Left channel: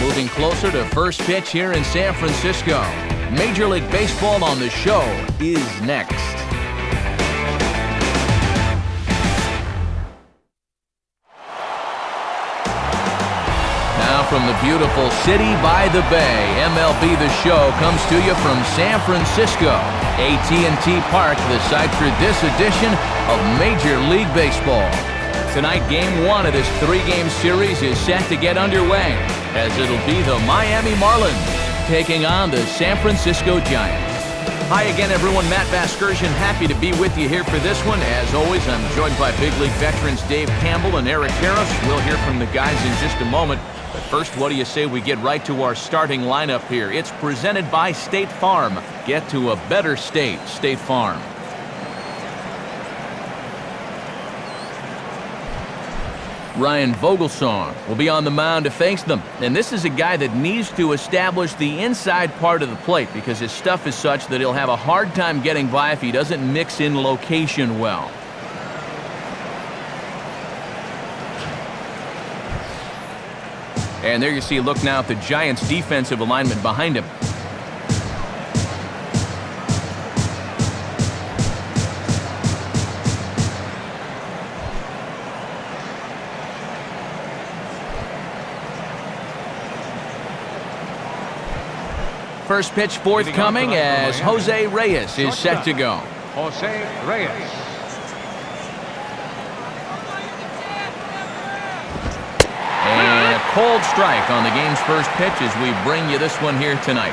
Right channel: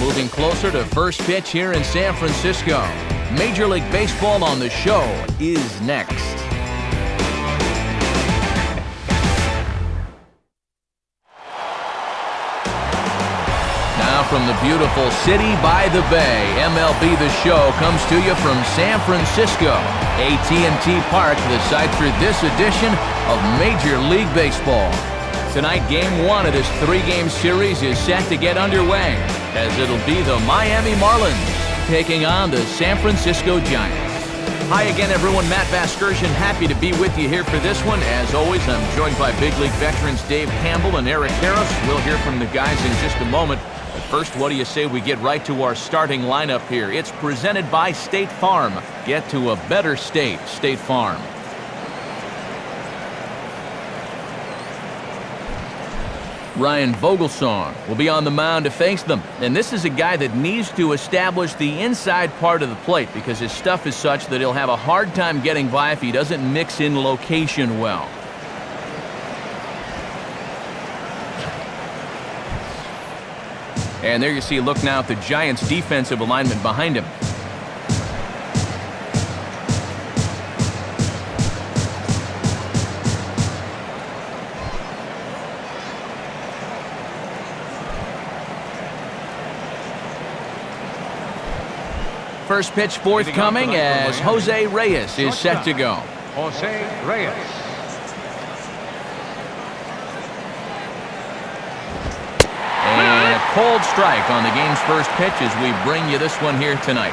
Moving closer to first pitch here in San Francisco. Major League Baseball on the show is next. Now from the beautiful city by the bay, MLB The Show comes to you from San Francisco. AT&T Park, the site for this edition of Major League Baseball. Tonight, Game 1 of this 3-game series is set to get underway, as it'll be the Miami Marlins taking on the San Francisco Giants. Hi again, everyone. Matt Vasgersian, happy to be with you here for this one. As always, I'm joined by big league veterans Dave Campbell and Eric Harris. We'll hear from the guys in just a moment. But first, what do you say we get right to our starting lineup here? It's presented by State Farm. Get to a better state, State Farm. Ryan Vogelsong will be on the mound to face them. And this is a guy that needs to establish the inside part of the plate because his stuff is such that he'll have a hard time getting by if he doesn't mix in location well. And there you see a look now at the Giants' defensive alignment behind him. First pitch forthcoming as Jose Reyes is set to go. Jose Reyes. And a cold strike on the game's first pitch as we bring you this one here tonight.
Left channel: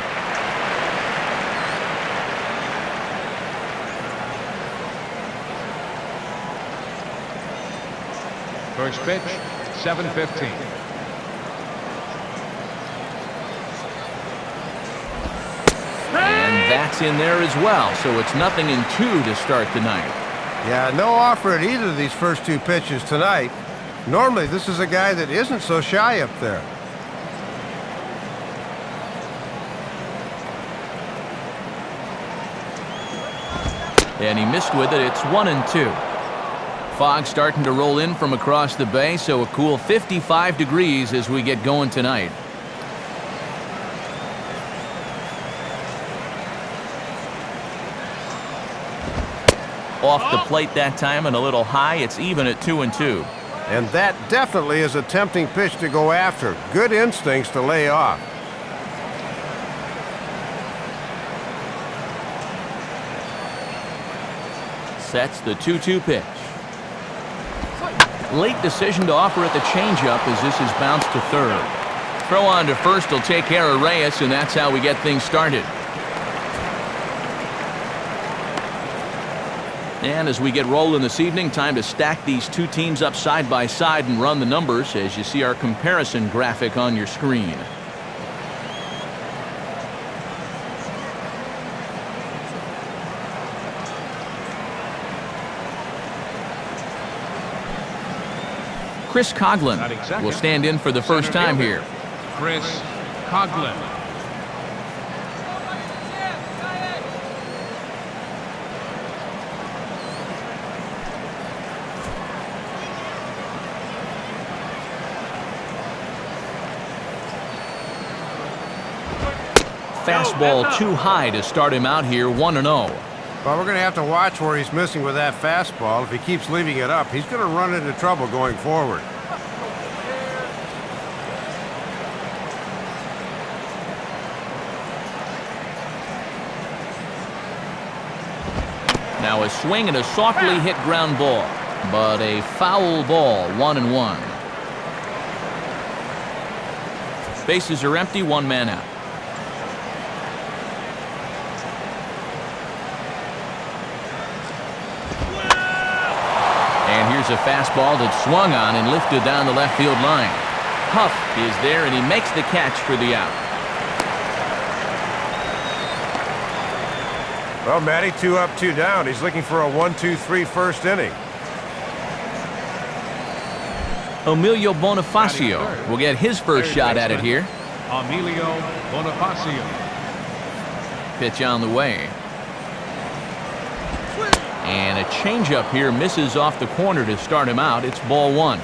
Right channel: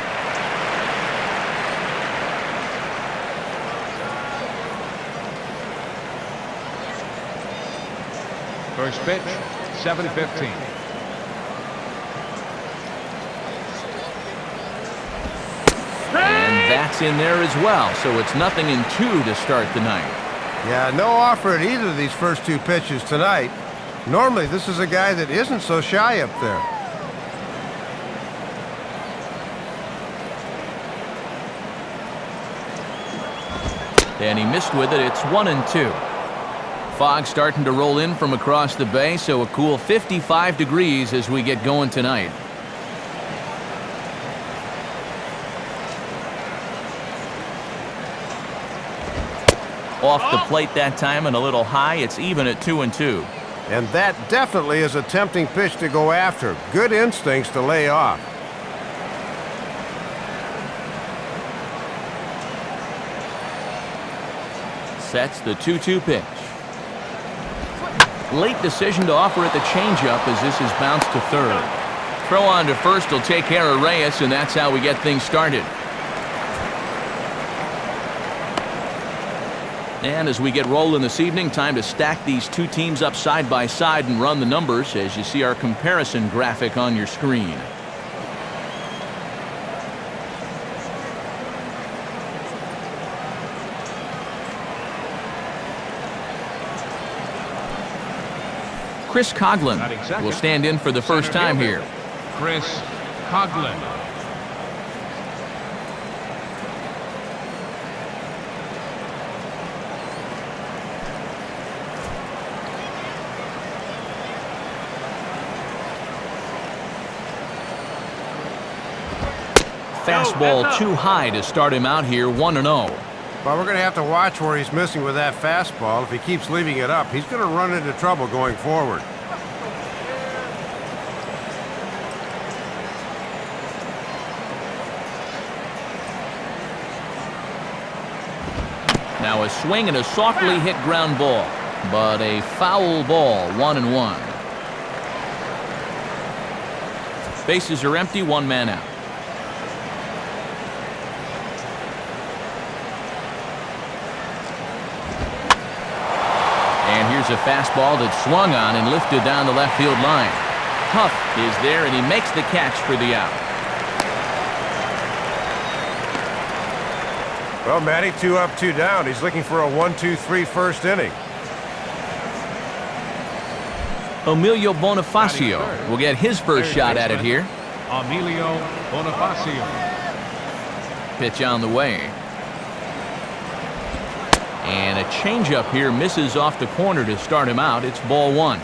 First pitch, 7:15. And that's in there as well, so it's 0-2 to start the night. Yeah, no offer at either of these first two pitches tonight. Normally, this is a guy that isn't so shy up there. And he missed with it. It's 1-2. Fog starting to roll in from across the bay, so a cool 55 degrees as we get going tonight. Off the plate that time and a little high. It's even at 2-2. And that definitely is a tempting pitch to go after. Good instincts to lay off. Sets the 2-2 pitch. Late decision to offer at the changeup as this is bounced to third. Throw on to first will take care of Reyes, and that's how we get things started. And as we get rolling this evening, time to stack these two teams up side by side and run the numbers as you see our comparison graphic on your screen. Chris Coghlan will stand in for the first time here. Chris Coghlan. Fastball too high to start him out here, 1-0. But we're going to have to watch where he's missing with that fastball. If he keeps leaving it up, he's going to run into trouble going forward. Now a swing and a softly hit ground ball, but a foul ball, 1-1. Bases are empty, one man out. And here's a fastball that's swung on and lifted down the left field line. Huff is there, and he makes the catch for the out. Well, Matty, 2 up, 2 down. He's looking for a 1-2-3 first inning. Emilio Bonifacio will get his first shot at it here. Emilio Bonifacio. Pitch on the way. And a changeup here misses off the corner to start him out. It's ball 1.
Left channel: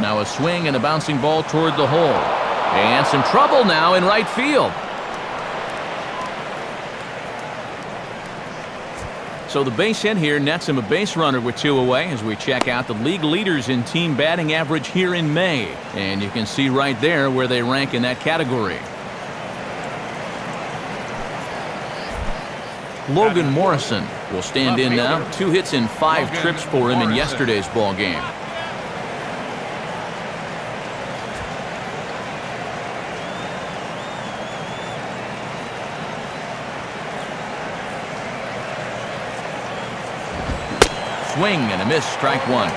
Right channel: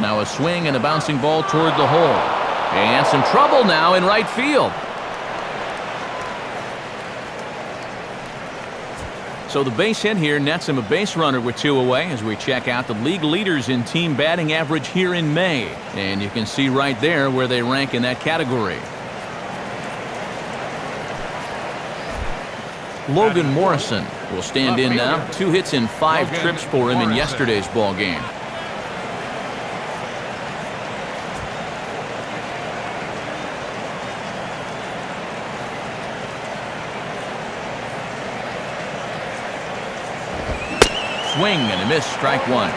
Now a swing and a bouncing ball toward the hole. And some trouble now in right field. So the base hit here nets him a base runner with 2 away as we check out the league leaders in team batting average here in May. And you can see right there where they rank in that category. Logan Morrison will stand in now. 2 hits and 5 trips for him in yesterday's ball game. Swing and a miss, strike 1.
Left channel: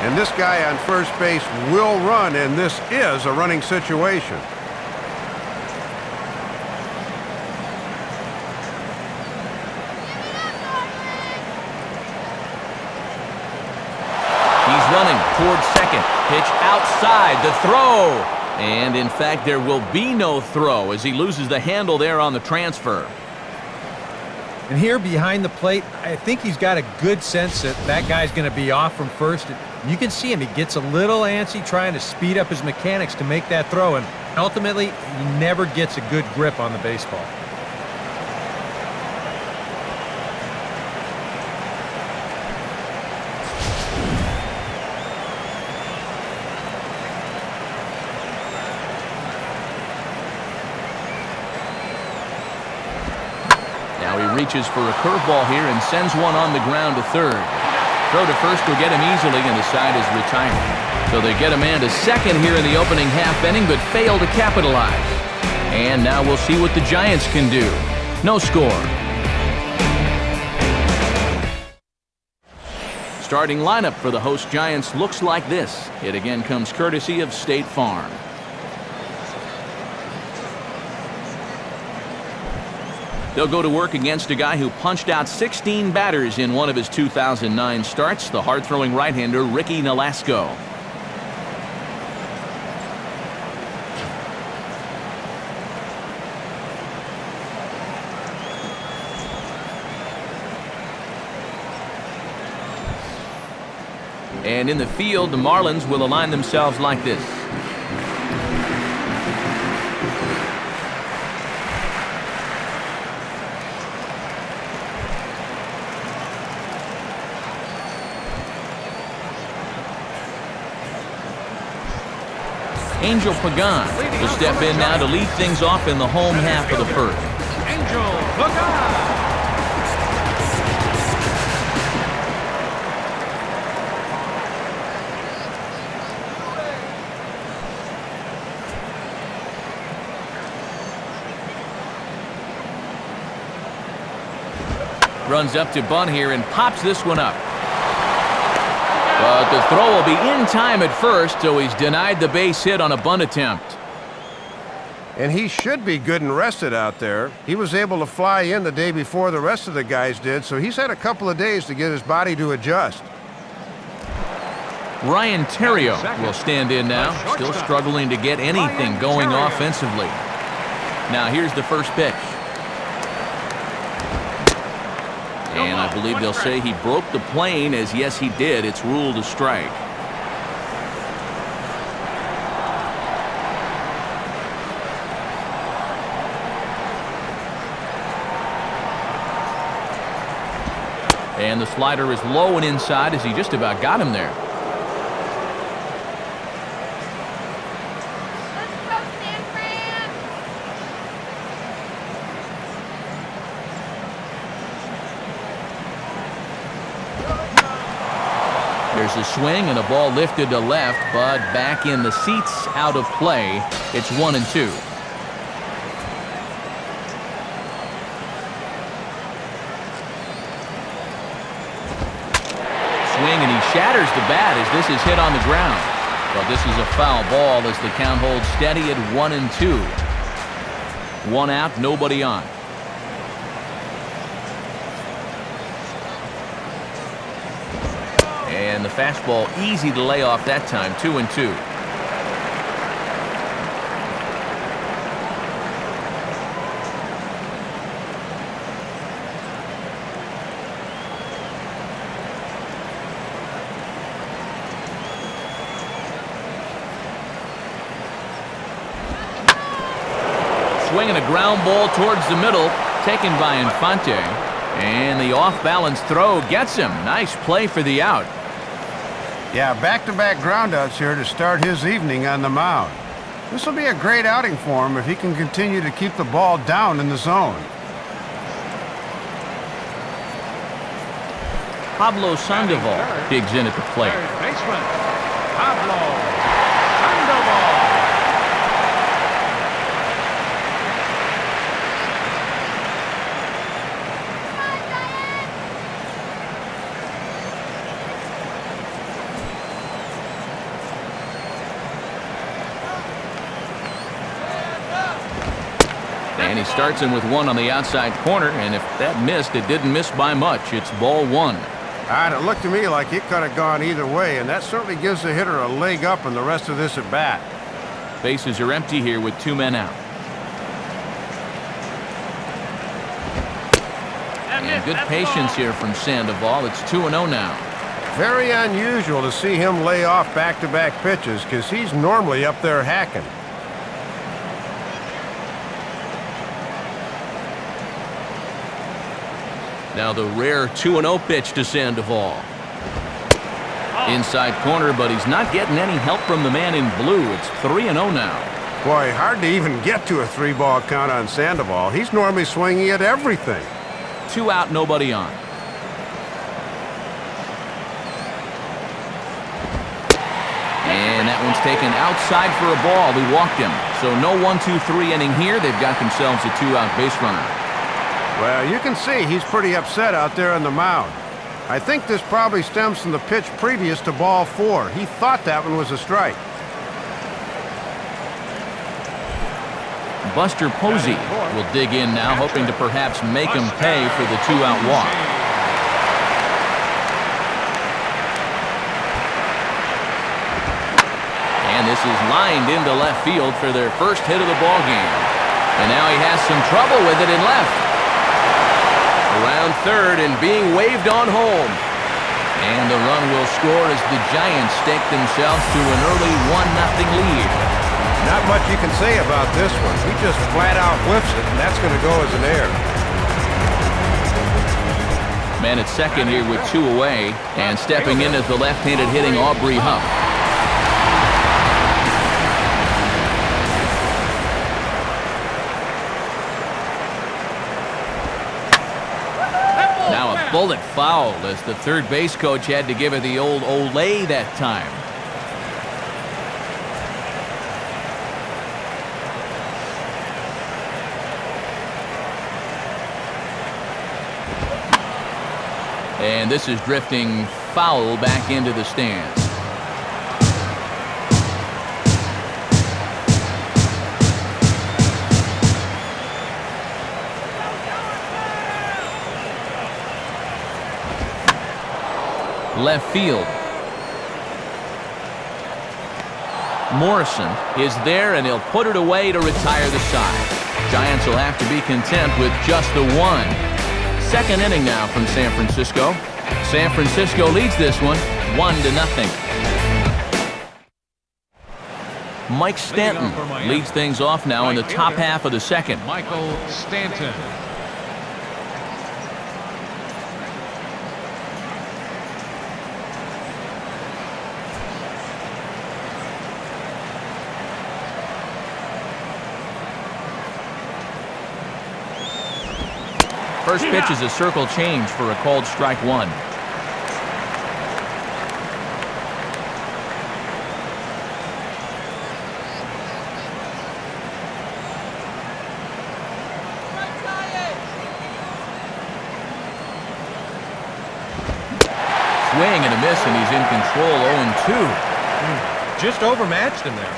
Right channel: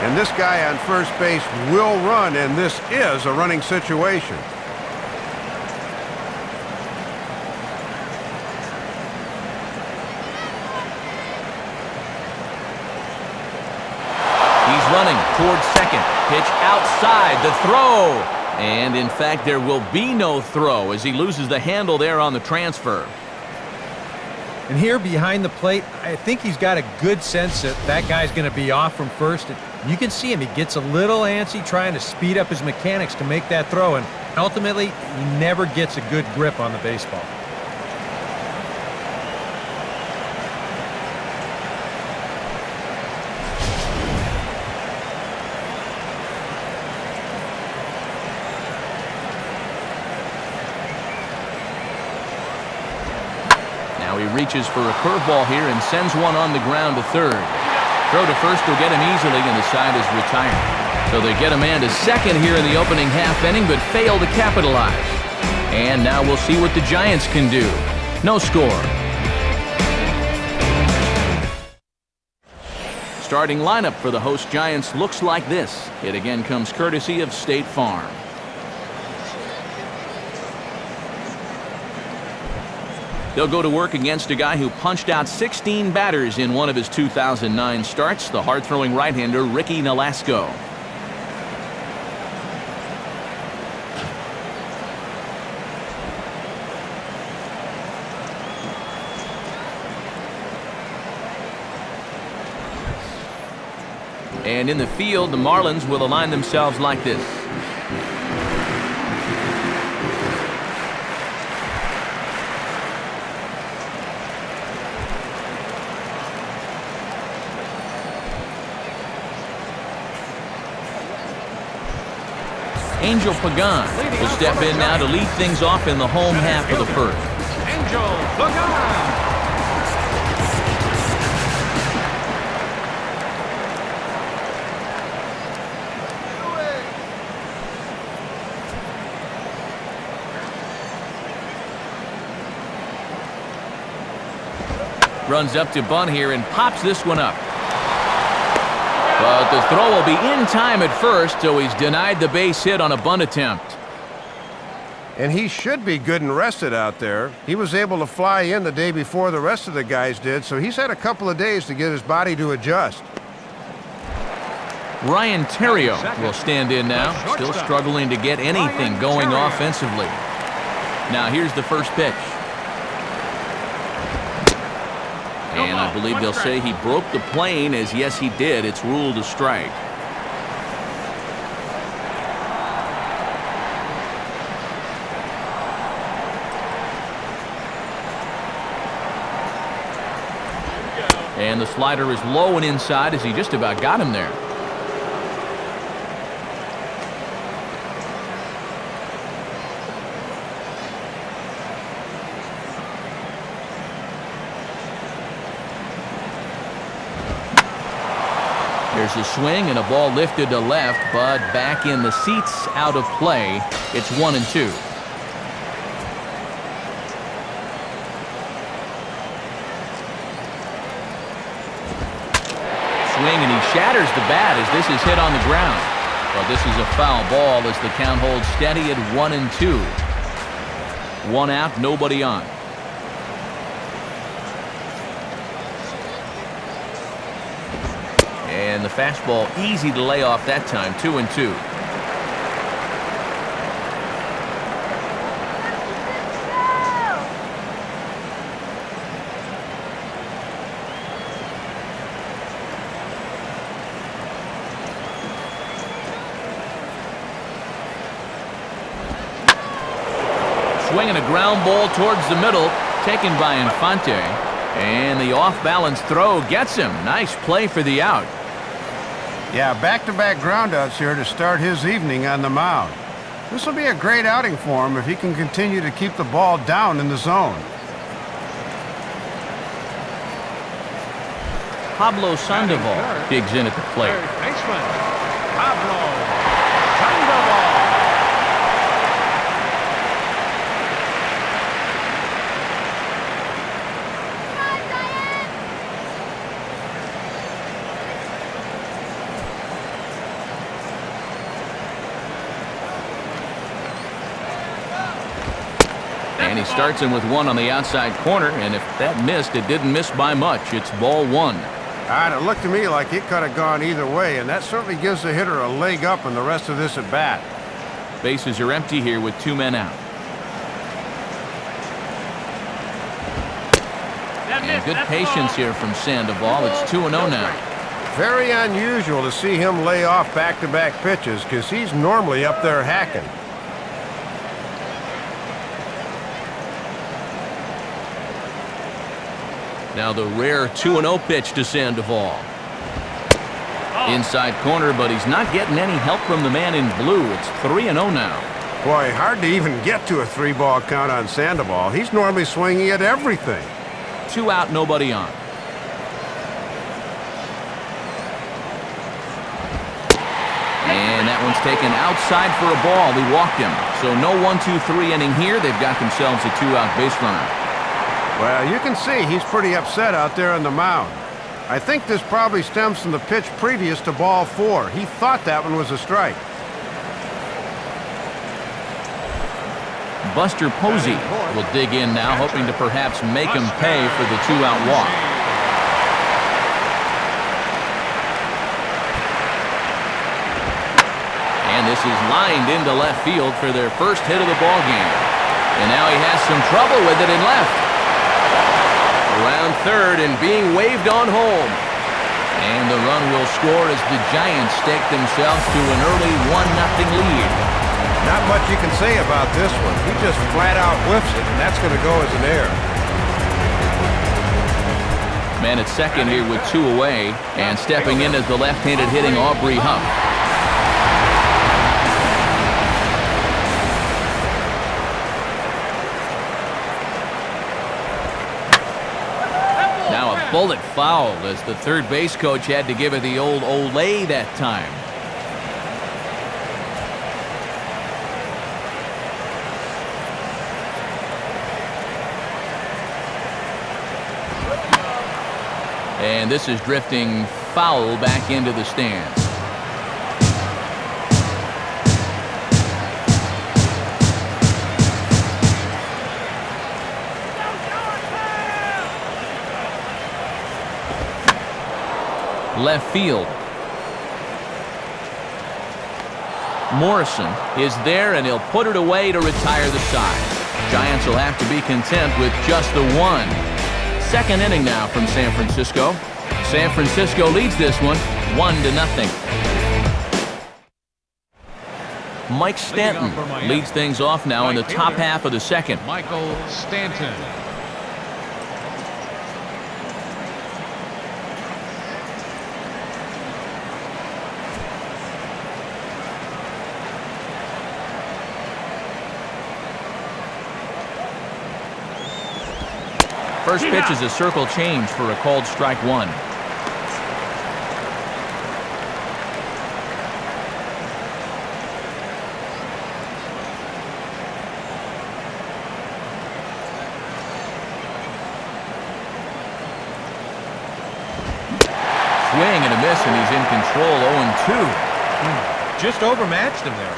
And this guy on first base will run, and this is a running situation. He's running towards second. Pitch outside, the throw. And in fact, there will be no throw as he loses the handle there on the transfer. And here behind the plate, I think he's got a good sense that that guy's going to be off from first. And you can see him. He gets a little antsy trying to speed up his mechanics to make that throw. And ultimately, he never gets a good grip on the baseball. Now he reaches for a curveball here and sends one on the ground to third. Throw to first will get him easily, and the side is retired. So they get a man to second here in the opening half inning, but fail to capitalize. And now we'll see what the Giants can do. No score. Starting lineup for the host Giants looks like this. It again comes courtesy of State Farm. They'll go to work against a guy who punched out 16 batters in one of his 2009 starts, the hard-throwing right-hander Ricky Nolasco. And in the field, the Marlins will align themselves like this. Angel Pagan will step in now to lead things off in the home half of the first. Runs up to bunt here and pops this one up. But the throw will be in time at first, so he's denied the base hit on a bunt attempt. And he should be good and rested out there. He was able to fly in the day before the rest of the guys did, so he's had a couple of days to get his body to adjust. Ryan Terrio will stand in now, still struggling to get anything going offensively. Now here's the first pitch. And I believe they'll say he broke the plane, as yes he did. It's ruled a strike. And the slider is low and inside as he just about got him there. There's a swing and a ball lifted to left, but back in the seats, out of play. It's 1-2. Swing and he shatters the bat as this is hit on the ground. But this is a foul ball as the count holds steady at 1-2. 1 out, nobody on. And the fastball easy to lay off that time, 2-2. swinging a ground ball towards the middle, taken by Infante. And the off-balance throw gets him. Nice play for the out. Yeah, back-to-back groundouts here to start his evening on the mound. This will be a great outing for him if he can continue to keep the ball down in the zone. Pablo Sandoval digs in at the plate. And he starts him with one on the outside corner, and if that missed, it didn't miss by much. It's ball one. It looked to me like it could have gone either way, and that certainly gives the hitter a leg up in the rest of this at bat. Bases are empty here with 2 men out. And good patience here from Sandoval. It's 2-0 now. Very unusual to see him lay off back-to-back pitches because he's normally up there hacking. Now the rare 2-0 pitch to Sandoval. Inside corner, but he's not getting any help from the man in blue. It's 3-0 now. Boy, hard to even get to a 3-ball count on Sandoval. He's normally swinging at everything. 2 out, nobody on. And that one's taken outside for a ball. He walked him. So no 1-2-3 inning here. They've got themselves a 2-out base runner. Well, you can see he's pretty upset out there on the mound. I think this probably stems from the pitch previous to ball 4. He thought that one was a strike. Buster Posey will dig in now, hoping to perhaps make him pay for the 2-out walk. And this is lined into left field for their first hit of the ball game. And now he has some trouble with it in left. Around third and being waved on home. And the run will score as the Giants stake themselves to an early 1-0 lead. Not much you can say about this one. He just flat out whiffs it, and that's going to go as an error. Man at second here with 2 away, and stepping in is the left-handed hitting Aubrey Huff. Now a bullet foul as the third base coach had to give it the old Olay that time. And this is drifting foul back into the stands. Left field. Morrison is there, and he'll put it away to retire the side. Giants will have to be content with just the one. Second inning now from San Francisco. San Francisco leads this one 1-0. Mike Stanton leads things off now in the top half of the second. First pitch is a circle change for a called strike one. Swing and a miss, and he's in control. 0-2. Just overmatched him there.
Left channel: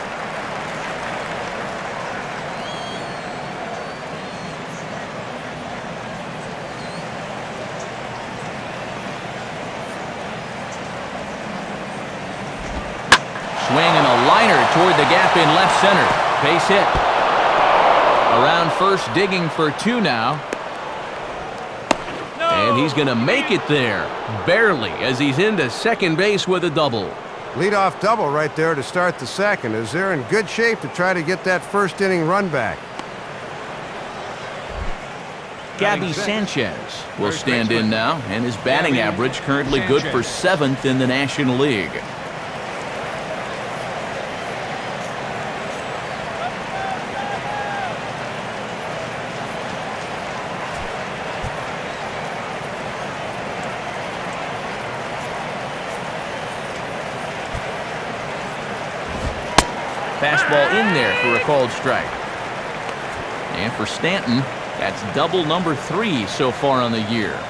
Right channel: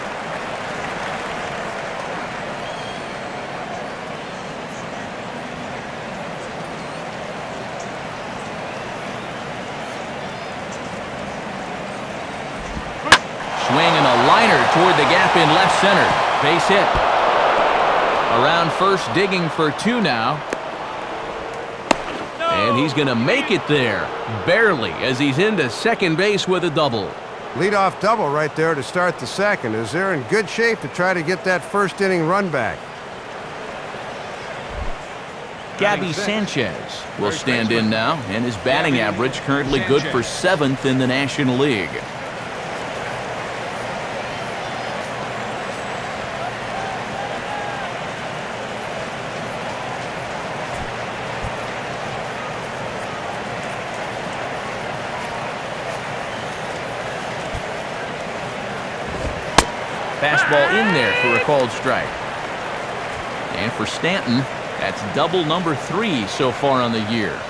Swing and a liner toward the gap in left center. Base hit. Around first, digging for 2 now. And he's going to make it there. Barely, as he's into second base with a double. Leadoff double right there to start the second, as they're in good shape to try to get that first inning run back. Gabby Sanchez will stand in now, and his batting average currently good for 7th in the National League. Fastball in there for a called strike. And for Stanton, that's double number 3 so far on the year.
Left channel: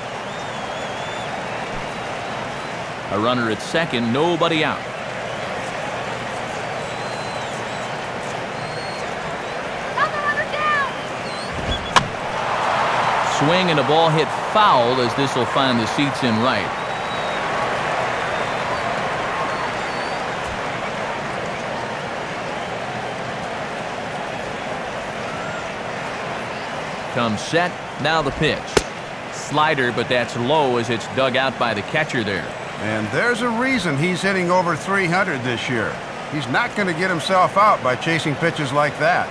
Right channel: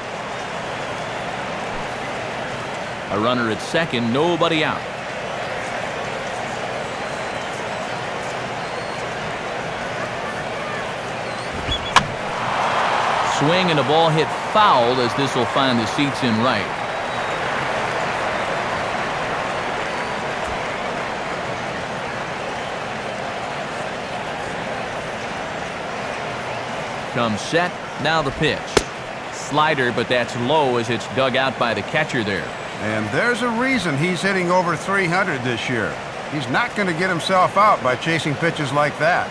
A runner at second, nobody out. Swing and a ball hit foul as this will find the seats in right. Comes set, now the pitch. Slider, but that's low as it's dug out by the catcher there. And there's a reason he's hitting over 300 this year. He's not going to get himself out by chasing pitches like that.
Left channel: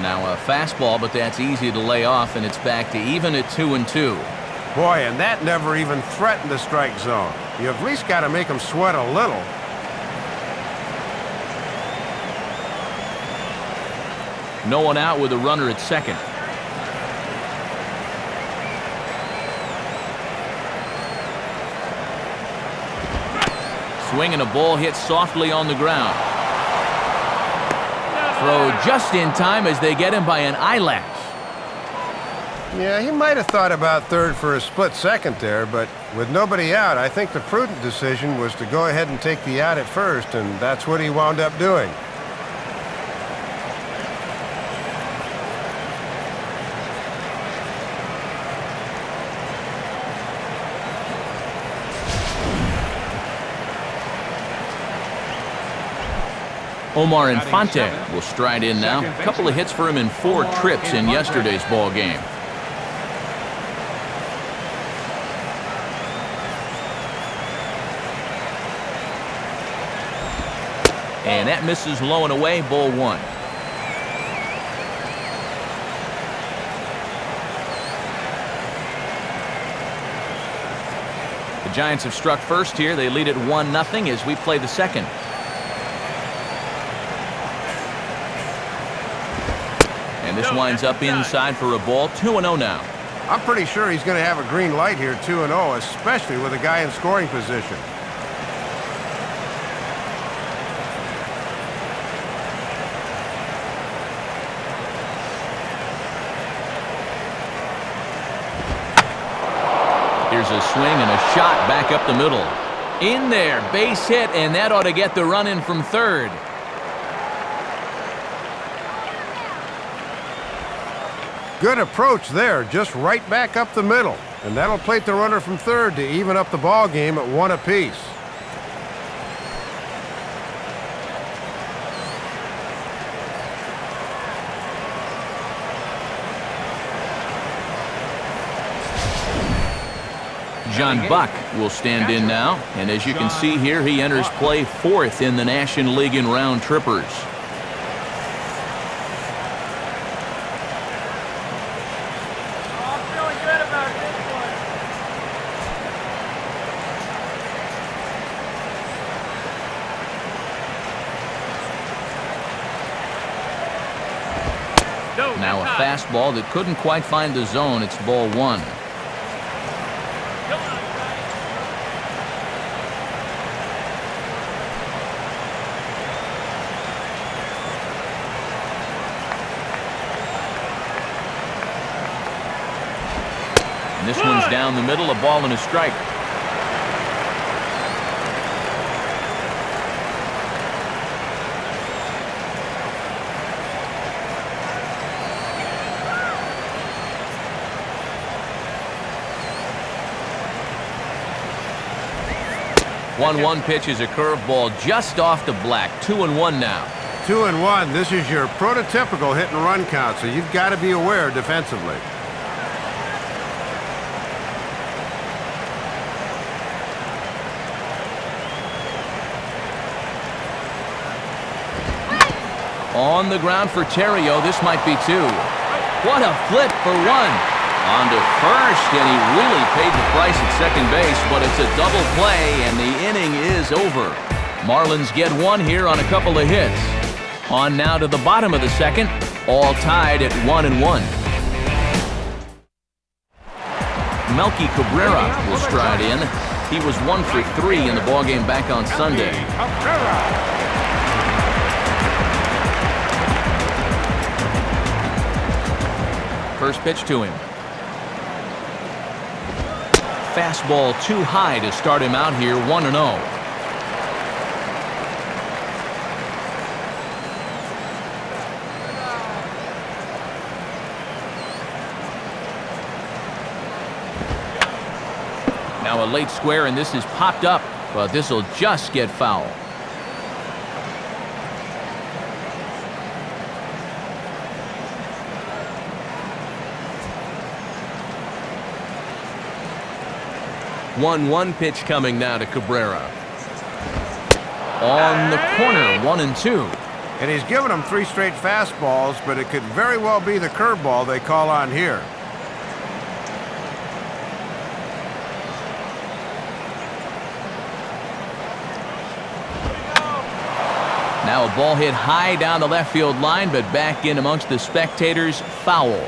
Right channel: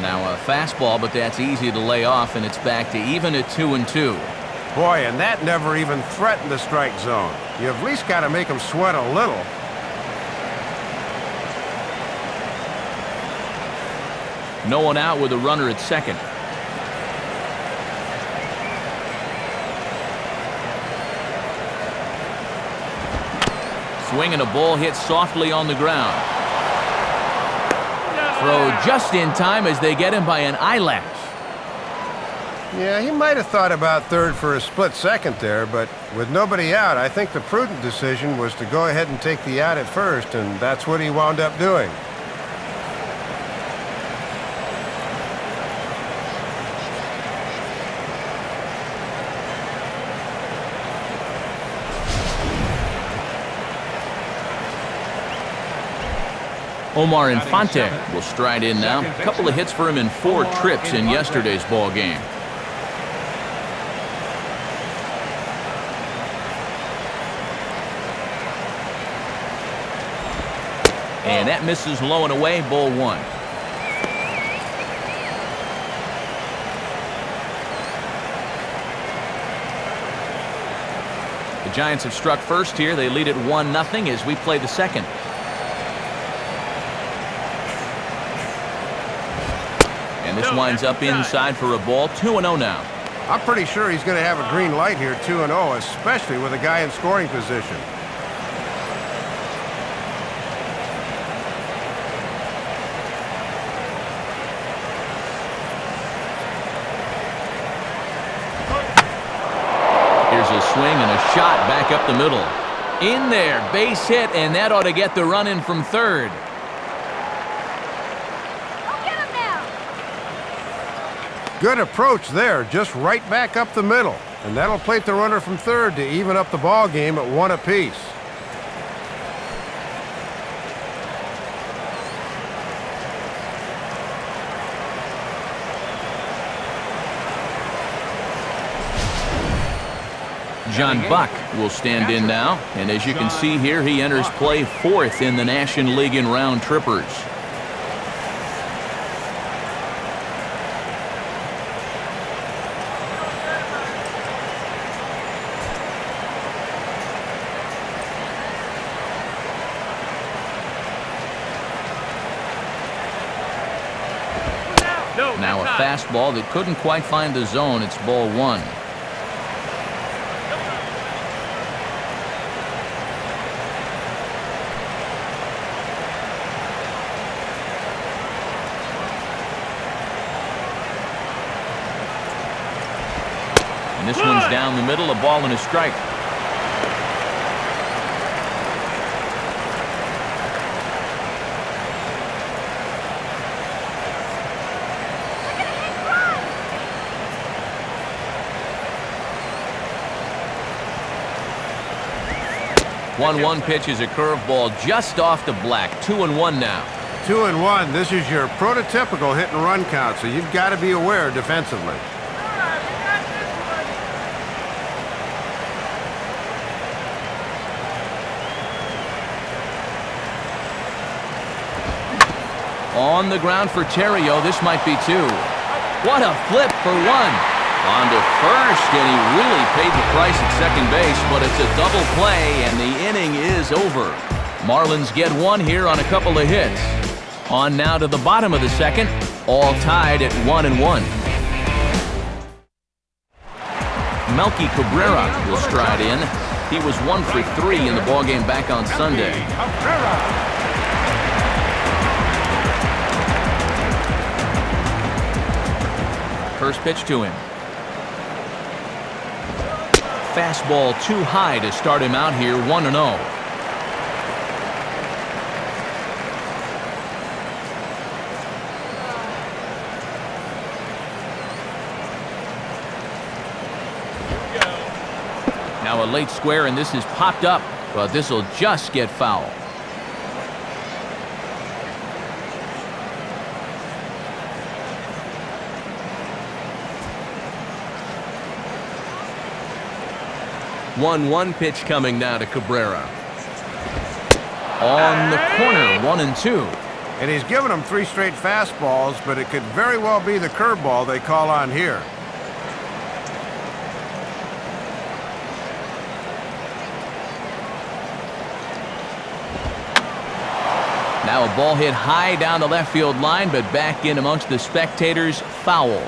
Now a fastball, but that's easy to lay off, and it's back to even at 2-2. Boy, and that never even threatened the strike zone. You at least got to make him sweat a little. No one out with a runner at second. Swing and a ball hit softly on the ground. Throw just in time as they get him by an eyelash. Yeah, he might have thought about third for a split second there, but with nobody out, I think the prudent decision was to go ahead and take the out at first, and that's what he wound up doing. Omar Infante will stride in now. A couple of hits for him in 4 trips in yesterday's ball game. And that misses low and away, ball 1. The Giants have struck first here. They lead it 1-0 as we play the second. And this winds up inside for a ball. 2-0 now. I'm pretty sure he's going to have a green light here, 2-0, especially with a guy in scoring position. Here's a swing and a shot back up the middle. In there, base hit, and that ought to get the run in from third. Good approach there, just right back up the middle. And that'll plate the runner from third to even up the ball game at 1 apiece. John Buck will stand in now. And as you can see here, he enters play 4th in the National League in round trippers. Now a fastball that couldn't quite find the zone. It's ball 1. Come on, Giants. And this one's down the middle, a ball and a strike. One pitch is a curveball just off the black. 2-1 now. 2-1. This is your prototypical hit and run count, so you've got to be aware defensively. All right, we got this one. On the ground for Terrio. This might be 2. What a flip for one. On to first, and he really paid the price at second base, but it's a double play, and the inning is over. Marlins get one here on a couple of hits. On now to the bottom of the second, all tied at 1-1. Melky Cabrera will stride in. He was 1 for 3 in the ballgame back on Sunday. First pitch to him. Fastball too high to start him out here, 1-0. Now a late square, and this is popped up, but this will just get foul. One pitch coming now to Cabrera. On the corner, 1-2. And he's given them 3 straight fastballs, but it could very well be the curveball they call on here. Now a ball hit high down the left field line, but back in amongst the spectators, foul.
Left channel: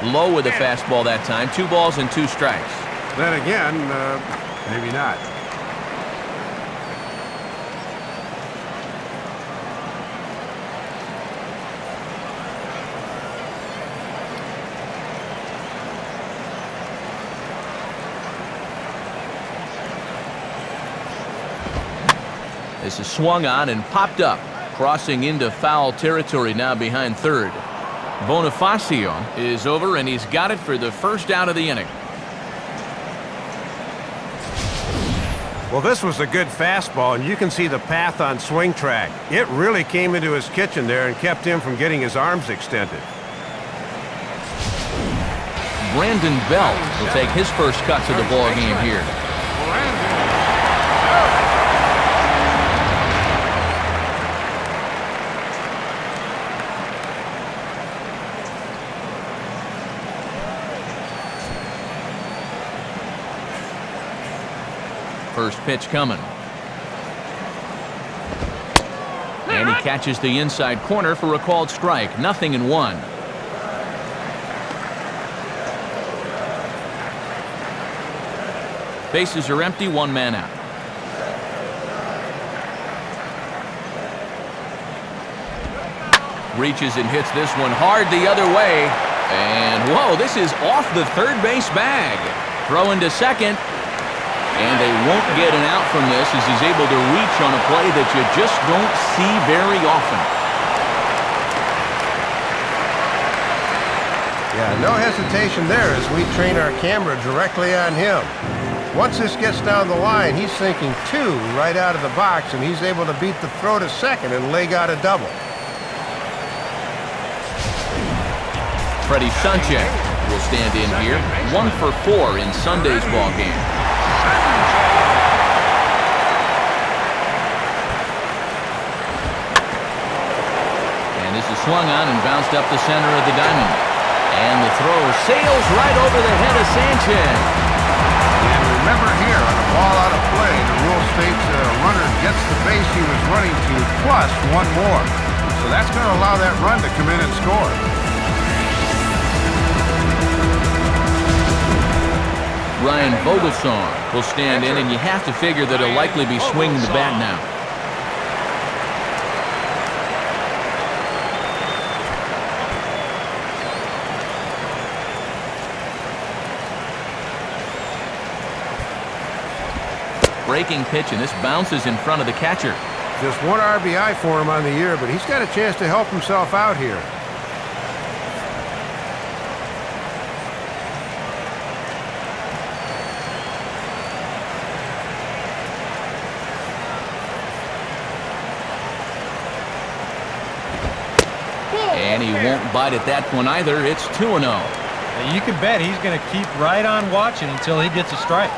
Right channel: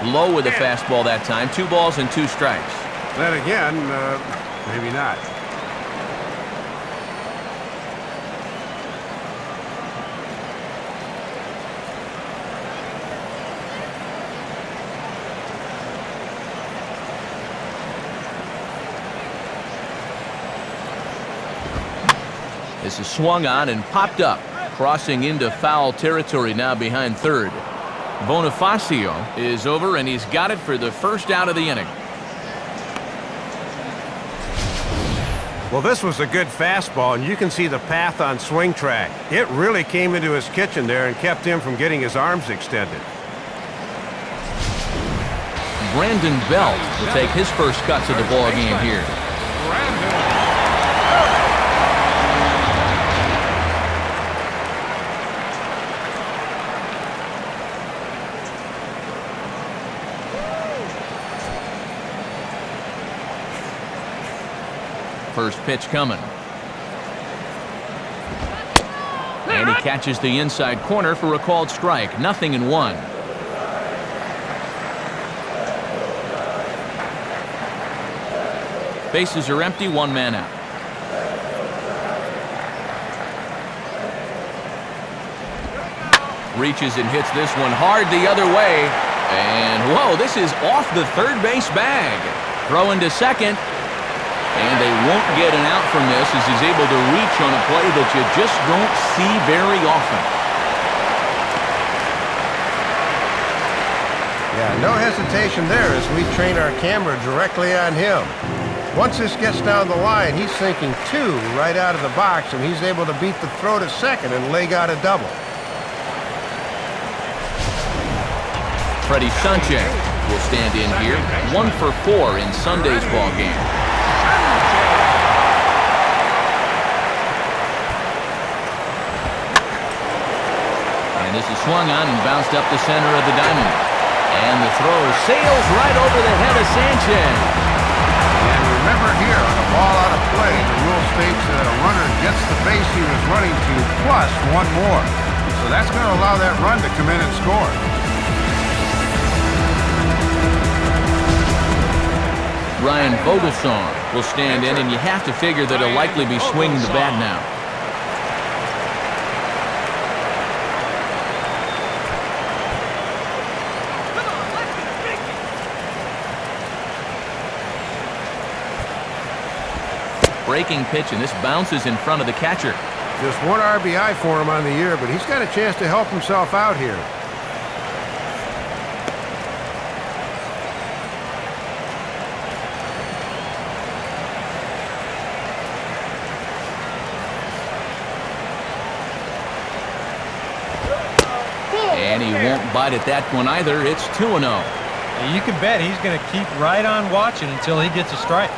Low with the fastball that time. 2 balls and 2 strikes. Then again, maybe not. This is swung on and popped up, crossing into foul territory now behind third. Bonifacio is over, and he's got it for the first out of the inning. Well, this was a good fastball, and you can see the path on swing track. It really came into his kitchen there and kept him from getting his arms extended. Brandon Belt will take his first cuts of the ball game here. First pitch coming. And he catches the inside corner for a called strike. 0-1. Bases are empty, 1 man out. Reaches and hits this one hard the other way. And whoa, this is off the third base bag. Throw into second. And they won't get an out from this as he's able to reach on a play that you just don't see very often. Yeah, no hesitation there as we train our camera directly on him. Once this gets down the line, he's thinking 2 right out of the box, and he's able to beat the throw to second and leg out a double. Freddie Sanchez will stand in here, 1 for 4 in Sunday's ball game. And this is swung on and bounced up the center of the diamond. And the throw sails right over the head of Sanchez. And remember here, on a ball out of play, the rule states that a runner gets the base he was running to plus 1 more. So that's going to allow that run to come in and score. Ryan Vogelsong will stand in, and you have to figure that he'll likely be swinging the bat now. Breaking pitch, and this bounces in front of the catcher. Just 1 RBI for him on the year, but he's got a chance to help himself out here. And he won't bite at that one either. It's 2-0. Now you can bet he's going to keep right on watching until he gets a strike.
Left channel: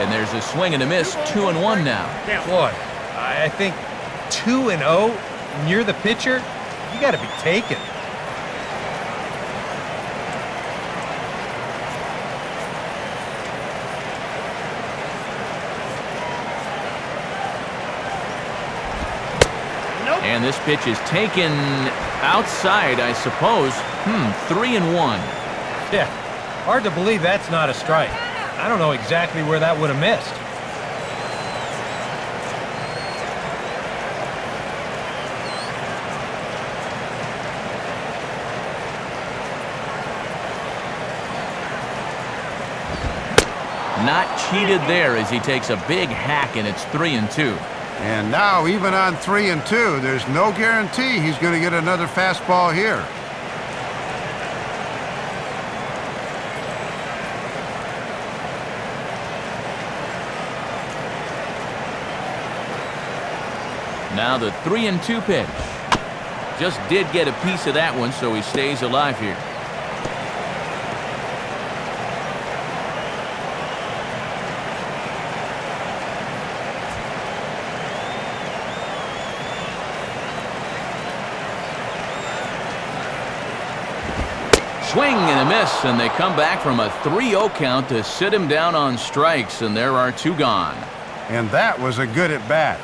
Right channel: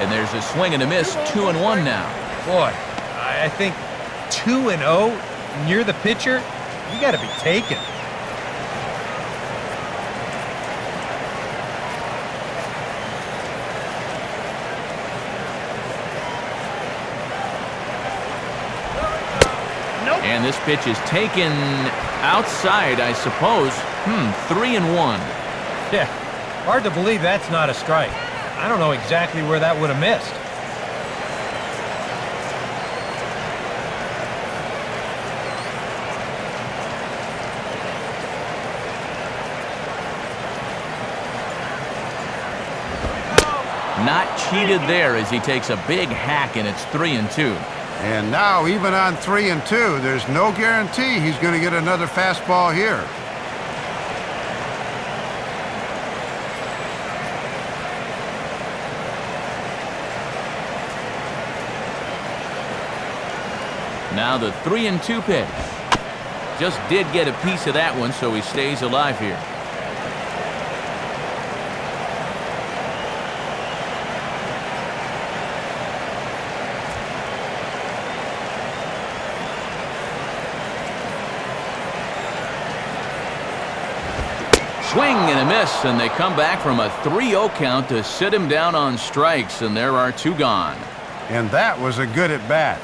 And there's a swing and a miss, 2-1 now. Boy, I think 2-0, and you're the pitcher, you got to be taken. And this pitch is taken outside, I suppose. 3-1. Yeah, hard to believe that's not a strike. I don't know exactly where that would have missed. Not cheated there as he takes a big hack, and it's 3-2. And now, even on 3-2, there's no guarantee he's going to get another fastball here. Now the 3-2 pitch. Just did get a piece of that one, so he stays alive here. Swing and a miss, and they come back from a 3-0 count to sit him down on strikes, and there are 2 gone. And that was a good at-bat.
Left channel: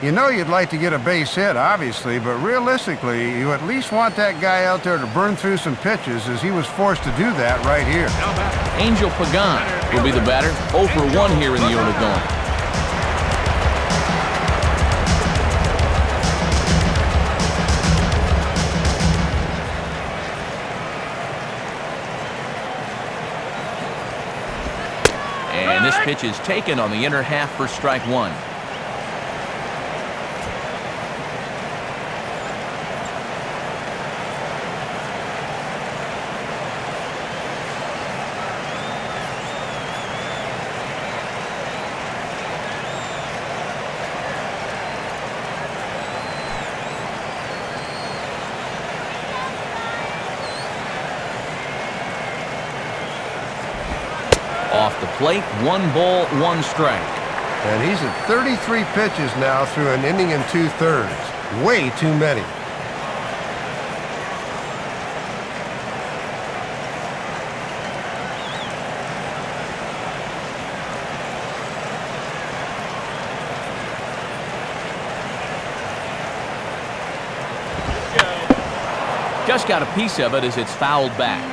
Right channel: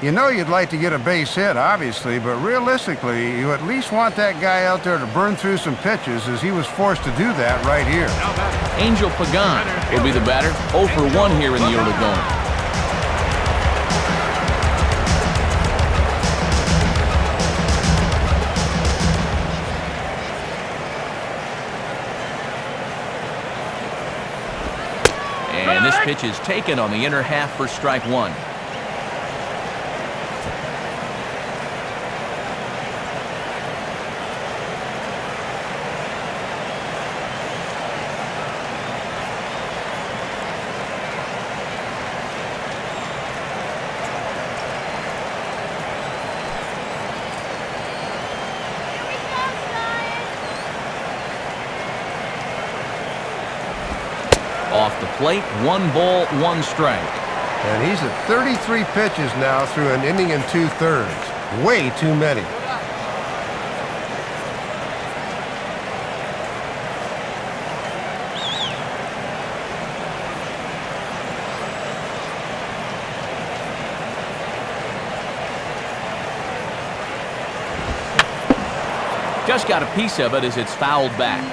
You know you'd like to get a base hit, obviously, but realistically, you at least want that guy out there to burn through some pitches, as he was forced to do that right here. Angel Pagan will be the batter, 0 for 1 here in the early going. And this pitch is taken on the inner half for strike 1. Off the plate, 1 ball, 1 strike. And he's at 33 pitches now through an inning and 2/3. Way too many. Just got a piece of it as it's fouled back.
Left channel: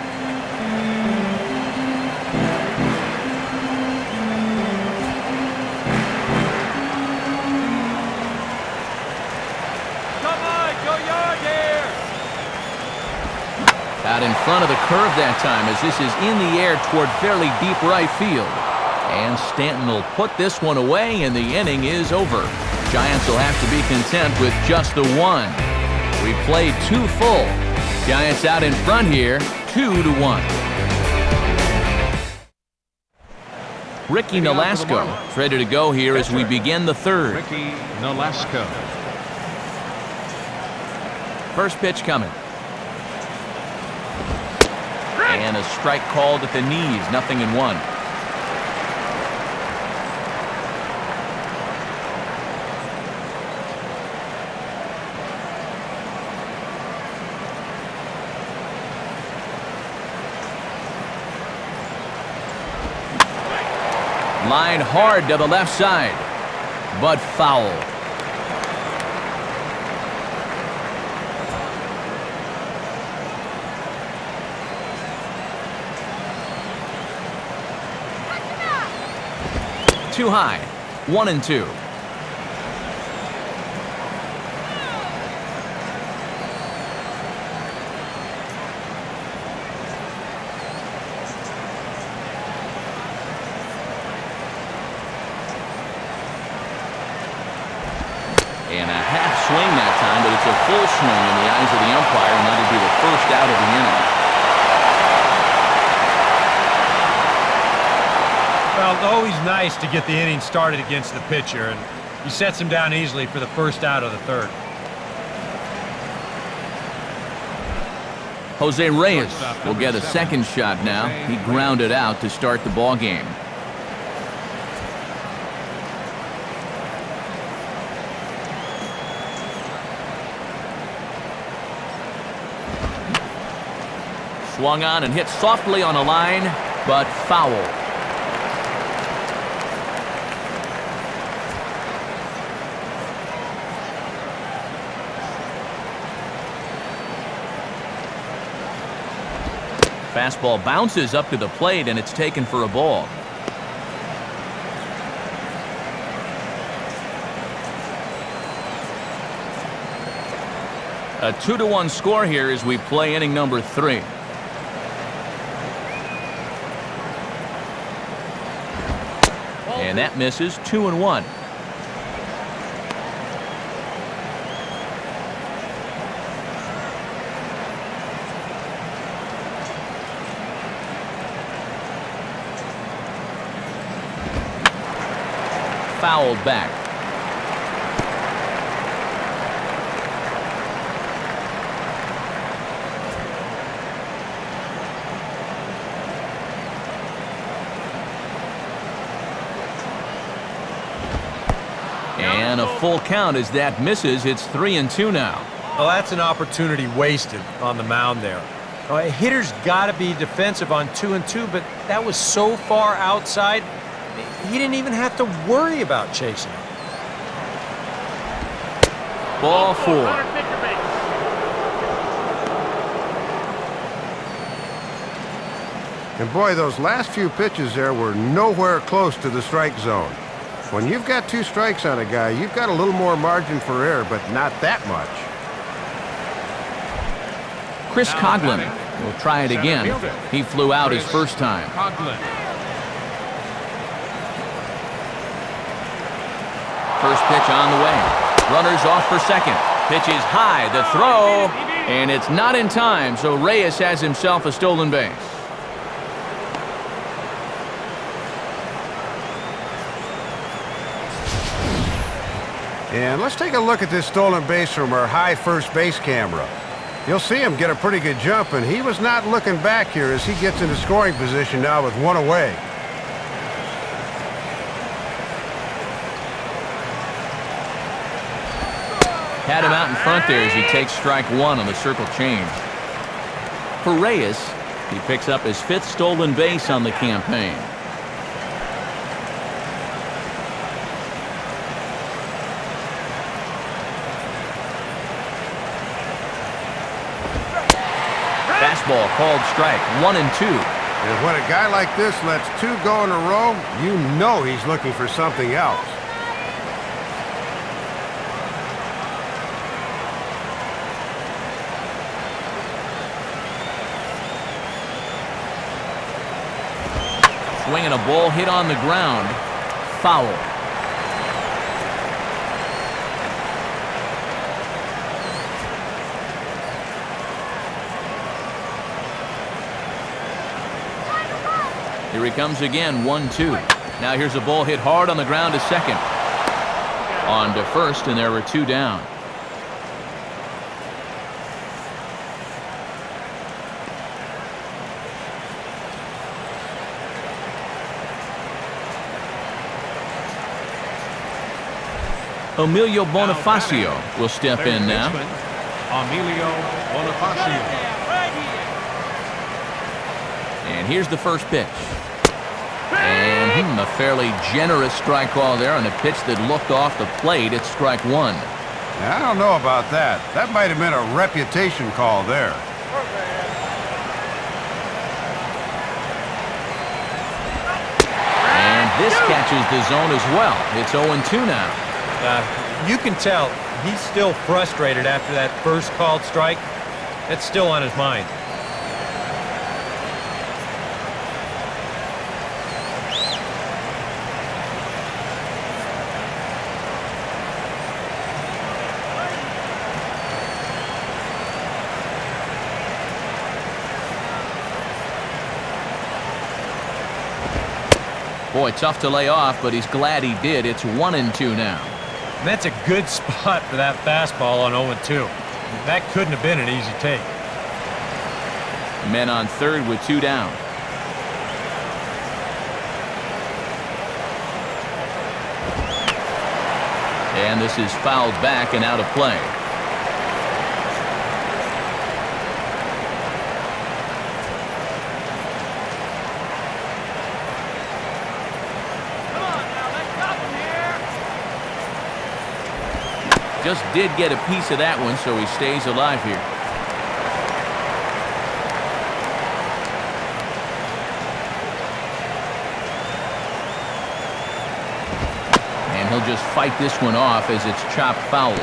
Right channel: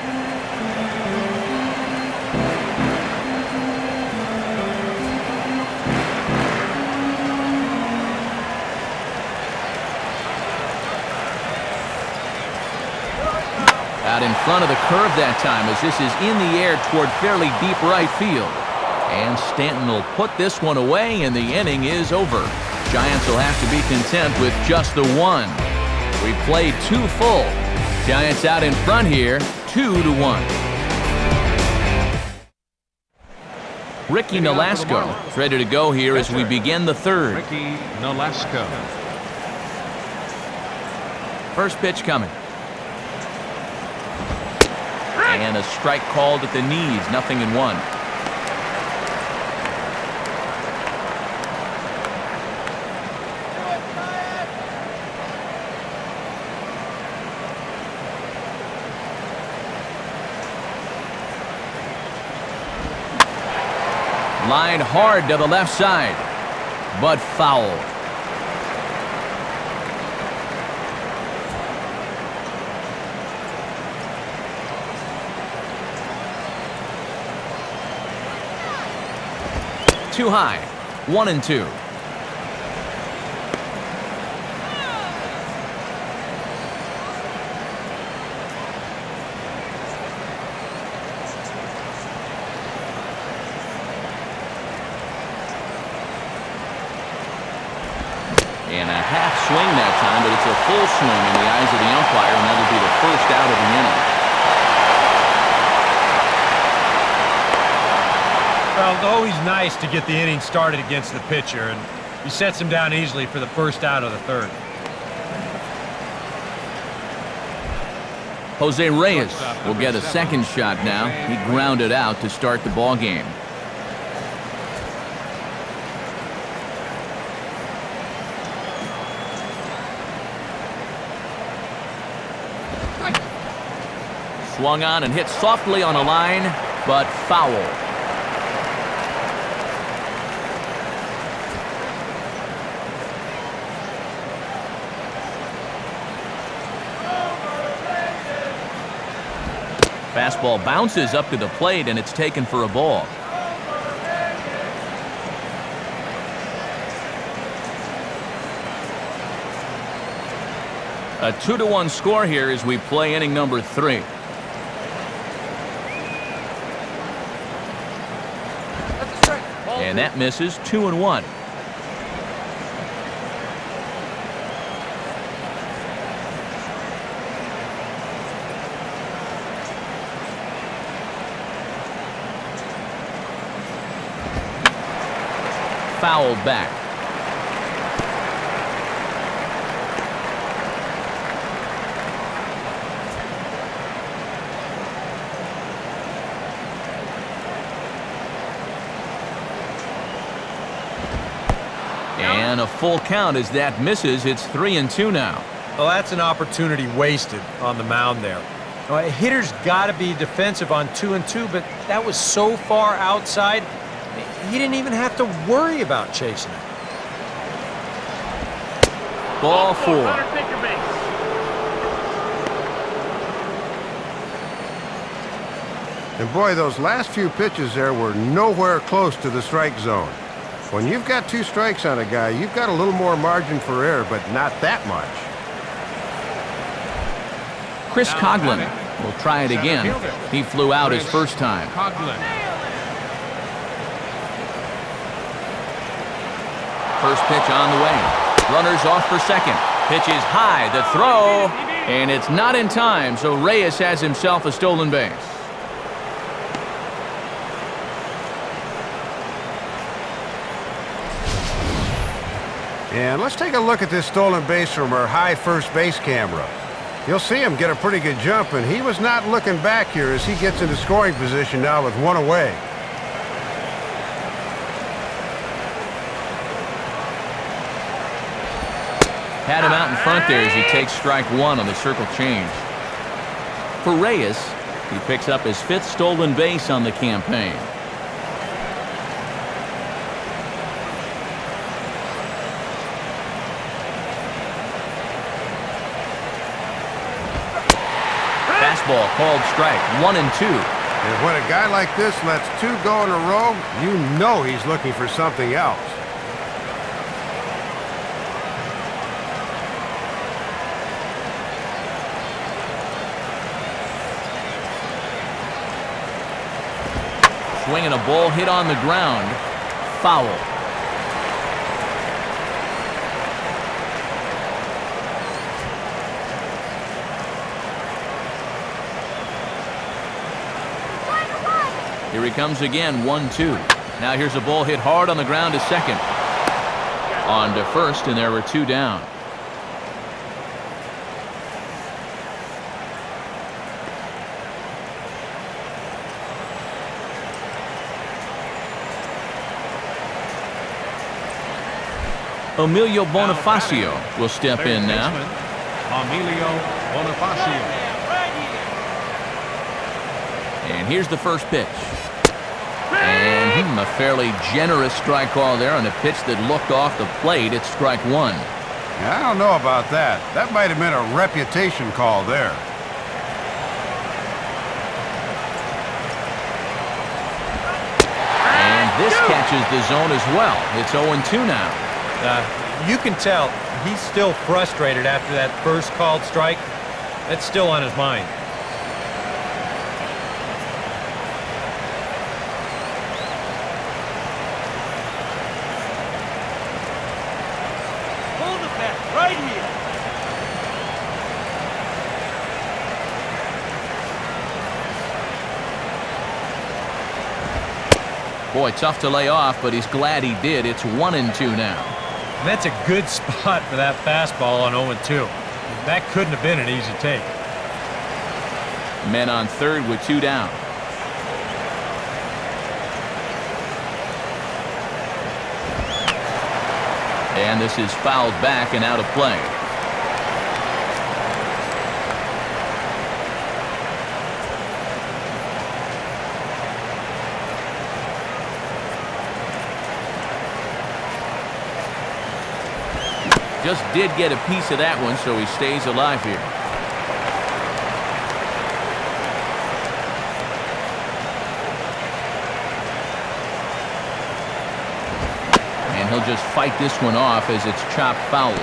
Out in front of the curve that time, as this is in the air toward fairly deep right field. And Stanton will put this one away, and the inning is over. Giants will have to be content with just the 1. We played 2 full. Giants out in front here, 2-1. Ricky Nolasco is ready to go here as we begin the 3rd. Ricky Nolasco. First pitch coming. And a strike called at the knees, 0-1. Line hard to the left side, but foul. Too high, 1-2. And a half swing that time, but it's a full swing in the eyes of the umpire, and that'll be the first out of the inning. Well, it's always nice to get the inning started against the pitcher, and he sets him down easily for the first out of the 3rd. Jose Reyes will get a second shot now. He grounded out to start the ball game. Swung on and hit softly on a line, but foul. Fastball bounces up to the plate, and it's taken for a ball. A 2-1 score here as we play inning number 3. And that misses. 2-1. Fouled back. And a full count as that misses. It's 3-2 now. Well, that's an opportunity wasted on the mound there. Now, a hitter's got to be defensive on 2-2, but that was so far outside, he didn't even have to worry about chasing it. Ball 4. Runner, take your base. And boy, those last few pitches there were nowhere close to the strike zone. When you've got 2 strikes on a guy, you've got a little more margin for error, but not that much. Chris Coughlin will try it again. He flew out his first time. First pitch on the way. Runners off for second. Pitch is high. The throw. And it's not in time, so Reyes has himself a stolen base. And let's take a look at this stolen base from our high first base camera. You'll see him get a pretty good jump, and he was not looking back here as he gets into scoring position now with 1 away. Had him out in front there as he takes strike 1 on the circle change. For Reyes, he picks up his 5th stolen base on the campaign. Fastball called strike. 1-2. And when a guy like this lets 2 go in a row, you know he's looking for something else. Swinging a ball hit on the ground. Foul. Here he comes again, 1-2. Now here's a ball hit hard on the ground to second. On to first, and there were 2 down. Emilio Bonifacio will step in now. Emilio Bonifacio. And here's the first pitch. And a fairly generous strike call there on a pitch that looked off the plate. It's strike 1. Yeah, I don't know about that. That might have been a reputation call there. And this catches the zone as well. It's 0-2 now. You can tell he's still frustrated after that first called strike. That's still on his mind. Hold the bat right here. Boy, tough to lay off, but he's glad he did. It's 1-2 now. And that's a good spot for that fastball on 0-2. I mean, that couldn't have been an easy take. The men on third with 2 down. And this is fouled back and out of play. Just did get a piece of that one, so he stays alive here. And he'll just fight this one off as it's chopped foul.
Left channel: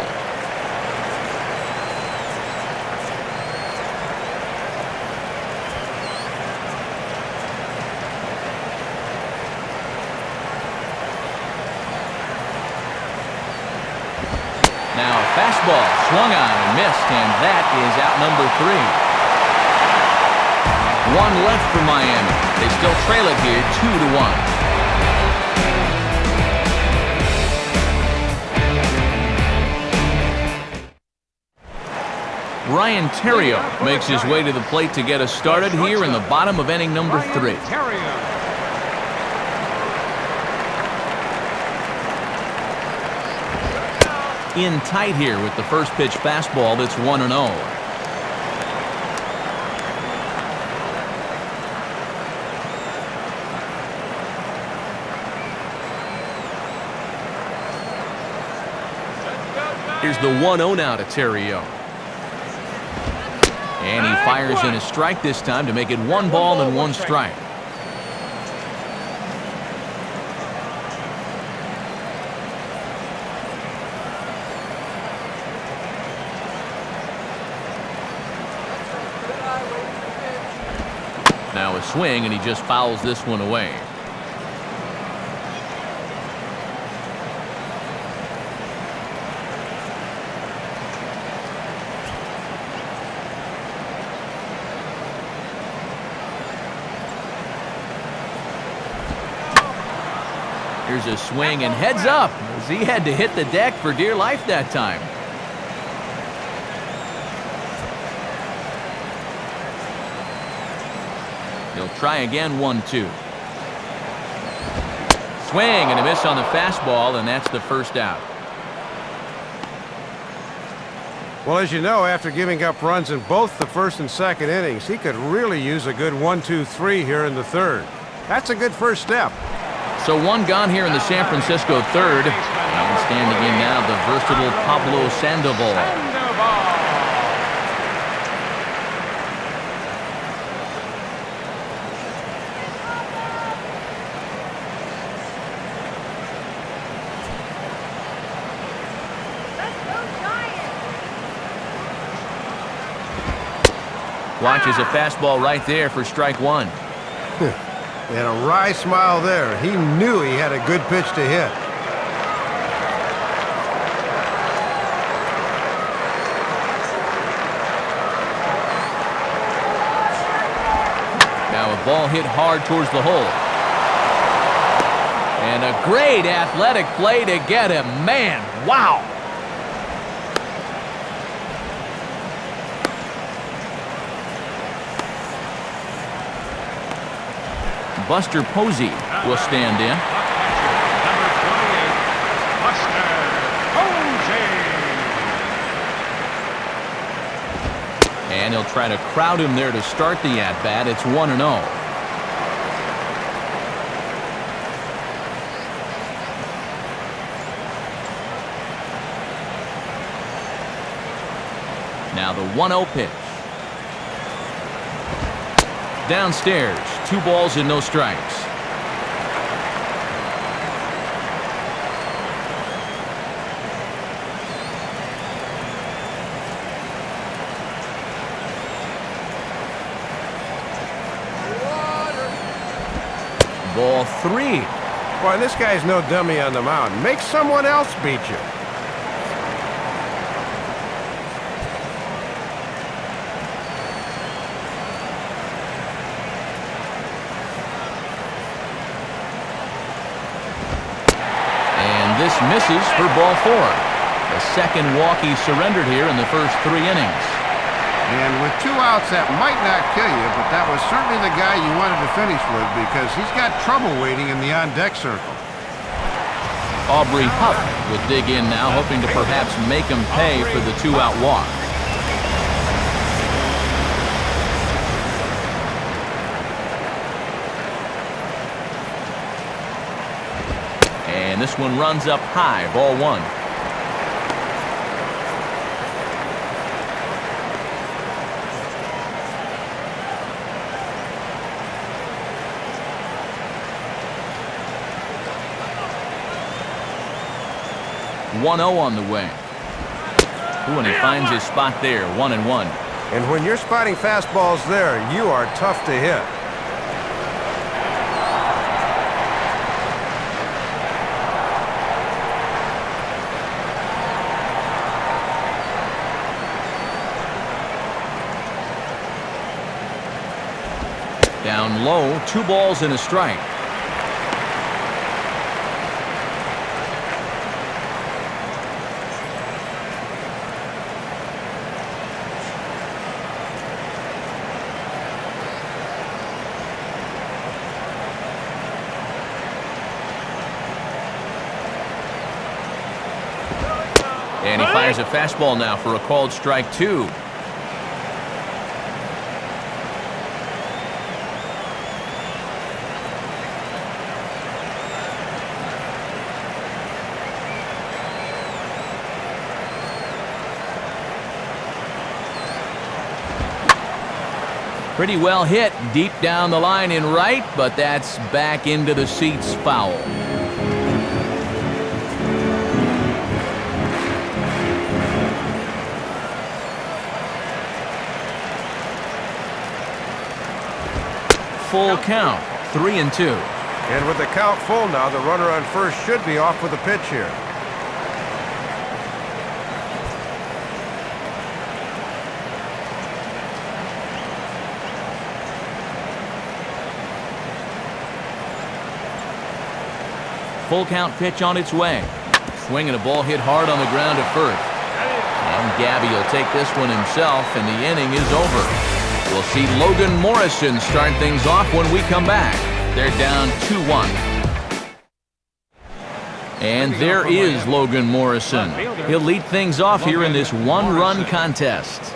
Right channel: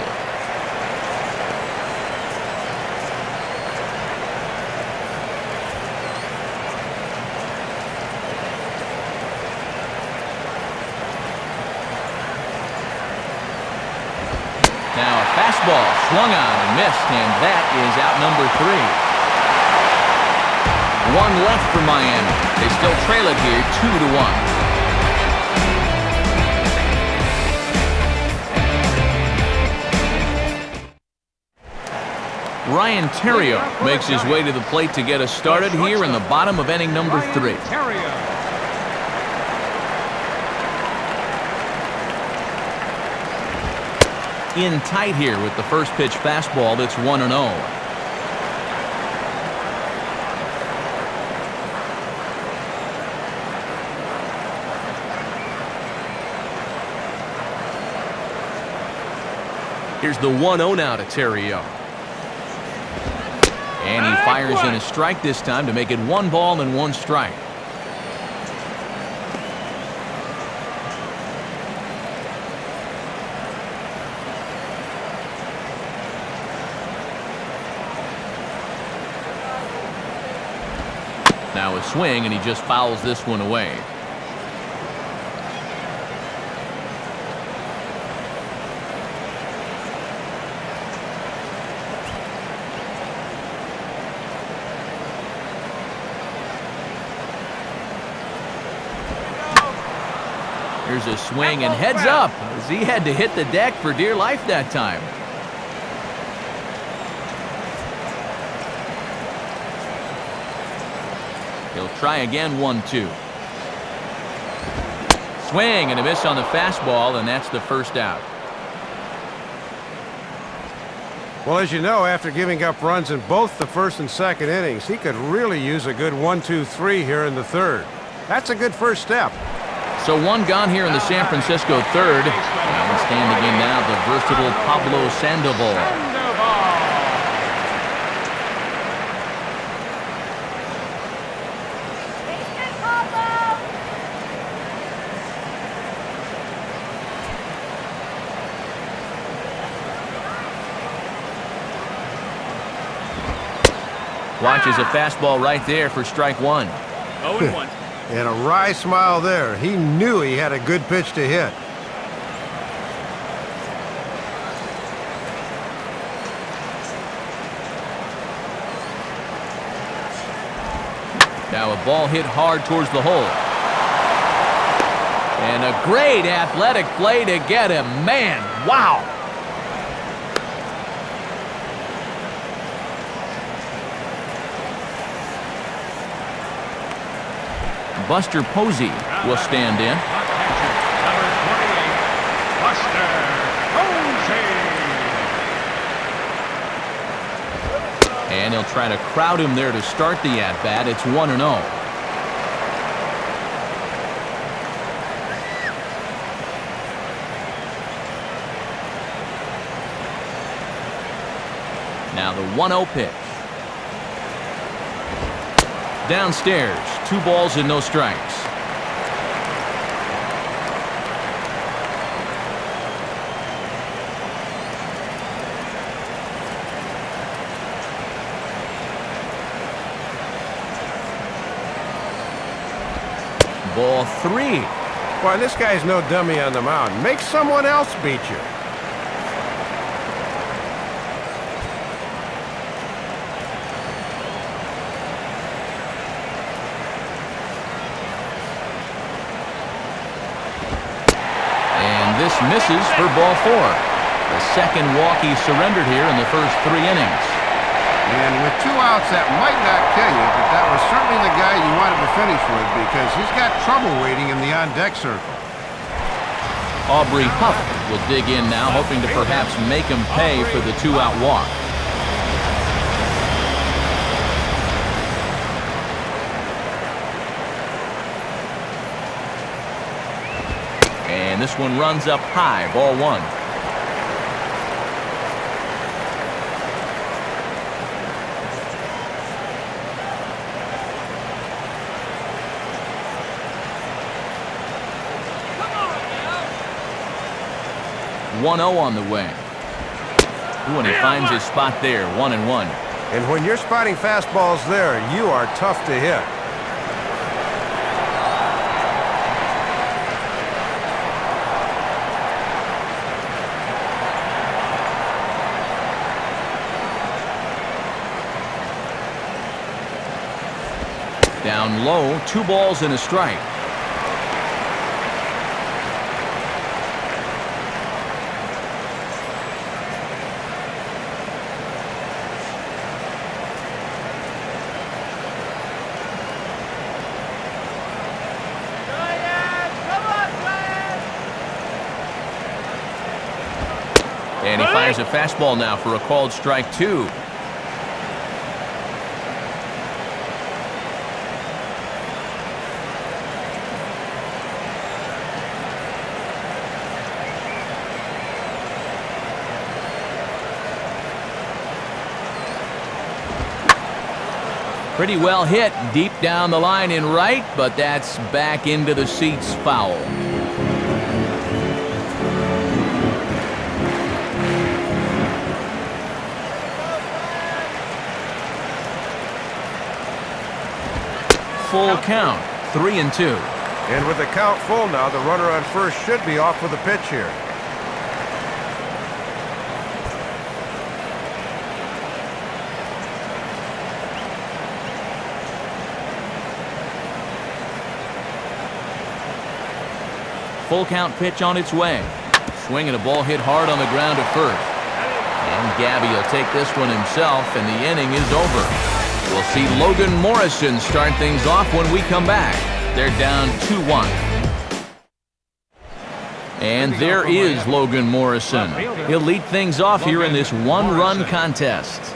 Now a fastball swung on and missed, and that is out number 3. One left for Miami. They still trail it here 2-1. Ryan Terrio makes his way to the plate to get us started here in the bottom of inning number 3. In tight here with the first pitch fastball that's 1-0. Here's the 1-0 now to Terrio. And he fires in a strike this time to make it 1 ball and 1 strike. Now a swing, and he just fouls this one away. Here's a swing and heads up as he had to hit the deck for dear life that time. He'll try again, 1-2. Swing and a miss on the fastball, and that's the first out. Well, as you know, after giving up runs in both the first and second innings, he could really use a good 1-2-3 here in the third. That's a good first step. So 1 gone here in the San Francisco third. And standing in now, the versatile Pablo Sandoval. Watches a fastball right there for strike 1. 0-1. And a wry smile there. He knew he had a good pitch to hit. Now a ball hit hard towards the hole. And a great athletic play to get him. Man, wow. Buster Posey will stand in. And he'll try to crowd him there to start the at-bat. It's 1-0. Now the 1-0 pitch. Downstairs, 2 balls and no strikes. Ball 3. Boy, this guy's no dummy on the mound. Make someone else beat you. This misses for ball 4. The second walk he surrendered here in the first 3 innings. And with 2 outs, that might not kill you, but that was certainly the guy you wanted to finish with because he's got trouble waiting in the on-deck circle. Aubrey Huff will dig in now, hoping to perhaps make him pay for the 2-out walk. And this one runs up high, ball 1. 1-0 on the way. Ooh, and he finds his spot there, 1-1. And when you're spotting fastballs there, you are tough to hit. Down low, 2 balls and a strike. And he fires a fastball now for a called strike 2. Pretty well hit deep down the line in right, but that's back into the seats, foul. Full count, 3-2. And with the count full now, the runner on first should be off with a pitch here. Full count pitch on its way. Swinging a ball hit hard on the ground at first. And Gabby will take this one himself, and the inning is over. We'll see Logan Morrison start things off when we come back. They're down 2-1. And there is Logan Morrison. He'll lead things off here in this one-run contest.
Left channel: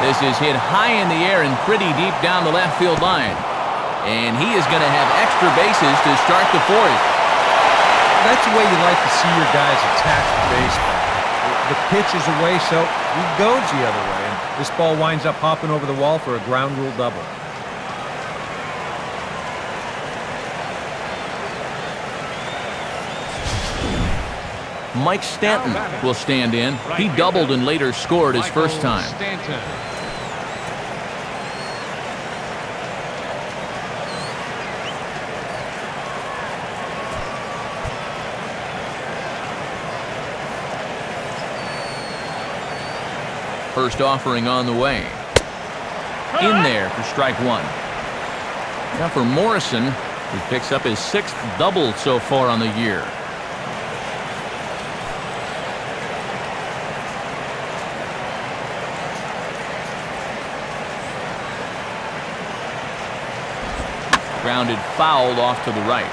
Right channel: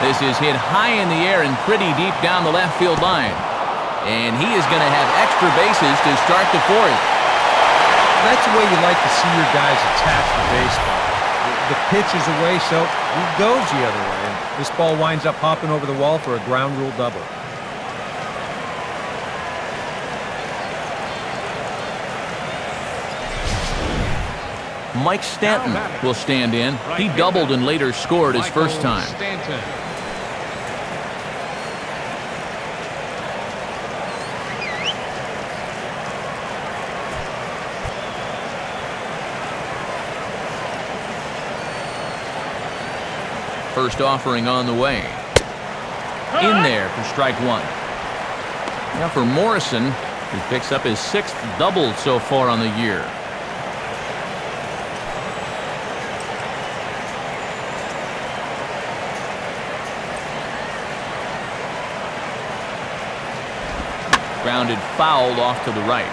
This is hit high in the air and pretty deep down the left field line. And he is going to have extra bases to start the 4th. That's the way you like to see your guys attack the baseball. The pitch is away, so he goes the other way. And this ball winds up hopping over the wall for a ground rule double. Mike Stanton will stand in. He doubled and later scored his first time. First offering on the way. In there for strike 1. Now for Morrison, he picks up his 6th double so far on the year. Grounded foul off to the right.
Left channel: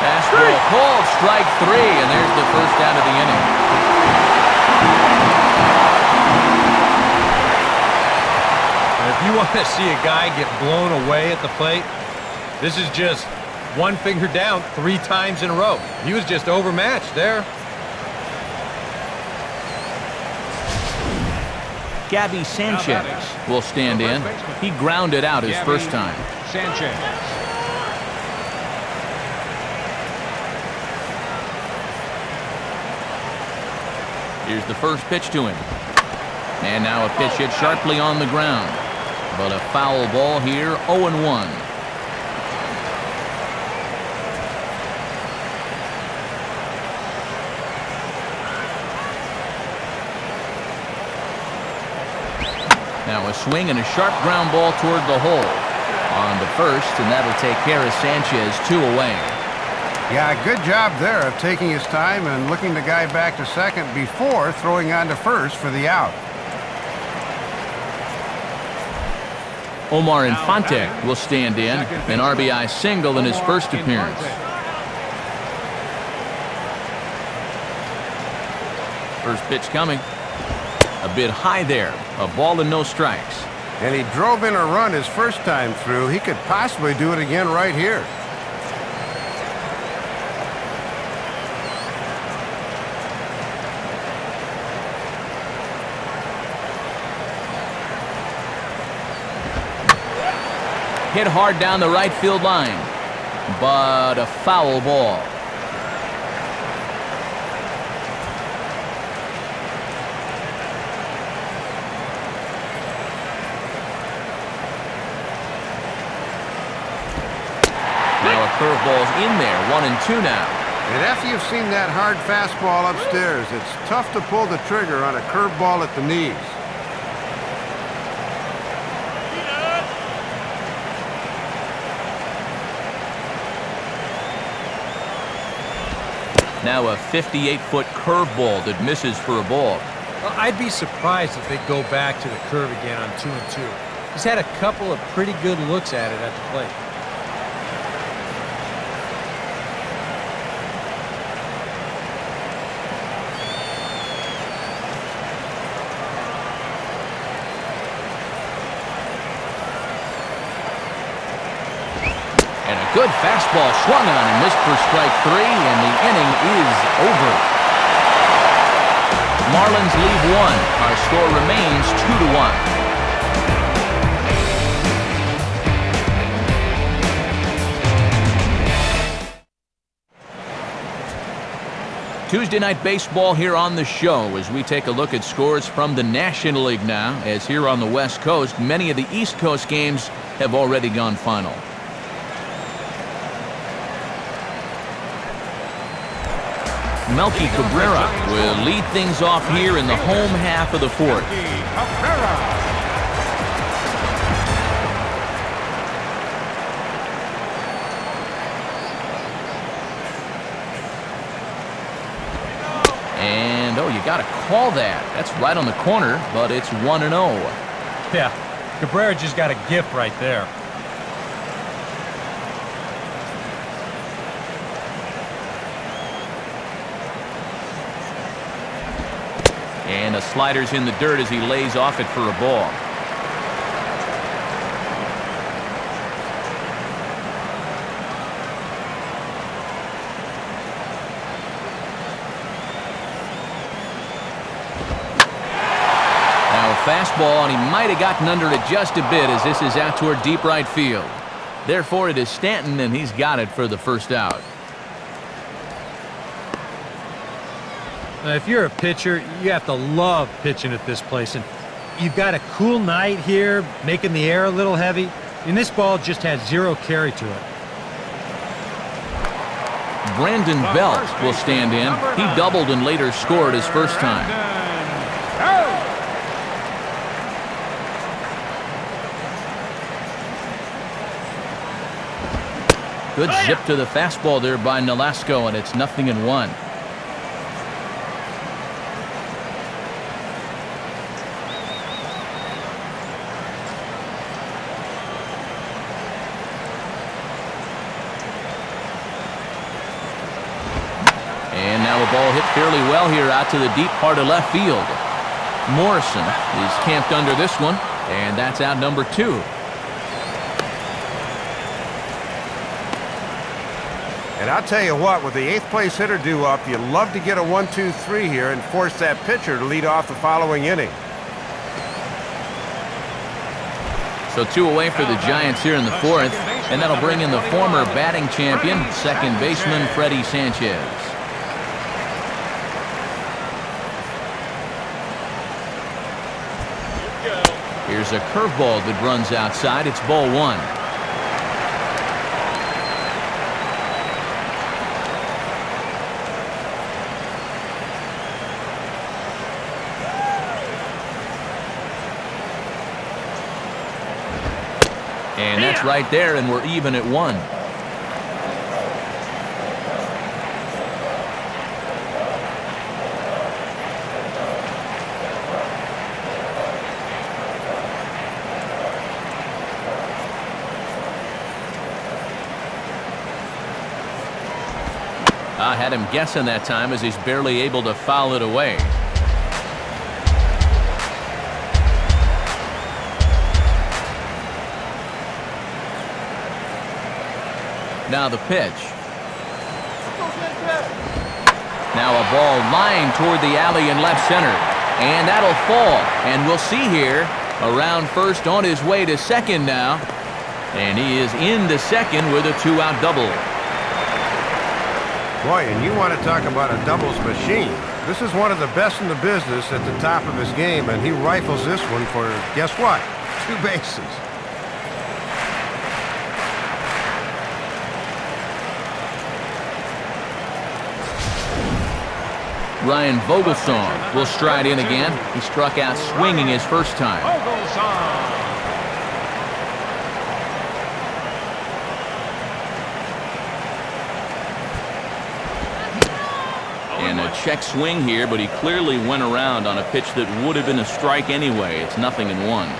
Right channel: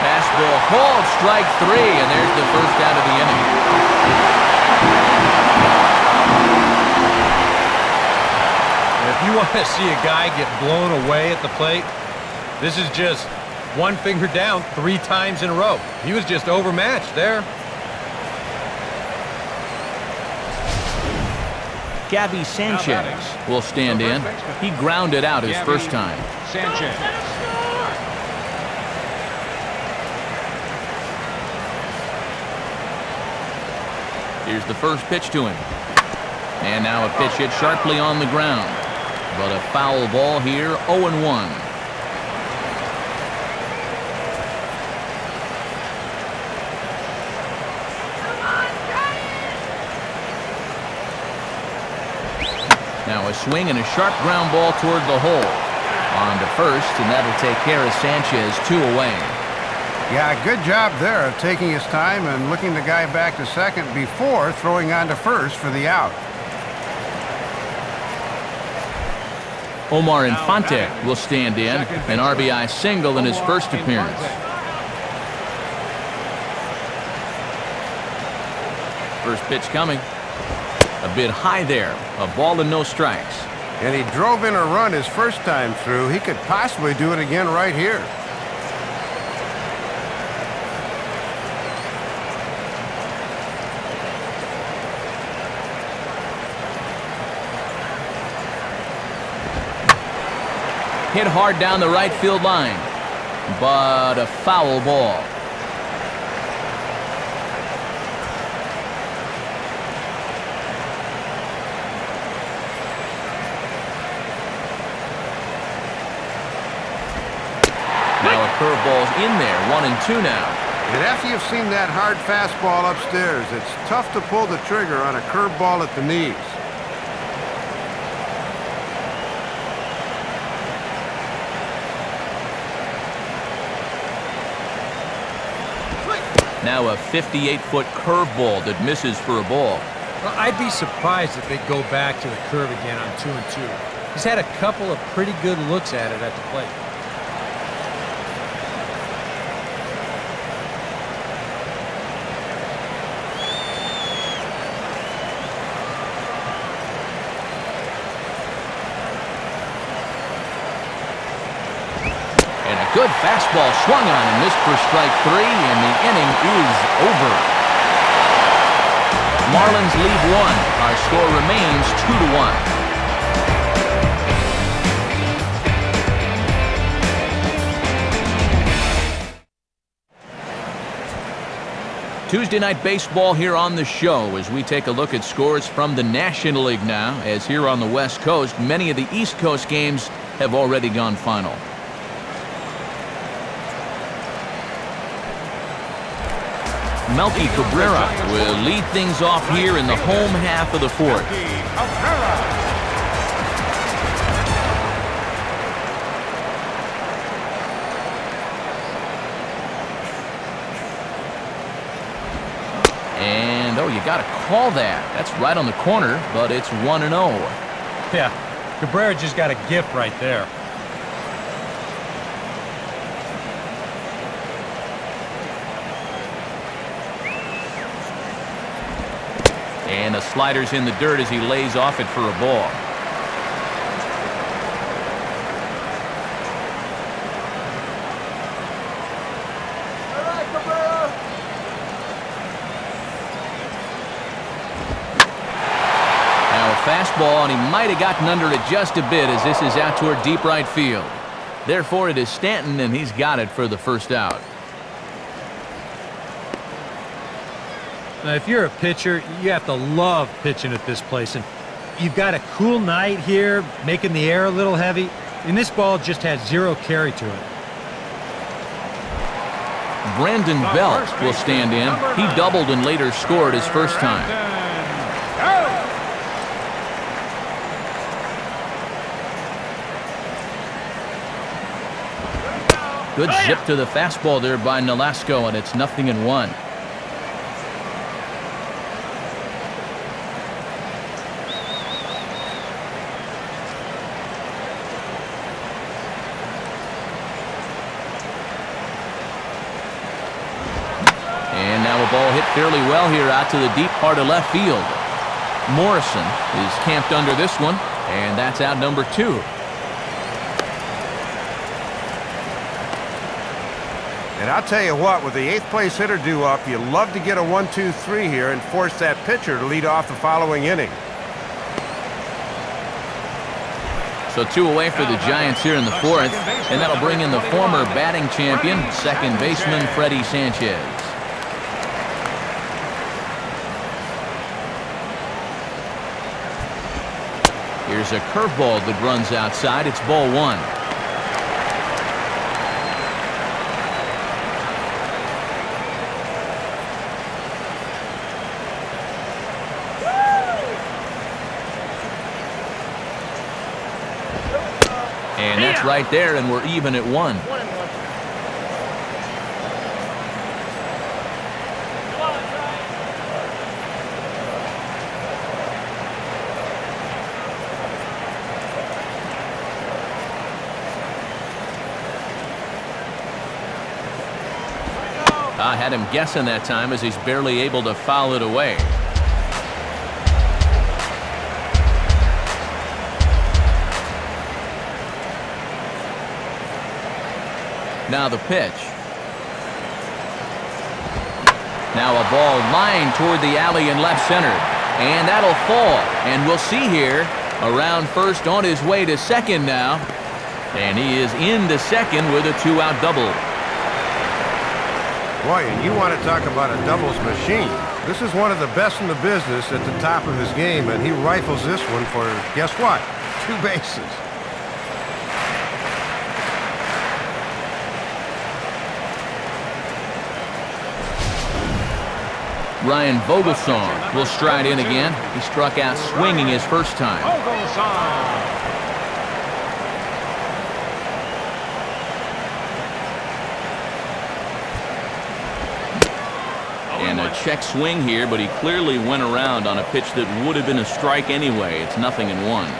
Fastball called, strike 3, and there's the first out of the inning. And if you want to see a guy get blown away at the plate, this is just one finger down 3 times in a row. He was just overmatched there. Gabby Sanchez will stand in. He grounded out his first time. Don't let him score! Here's the first pitch to him. And now a pitch hit sharply on the ground. But a foul ball here, 0-1. Now a swing and a sharp ground ball toward the hole. On to first, and that'll take care of Sanchez, 2 away. Yeah, good job there of taking his time and looking the guy back to second before throwing on to first for the out. Omar Infante will stand in, an RBI single in his first appearance. First pitch coming. A bit high there. A ball and no strikes. And he drove in a run his first time through. He could possibly do it again right here. Hit hard down the right field line, but a foul ball. Now a curveball's in there, 1-2 now. And after you've seen that hard fastball upstairs, it's tough to pull the trigger on a curveball at the knees. Now a 58-foot curveball that misses for a ball. Well, I'd be surprised if they go back to the curve again on 2-2. He's had a couple of pretty good looks at it at the plate. And a good fastball swung on and missed for strike 3, and the inning is over. Marlins leave 1. Our score remains 2-1. Tuesday Night Baseball here on the show as we take a look at scores from the National League now, as here on the West Coast, many of the East Coast games have already gone final. Melky Cabrera will lead things off here in the home half of the 4th. And, oh, you got to call that. That's right on the corner, but it's 1-0. Yeah, Cabrera just got a gift right there. And a slider's in the dirt as he lays off it for a ball. Now a fastball, and he might have gotten under it just a bit as this is out toward deep right field. Therefore, it is Stanton, and he's got it for the first out. Now, if you're a pitcher, you have to love pitching at this place. And you've got a cool night here, making the air a little heavy. And this ball just has 0 carry to it. Brandon Belt will stand in. He doubled and later scored his first time. Good zip to the fastball there by Nolasco, and it's 0-1. And now a ball hit fairly well here out to the deep part of left field. Morrison is camped under this one, and that's out number 2. And I'll tell you what, with the 8th place hitter due up, you love to get a 1-2-3 here and force that pitcher to lead off the following inning. So 2 away for the Giants here in the 4th, and that'll bring in the former batting champion, second baseman Freddie Sanchez. Here's a curveball that runs outside. It's ball 1. And that's right there, and we're even at 1. I had him guessing that time as he's barely able to foul it away. Now the pitch. Now a ball lined toward the alley in left center. And that'll fall. And we'll see here, around first on his way to second now. And he is into second with a 2-out double. Boy, and you want to talk about a doubles machine. This is one of the best in the business at the top of his game, and he rifles this one for, guess what? 2 bases. Ryan Vogelsong will stride in again. He struck out swinging his first time. And a check swing here, but he clearly went around on a pitch that would have been a strike anyway. It's 0-1.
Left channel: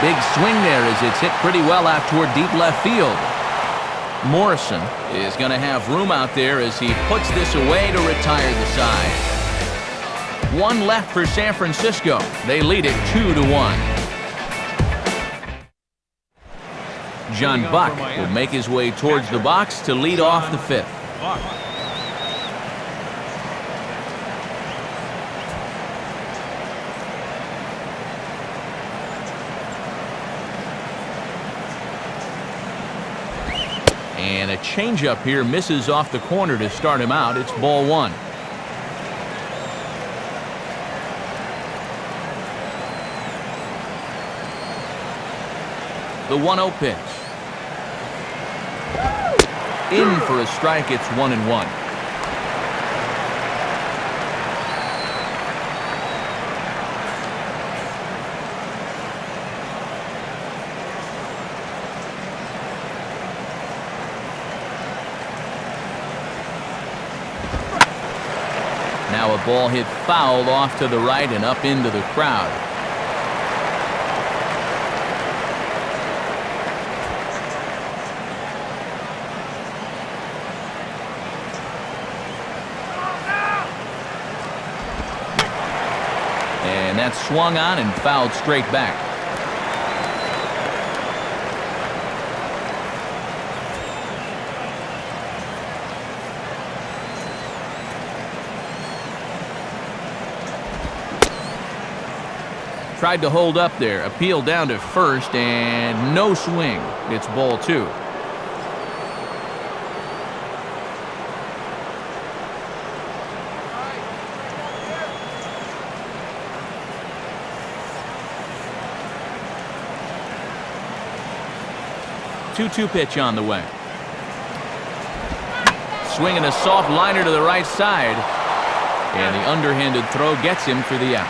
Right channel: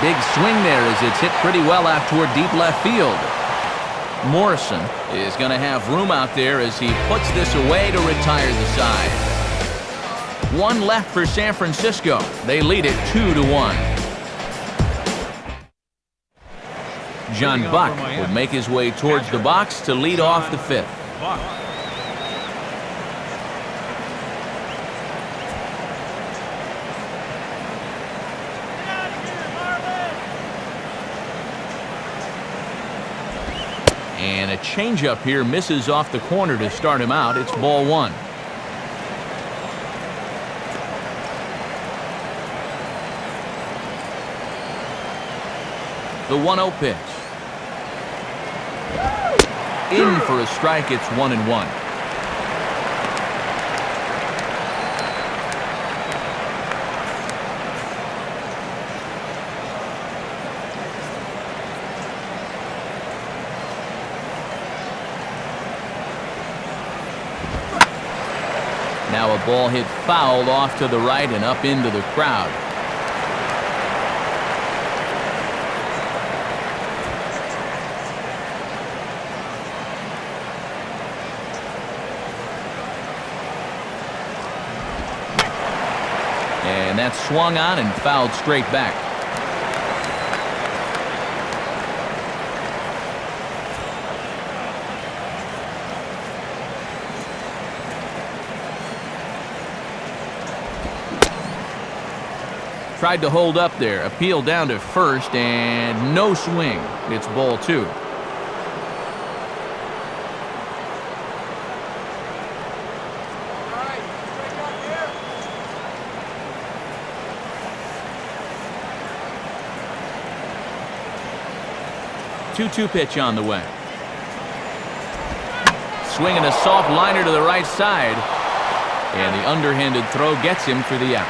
Big swing there as it's hit pretty well out toward deep left field. Morrison is going to have room out there as he puts this away to retire the side. 1 left for San Francisco. They lead it 2-1. John Buck will make his way towards the box to lead off the 5th. And a changeup here misses off the corner to start him out. It's ball 1. The 1-0 pitch. In for a strike. It's 1-1. Now a ball hit foul off to the right and up into the crowd. And that's swung on and fouled straight back. Tried to hold up there, appealed down to first, and no swing. It's ball 2. Two-two pitch on the way. Swinging a soft liner to the right side, and the underhanded throw gets him for the out.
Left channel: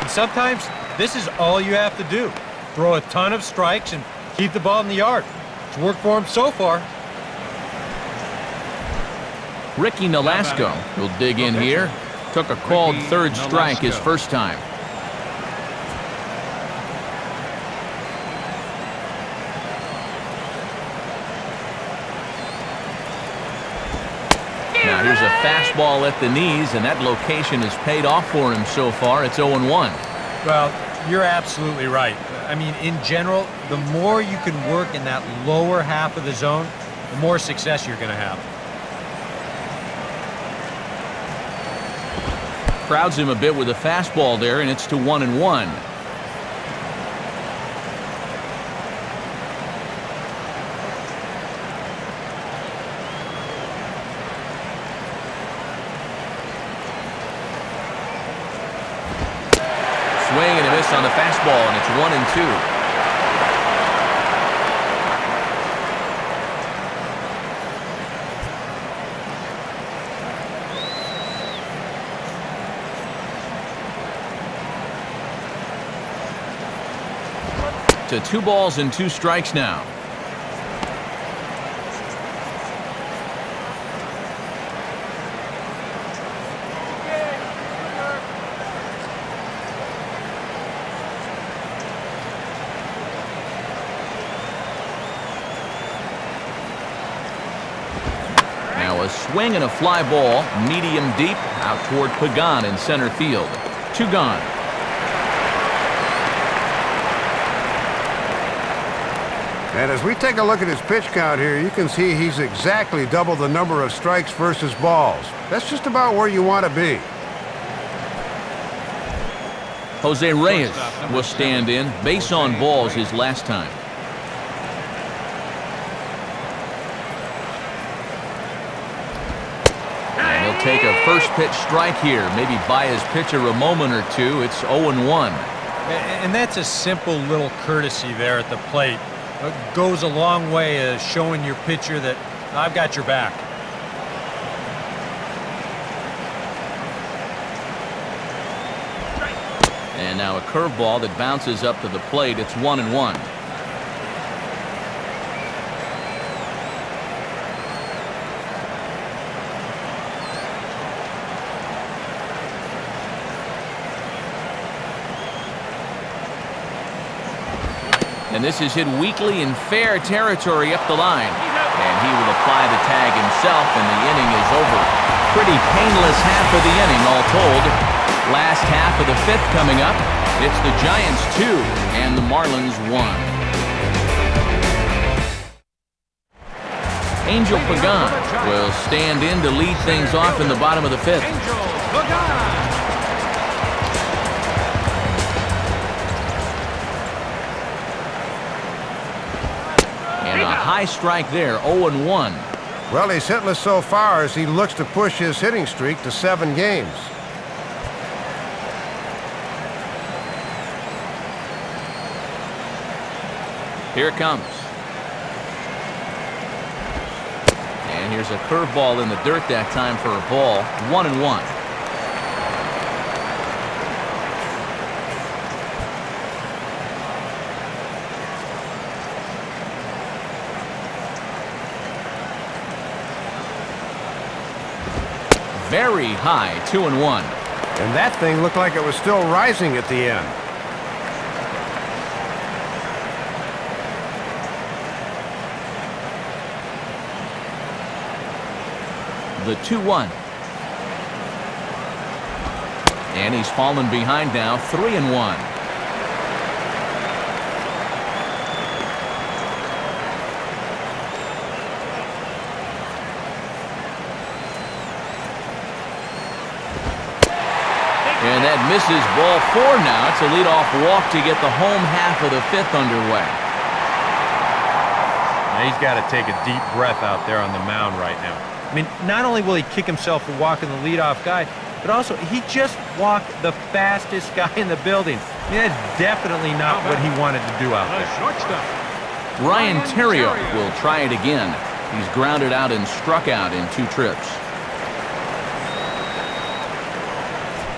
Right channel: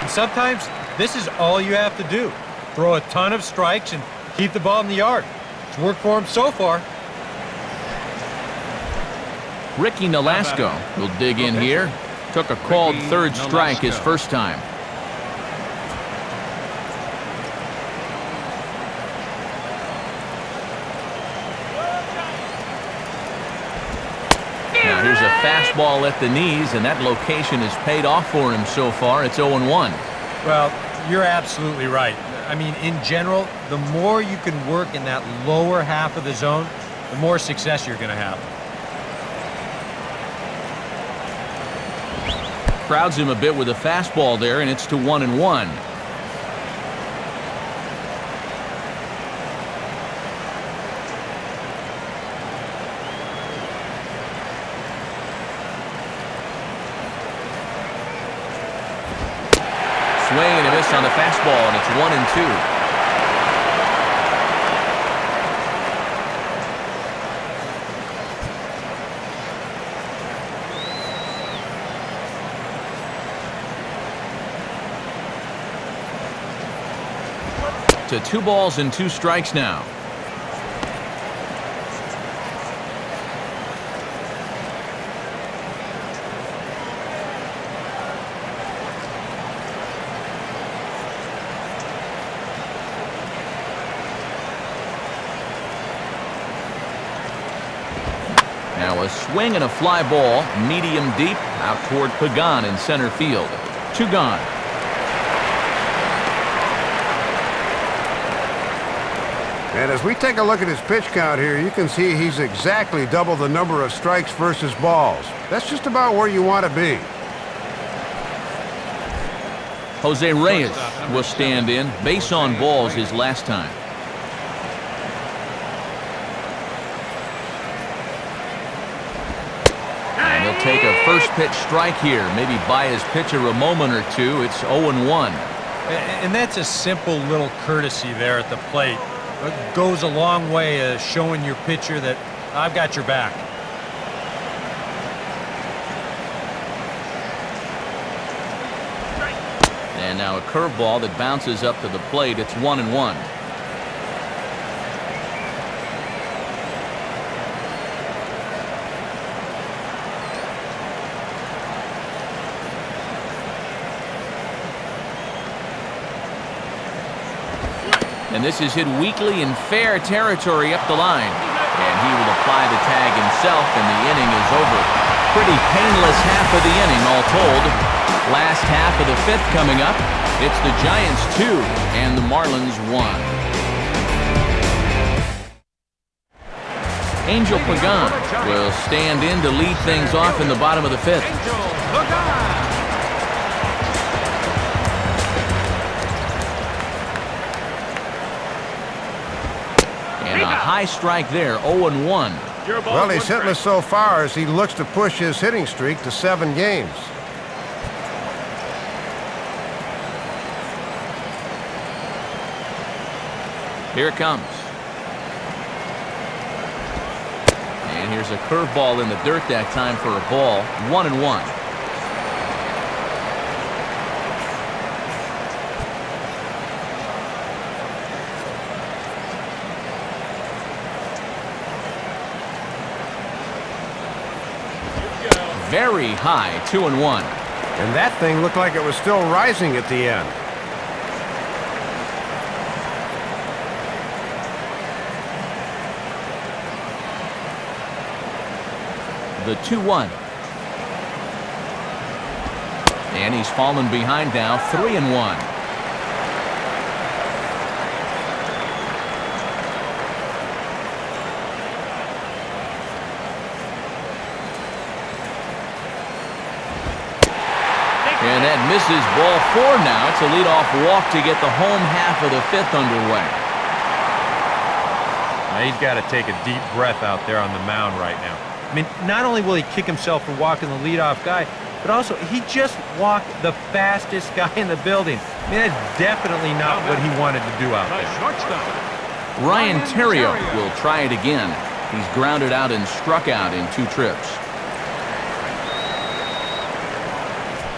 And sometimes this is all you have to do. Throw a ton of strikes and keep the ball in the yard. It's worked for him so far. Ricky Nolasco will dig in here. Took a called third strike his first time. Now here's a fastball at the knees, and that location has paid off for him so far. It's 0-1. Well, you're absolutely right. I mean, in general, the more you can work in that lower half of the zone, the more success you're going to have. Crowds him a bit with a fastball there, and it's to 1-1. Swing and a miss on the fastball, and it's 1-2. To 2 balls and 2 strikes now. Now a swing and a fly ball, medium deep, out toward Pagan in center field. 2 gone. And as we take a look at his pitch count here, you can see he's exactly double the number of strikes versus balls. That's just about where you want to be. Jose Reyes will stand in. Base on balls his last time. And he'll take a first pitch strike here. Maybe buy his pitcher a moment or two. It's 0-1. And that's a simple little courtesy there at the plate. It goes a long way showing your pitcher that I've got your back. And now a curveball that bounces up to the plate. It's 1-1. And this is hit weakly in fair territory up the line. And he will apply the tag himself, and the inning is over. Pretty painless half of the inning, all told. Last half of the 5th coming up. It's the Giants 2 and the Marlins 1. Angel Pagan will stand in to lead things off in the bottom of the 5th. And a high strike there, 0-1. Well, he's hitless so far as he looks to push his hitting streak to 7 games. Here it comes. And here's a curveball in the dirt that time for a ball. 1-1. Very high, 2-1. And that thing looked like it was still rising at the end. The 2-1. And he's fallen behind now, 3-1. And that misses, ball 4 now. It's a leadoff walk to get the home half of the 5th underway. Now he's got to take a deep breath out there on the mound right now. I mean, not only will he kick himself for walking the leadoff guy, but also he just walked the fastest guy in the building. I mean, that's definitely not what he wanted to do out there. Ryan Theriot will try it again. He's grounded out and struck out in 2 trips.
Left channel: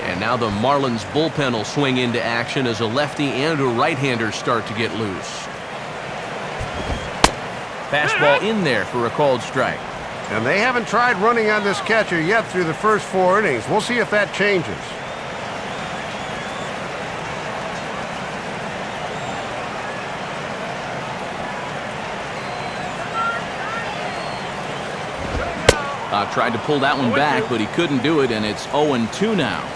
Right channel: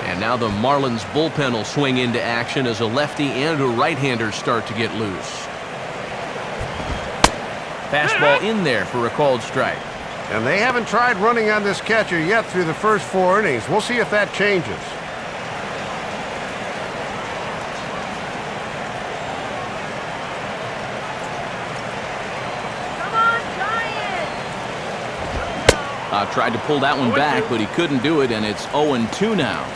And now the Marlins bullpen will swing into action as a lefty and a right-hander start to get loose. Fastball in there for a called strike. And they haven't tried running on this catcher yet through the first 4 innings. We'll see if that changes. Come on, Giants! Tried to pull that one back, but he couldn't do it, and it's 0-2 now.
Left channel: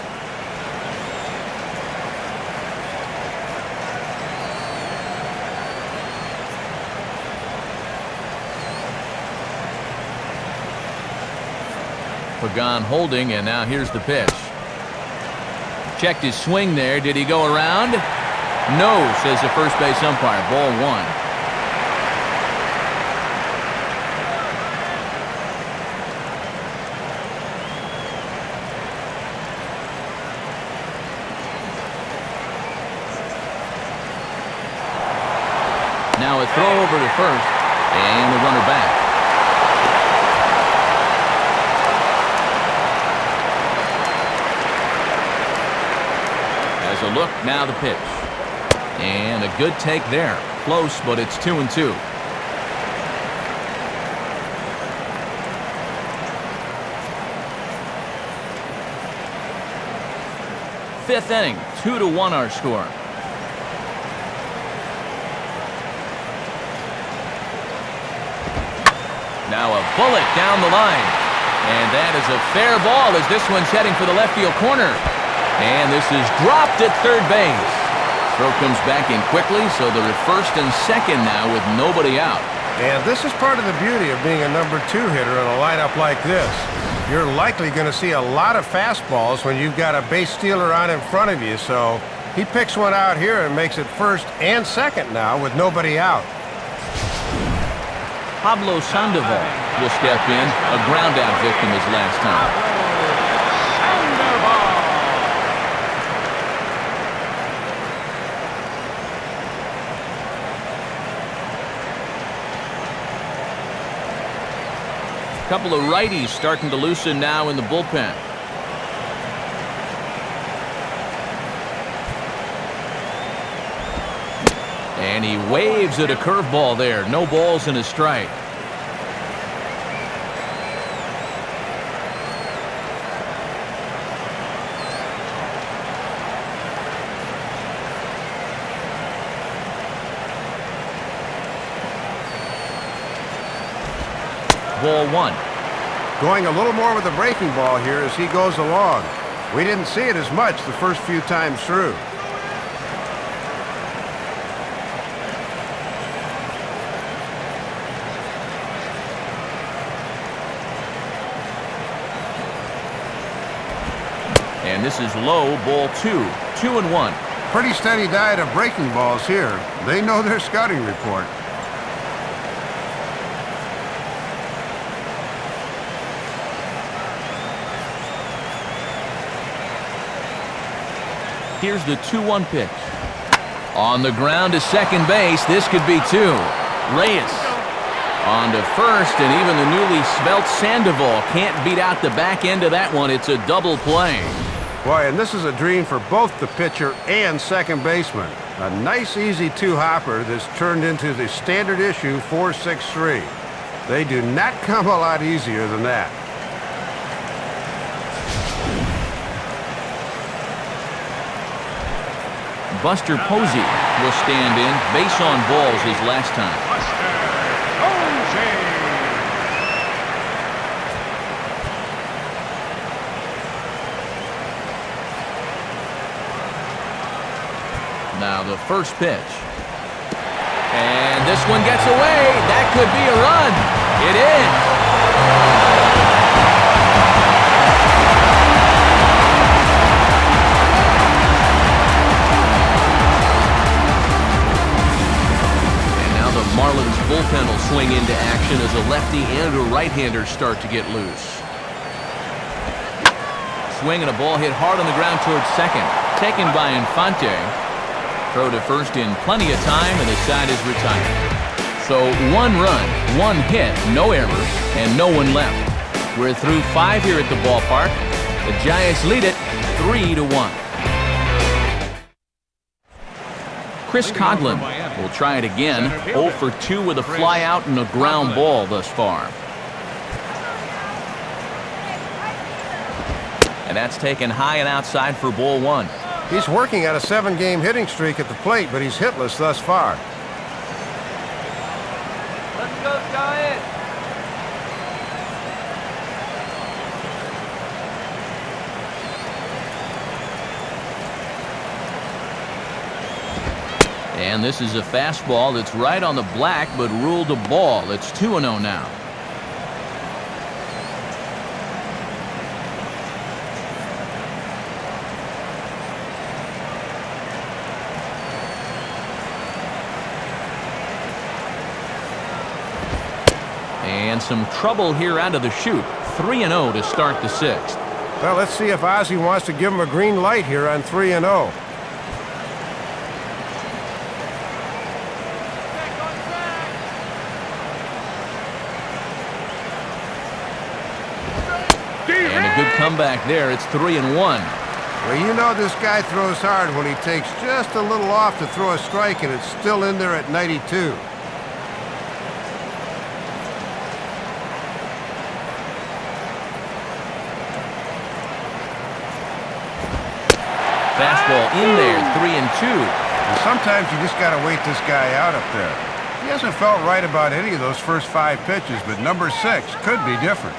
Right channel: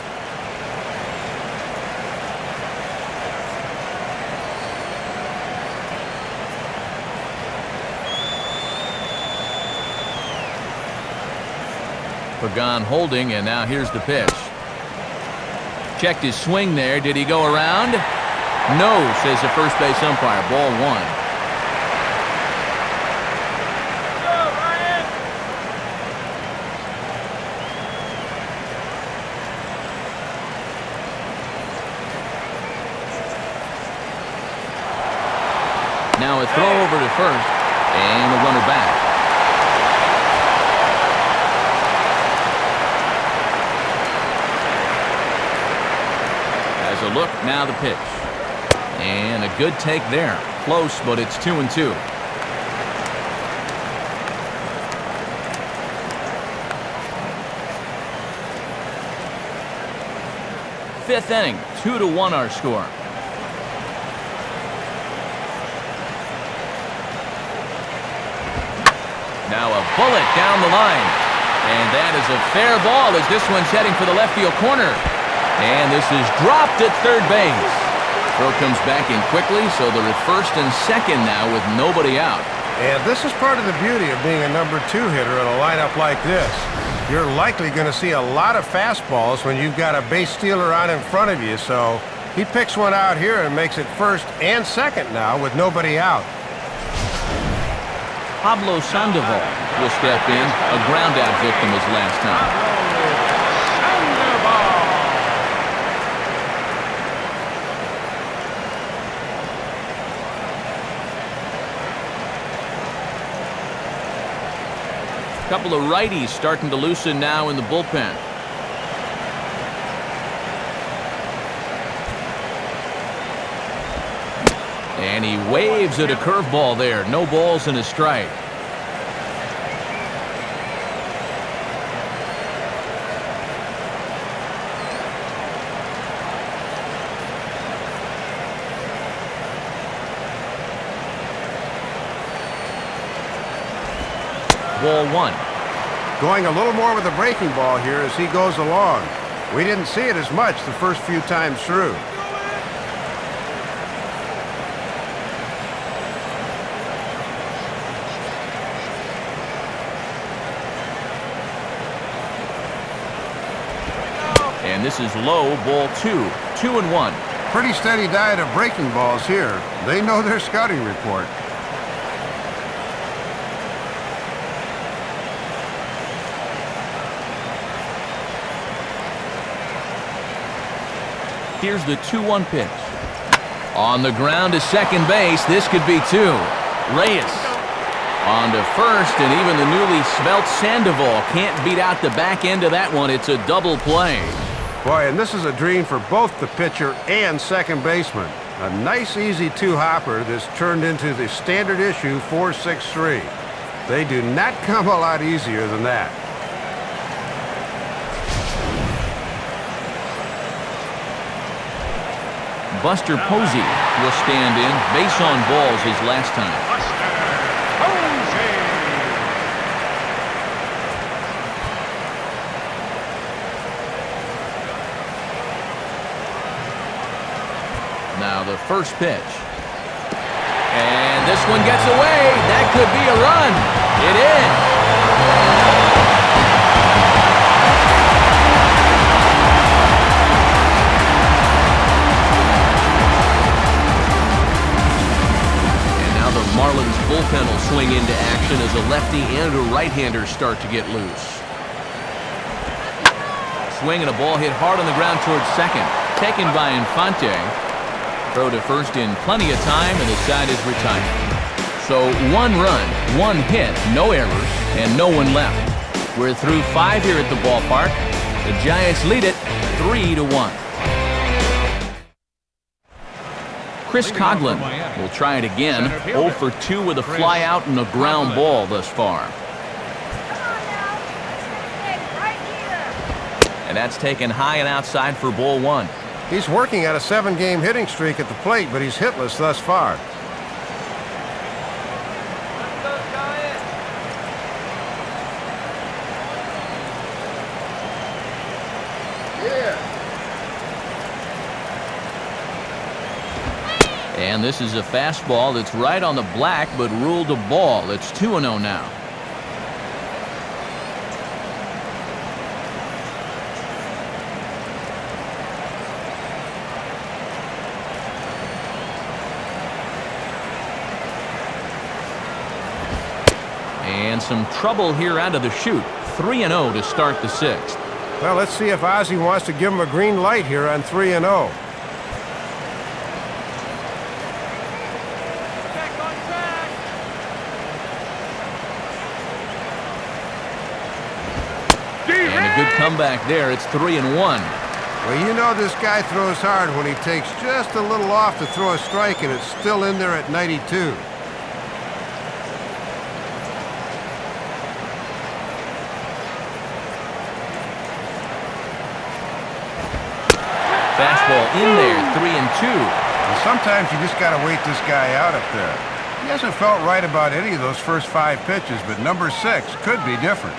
Pagan holding, and now here's the pitch. Checked his swing there. Did he go around? No, says the first base umpire. Ball 1. Now a throw over to first, and the runner back. As a look, now the pitch. And a good take there. Close, but it's 2-2. Fifth inning, 2-1 our score. Now a bullet down the line. And that is a fair ball as this one's heading for the left field corner. And this is dropped at third base. Throw comes back in quickly, so they're at first and second now with nobody out. And this is part of the beauty of being a number 2 hitter in a lineup like this. You're likely going to see a lot of fastballs when you've got a base stealer on in front of you, so he picks one out here and makes it first and second now with nobody out. Pablo Sandoval will step in, a ground-out victim his last time. A couple of righties starting to loosen now in the bullpen. And he waves at a curveball there. No balls and a strike. Ball 1. Going a little more with the breaking ball here as he goes along. We didn't see it as much the first few times through. And this is low, ball 2. 2-1. Pretty steady diet of breaking balls here. They know their scouting report. Here's the 2-1 pitch. On the ground to second base, this could be 2. Reyes on to first, and even the newly svelte Sandoval can't beat out the back end of that one. It's a double play. Boy, and this is a dream for both the pitcher and second baseman. A nice, easy 2-hopper that's turned into the standard issue 4-6-3. They do not come a lot easier than that. Buster Posey will stand in, base on balls his last time. Now the first pitch. And this one gets away. That could be a run. It is. Marlins bullpen will swing into action as a lefty and a right-hander start to get loose. Swing and a ball hit hard on the ground towards second. Taken by Infante. Throw to first in plenty of time, and the side is retired. So 1 run, 1 hit, no errors, and no one left. We're through 5 here at the ballpark. The Giants lead it 3-1. Chris Coghlan will try it again. 0 for 2 with a fly out and a ground ball thus far. And that's taken high and outside for ball 1. He's working at a 7-game hitting streak at the plate, but he's hitless thus far. Let's go, Giants! Yeah. And this is a fastball that's right on the black, but ruled a ball. It's 2-0 now. And some trouble here out of the chute. 3-0 to start the 6th. Well, let's see if Ozzie wants to give him a green light here on 3-0. And a good comeback there. It's 3-1. Well, you know this guy throws hard when he takes just a little off to throw a strike, and it's still in there at 92. Fastball in there, 3-2. And sometimes you just got to wait this guy out up there. He hasn't felt right about any of those first 5 pitches, but number 6 could be different.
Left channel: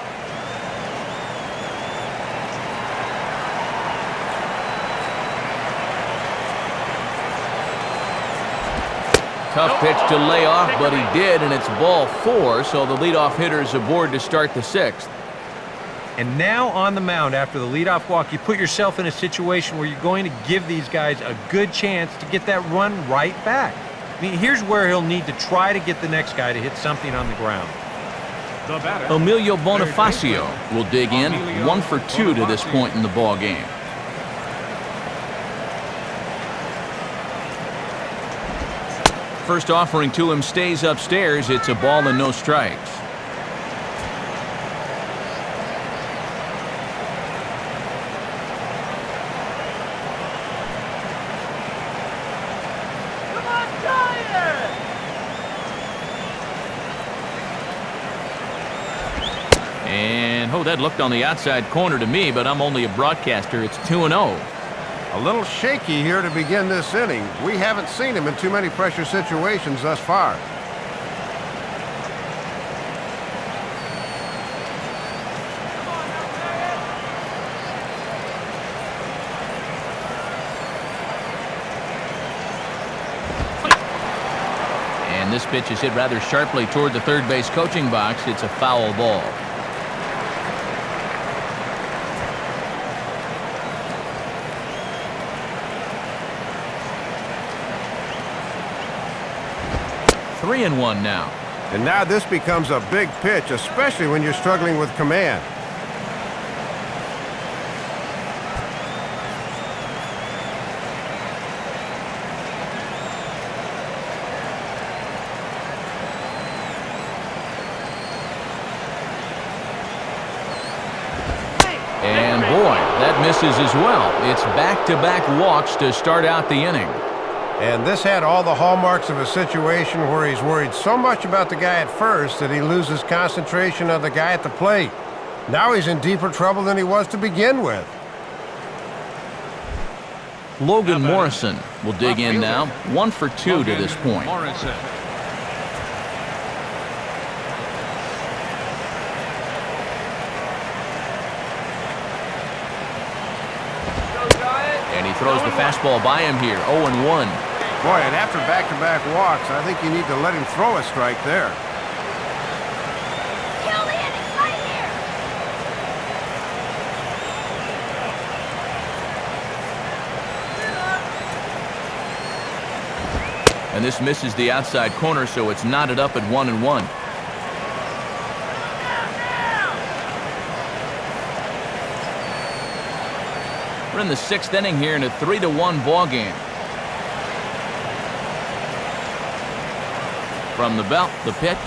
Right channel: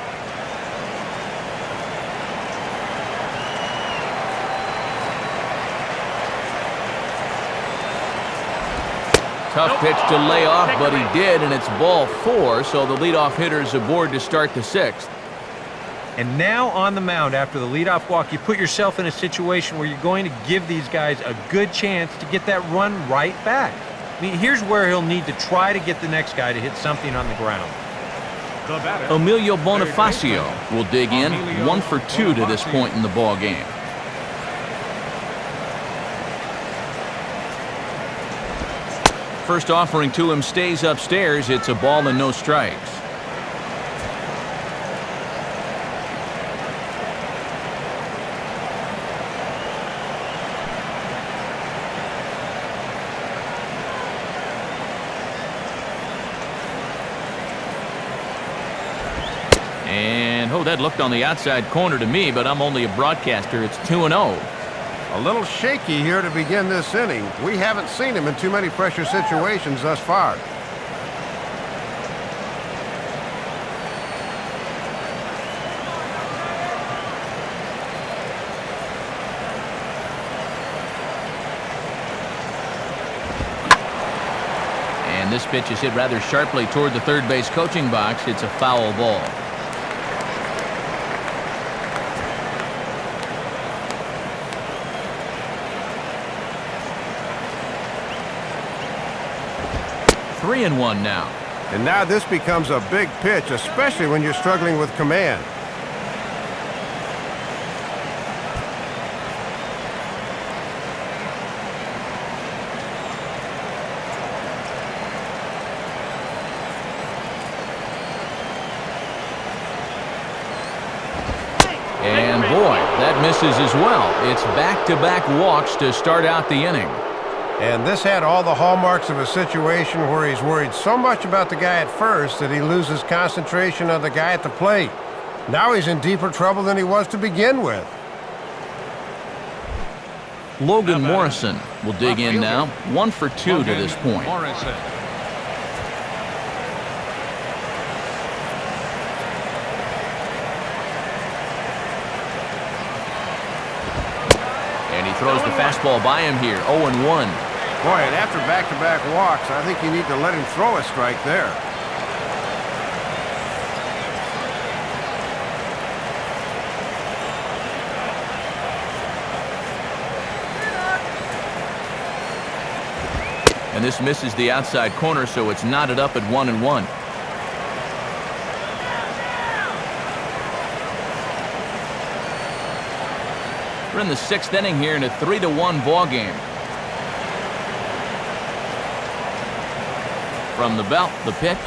Tough pitch to lay off, but he did, and it's ball 4, so the leadoff hitter is aboard to start the 6th. And now on the mound after the leadoff walk, you put yourself in a situation where you're going to give these guys a good chance to get that run right back. I mean, here's where he'll need to try to get the next guy to hit something on the ground. Emilio Bonifacio will dig in, 1 for 2 to this point in the ball game. First offering to him stays upstairs. It's a ball and no strikes. Come on, Giants! And, that looked on the outside corner to me, but I'm only a broadcaster. It's 2-0. A little shaky here to begin this inning. We haven't seen him in too many pressure situations thus far. And this pitch is hit rather sharply toward the third base coaching box. It's a foul ball. Three and one now. And now this becomes a big pitch, especially when you're struggling with command. And boy, that misses as well. It's back-to-back walks to start out the inning. And this had all the hallmarks of a situation where he's worried so much about the guy at first that he loses concentration on the guy at the plate. Now he's in deeper trouble than he was to begin with. Logan Morrison will dig in now, 1 for 2 to this point. And he throws the fastball by him here, 0-1. Boy, and after back-to-back walks, I think you need to let him throw a strike there. Kill the inning right here. And this misses the outside corner, so it's knotted up at 1-1. We're in the 6th inning here in a 3-1 ball game. From the belt, the pitch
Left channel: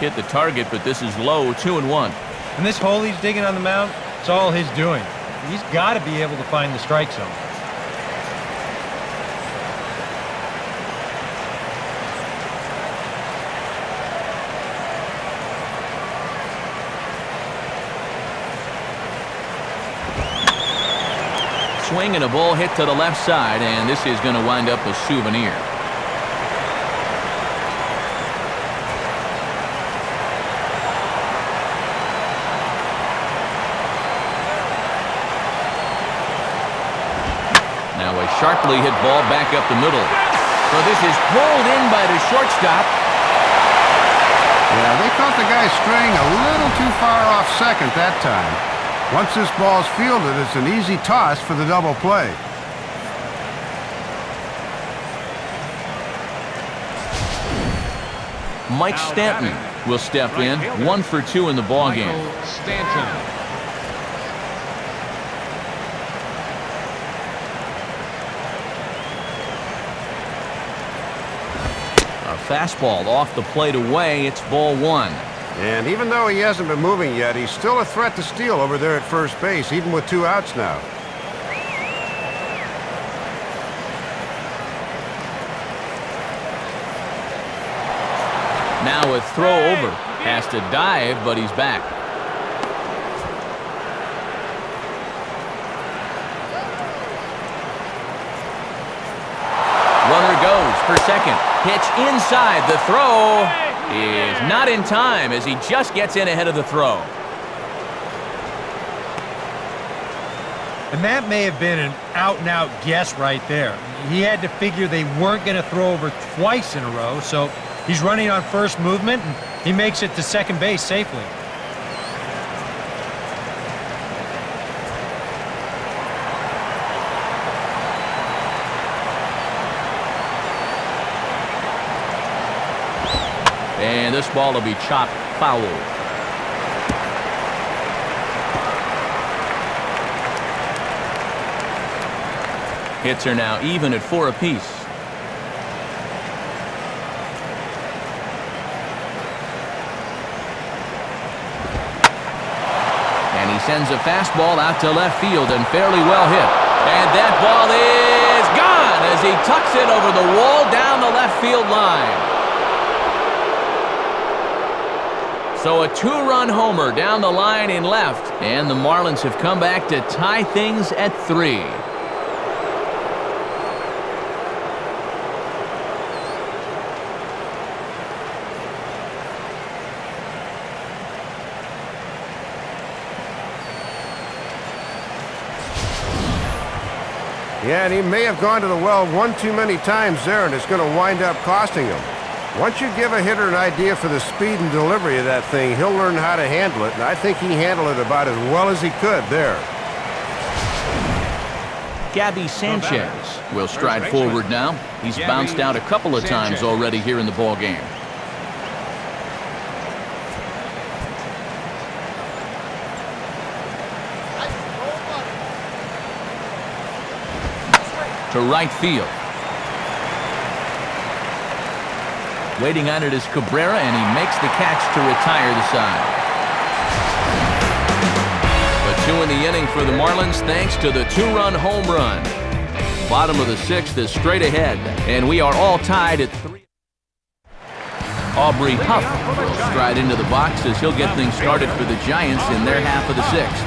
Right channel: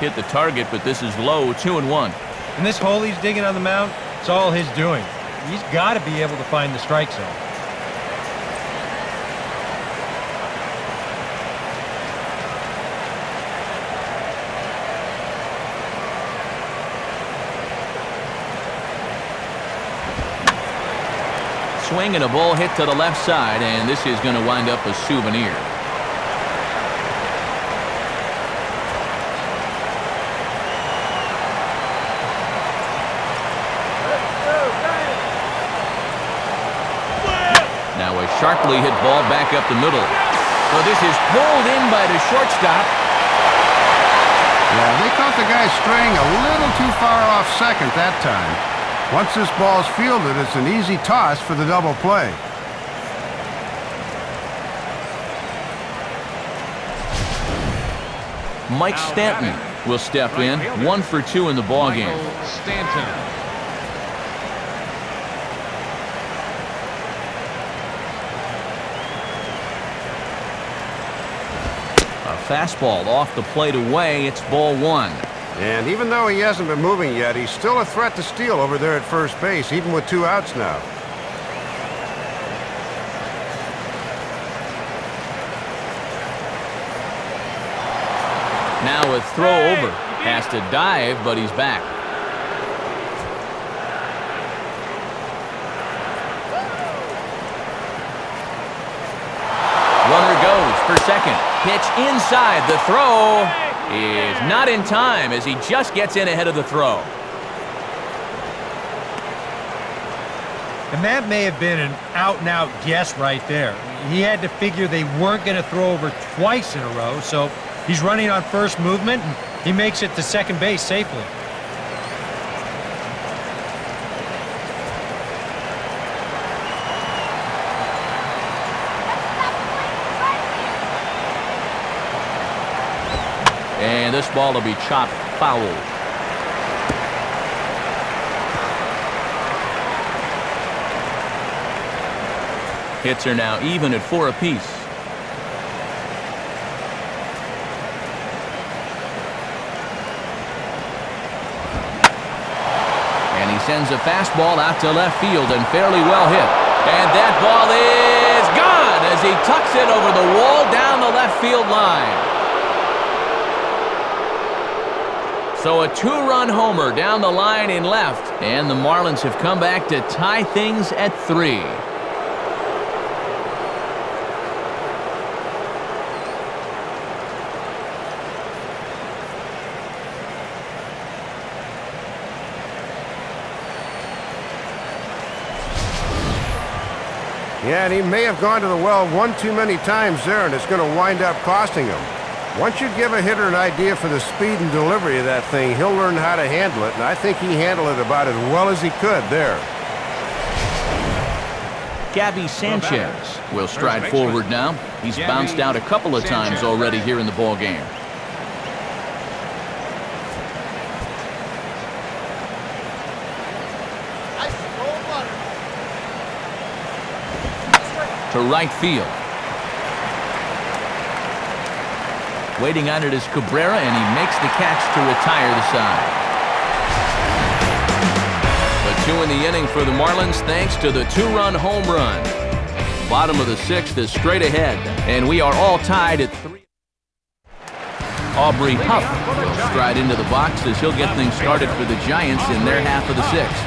hit the target, but this is low, 2-1. And this hole he's digging on the mound, it's all his doing. He's got to be able to find the strike zone. Swing and a ball hit to the left side, and this is going to wind up a souvenir. Now a sharply hit ball back up the middle. So this is pulled in by the shortstop. Yeah, they caught the guy straying a little too far off second that time. Once this ball's fielded, it's an easy toss for the double play. Mike Stanton will step in, 1 for 2 in the ball game. A fastball off the plate away. It's ball 1. And even though he hasn't been moving yet, he's still a threat to steal over there at first base, even with 2 outs now. Now a throw over. Has to dive, but he's back. Runner goes for second. Pitch inside. The throw is not in time as he just gets in ahead of the throw. And that may have been an out-and-out guess right there. He had to figure they weren't going to throw over twice in a row, so he's running on first movement, and he makes it to second base safely. And this ball will be chopped foul. Hits are now even at 4 apiece. And he sends a fastball out to left field and fairly well hit. And that ball is gone as he tucks it over the wall down the left field line. So a 2-run homer down the line in left, and the Marlins have come back to tie things at 3. Yeah, and he may have gone to the well one too many times there, and it's going to wind up costing him. Once you give a hitter an idea for the speed and delivery of that thing, he'll learn how to handle it, and I think he handled it about as well as he could there. Gabby Sanchez will stride forward now. He's bounced out a couple of times already here in the ballgame. To right field. Waiting on it is Cabrera, and he makes the catch to retire the side. But 2 in the inning for the Marlins thanks to the 2-run home run. Bottom of the 6th is straight ahead, and we are all tied at 3. Aubrey Huff will stride into the box as he'll get things started for the Giants in their half of the 6th.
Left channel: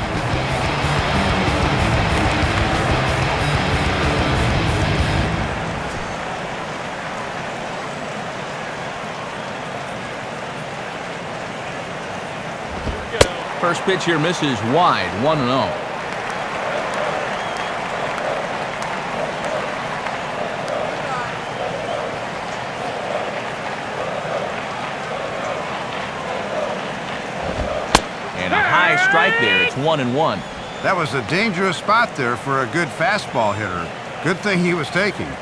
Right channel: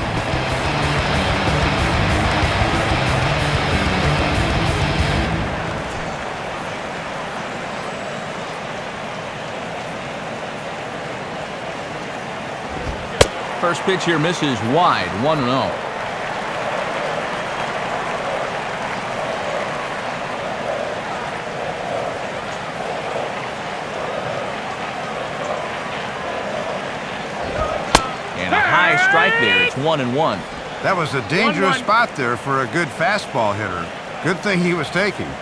First pitch here misses wide, 1-0. And a high strike there. It's 1-1. That was a dangerous spot there for a good fastball hitter. Good thing he was taking.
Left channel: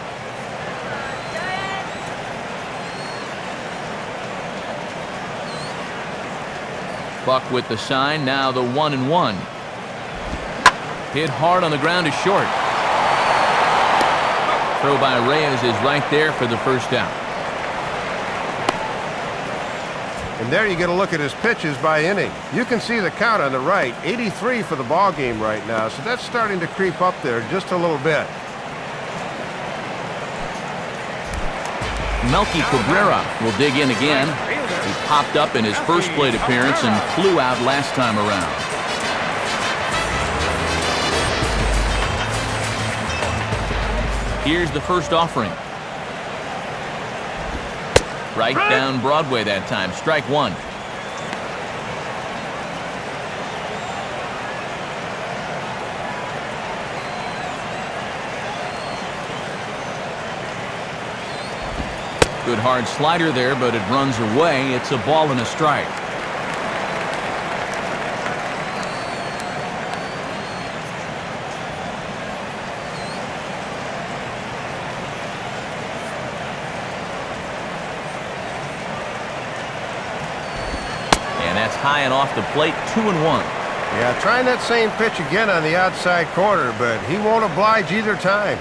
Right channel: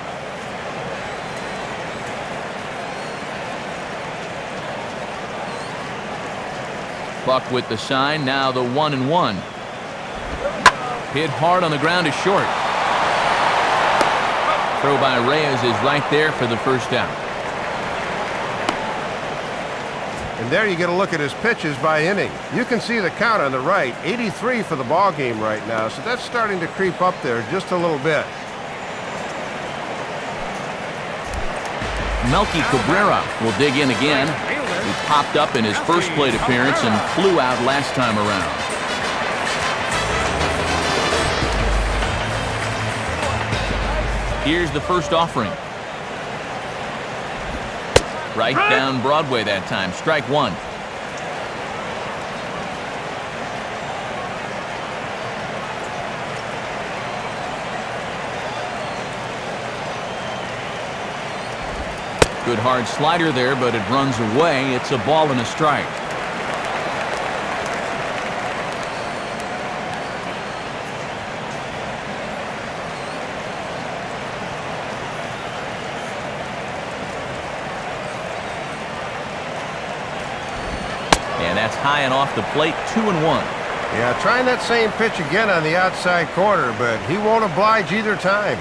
Buck with the sign, now the 1-1. Hit hard on the ground is short. Throw by Reyes is right there for the first out. And there you get a look at his pitches by inning. You can see the count on the right, 83 for the ball game right now, so that's starting to creep up there just a little bit. Melky Cabrera will dig in again. He popped up in his first plate appearance and flew out last time around. Here's the first offering. Right down Broadway that time. Strike 1. Good hard slider there, but it runs away. It's a ball and a strike. And that's high and off the plate, 2-1. Yeah, trying that same pitch again on the outside corner, but he won't oblige either time.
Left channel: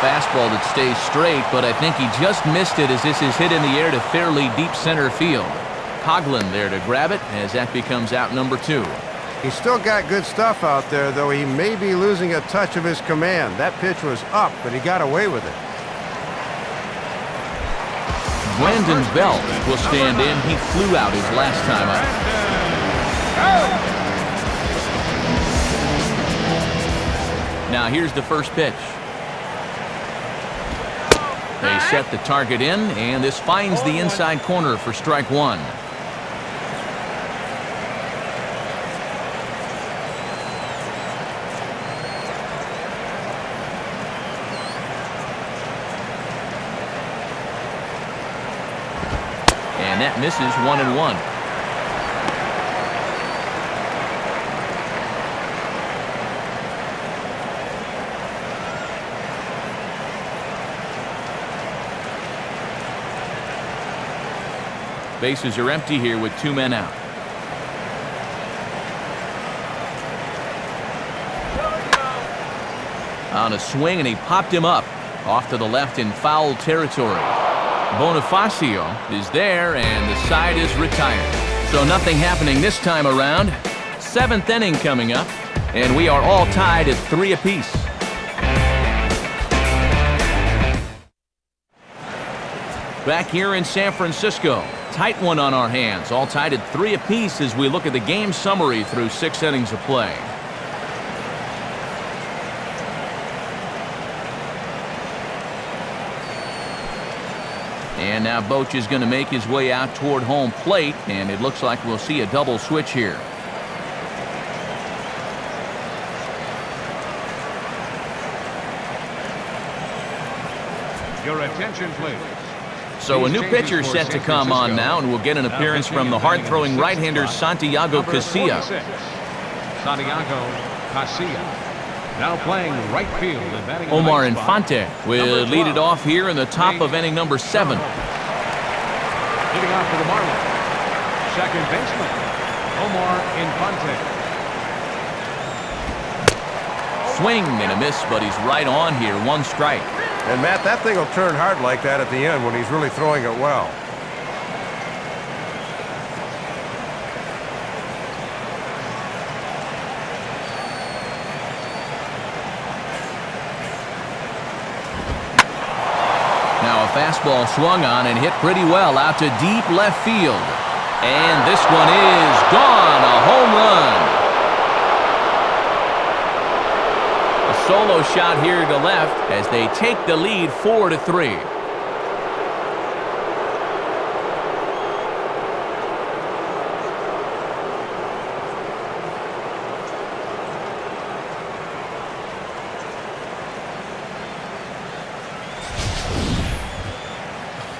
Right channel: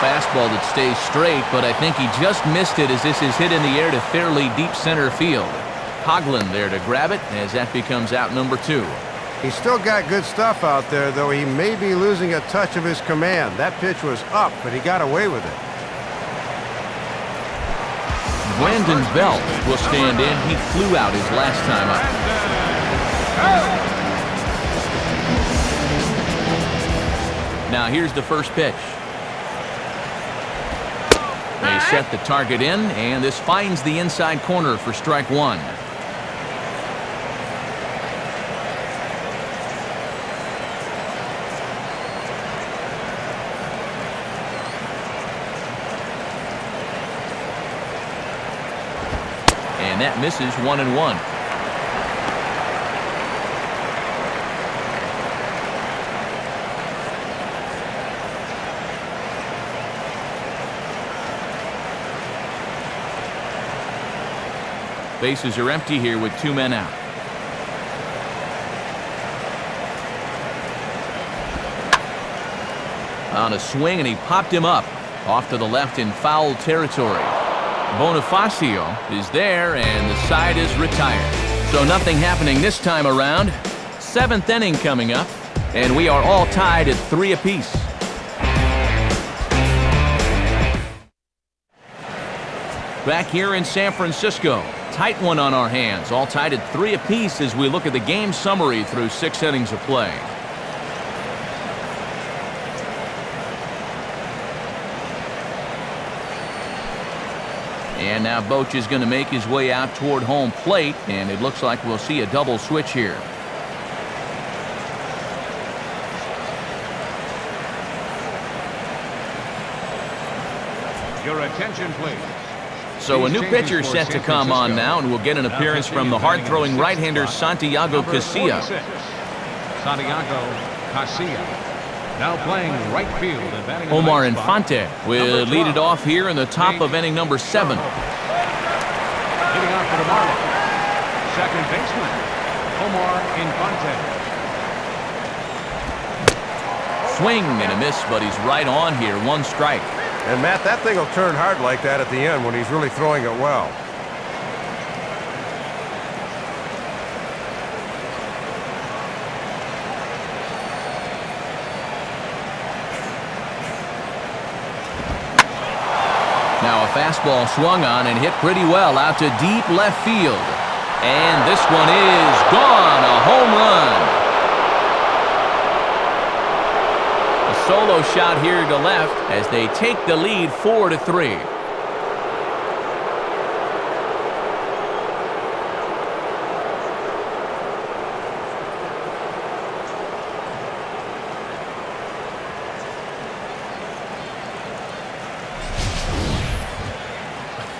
Fastball that stays straight, but I think he just missed it as this is hit in the air to fairly deep center field. Coughlin there to grab it as that becomes out number 2. He's still got good stuff out there, though he may be losing a touch of his command. That pitch was up, but he got away with it. Brandon Belt will stand in. He flew out his last time up. Now here's the first pitch. set the target in, and this finds the inside corner for strike one. And that misses 1-1. Bases are empty here with 2 men out. On a swing, and he popped him up off to the left in foul territory. Bonifacio is there, and the side is retired. So nothing happening this time around. 7th inning coming up, and we are all tied at 3 apiece. Back here in San Francisco, tight one on our hands, all tied at 3 apiece as we look at the game summary through 6 innings of play. And now Boch is going to make his way out toward home plate, and it looks like we'll see a double switch here. Your attention, please. So a new pitcher set to come on now, and we'll get an appearance from the hard-throwing right-hander Santiago Casilla. 46. Santiago Casilla. Now playing right field. Omar Infante will lead it off here in the top of inning number 7. Swing and a miss, but he's right on here. 1 strike. And, Matt, that thing will turn hard like that at the end when he's really throwing it well. Now a fastball swung on and hit pretty well out to deep left field. And this one is gone, a home run. A solo shot here to left as they take the lead 4-3.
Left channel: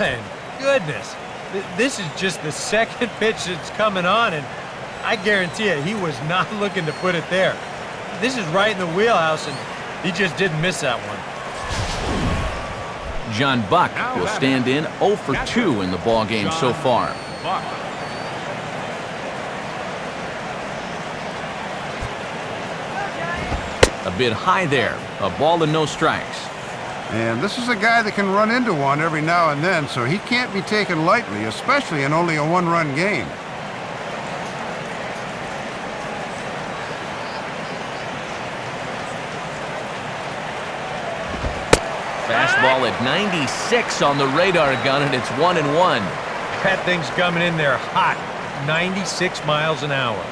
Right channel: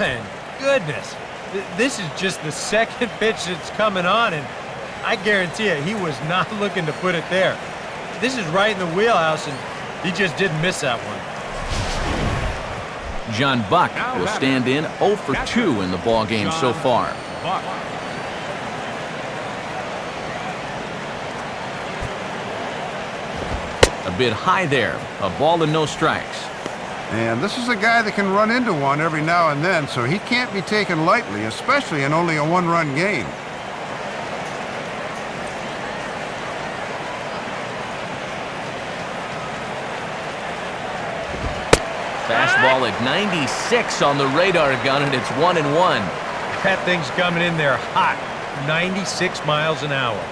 And goodness, this is just the second pitch that's coming on, and I guarantee you he was not looking to put it there. This is right in the wheelhouse, and he just didn't miss that one. John Buck will stand in 0 for 2 in the ballgame so far. A bit high there, a ball and no strikes. And this is a guy that can run into one every now and then, so he can't be taken lightly, especially in only a 1-run game. Fastball at 96 on the radar gun, and it's 1-1. That thing's coming in there hot, 96 miles an hour.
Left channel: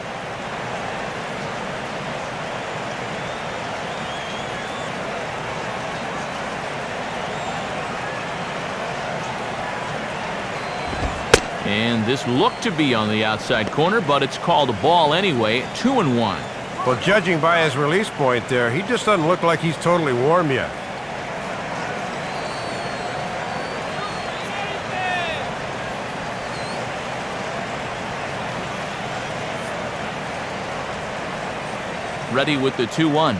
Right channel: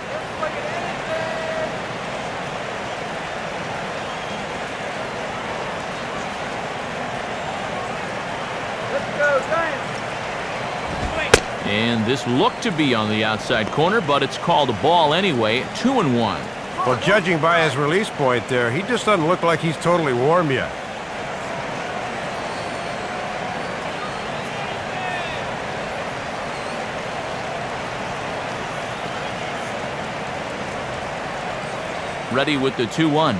And this looked to be on the outside corner, but it's called a ball anyway. 2-1. Well, judging by his release point there, he just doesn't look like he's totally warm yet. Ready with the 2-1.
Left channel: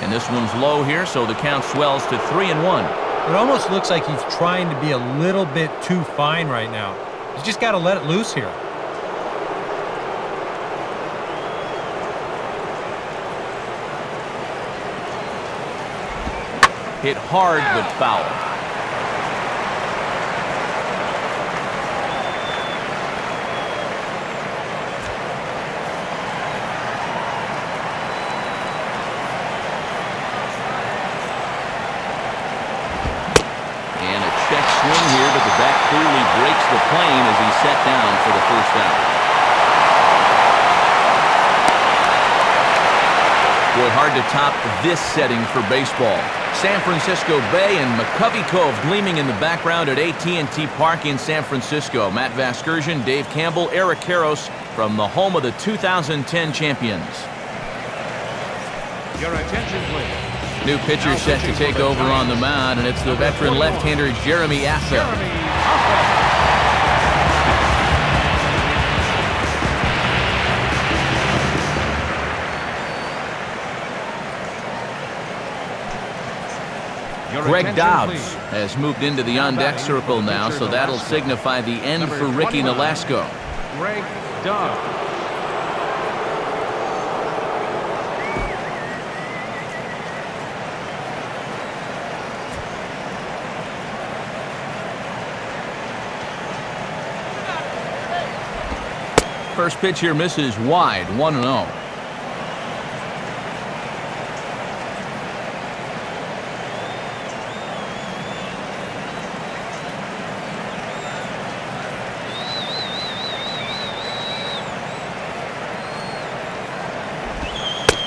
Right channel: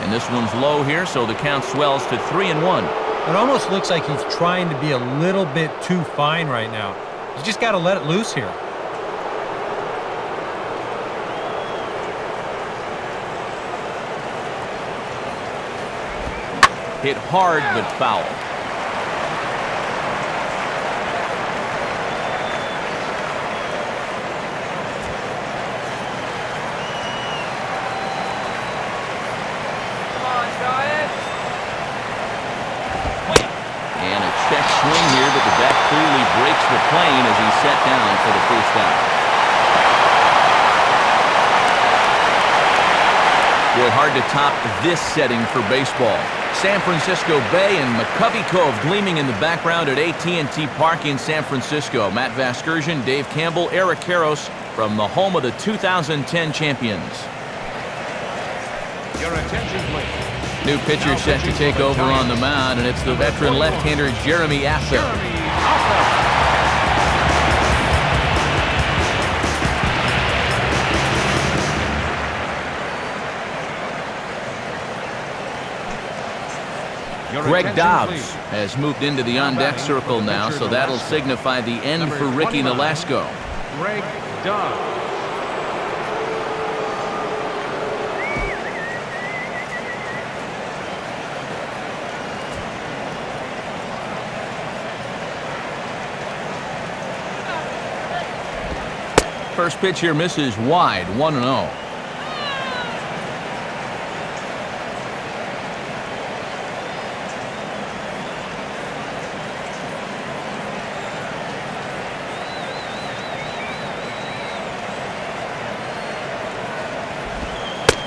And this one's low here, so the count swells to 3-1. It almost looks like he's trying to be a little bit too fine right now. He's just got to let it loose here. Hit hard but foul. And a check swing here, but the bat clearly breaks the plane as he's set down for the first out. Boy, hard to top this setting for baseball. San Francisco Bay and McCovey Cove gleaming in the background at AT&T Park in San Francisco. Matt Vasgersian, Dave Campbell, Eric Karros from the home of the 2010 champions. New pitcher set to take over on the mound, and it's the veteran left-hander Jeremy Affeldt. Greg Dobbs has moved into the on-deck circle now, so that'll signify the end for Ricky Nolasco. First pitch here misses wide, 1-0.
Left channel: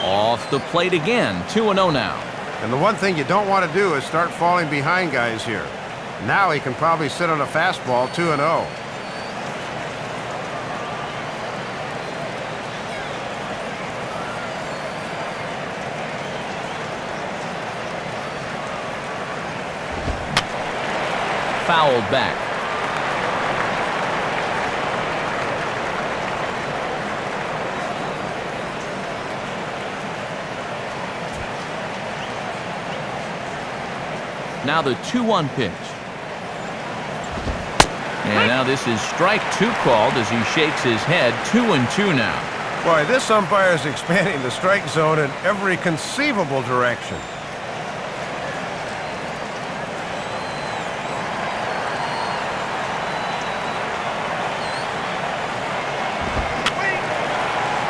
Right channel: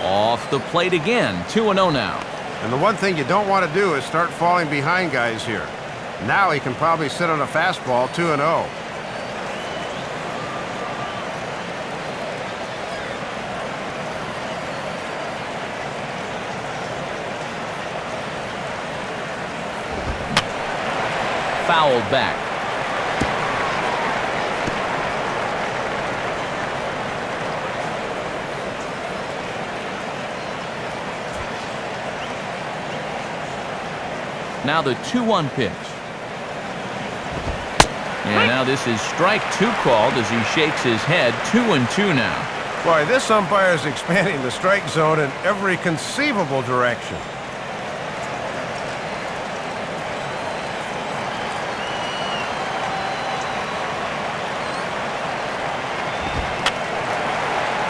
Off the plate again, 2-0 now. And the one thing you don't want to do is start falling behind guys here. Now he can probably sit on a fastball, 2-0. Fouled back. Now the 2-1 pitch. And now this is strike two called as he shakes his head. 2-2 now. Boy, this umpire is expanding the strike zone in every conceivable direction.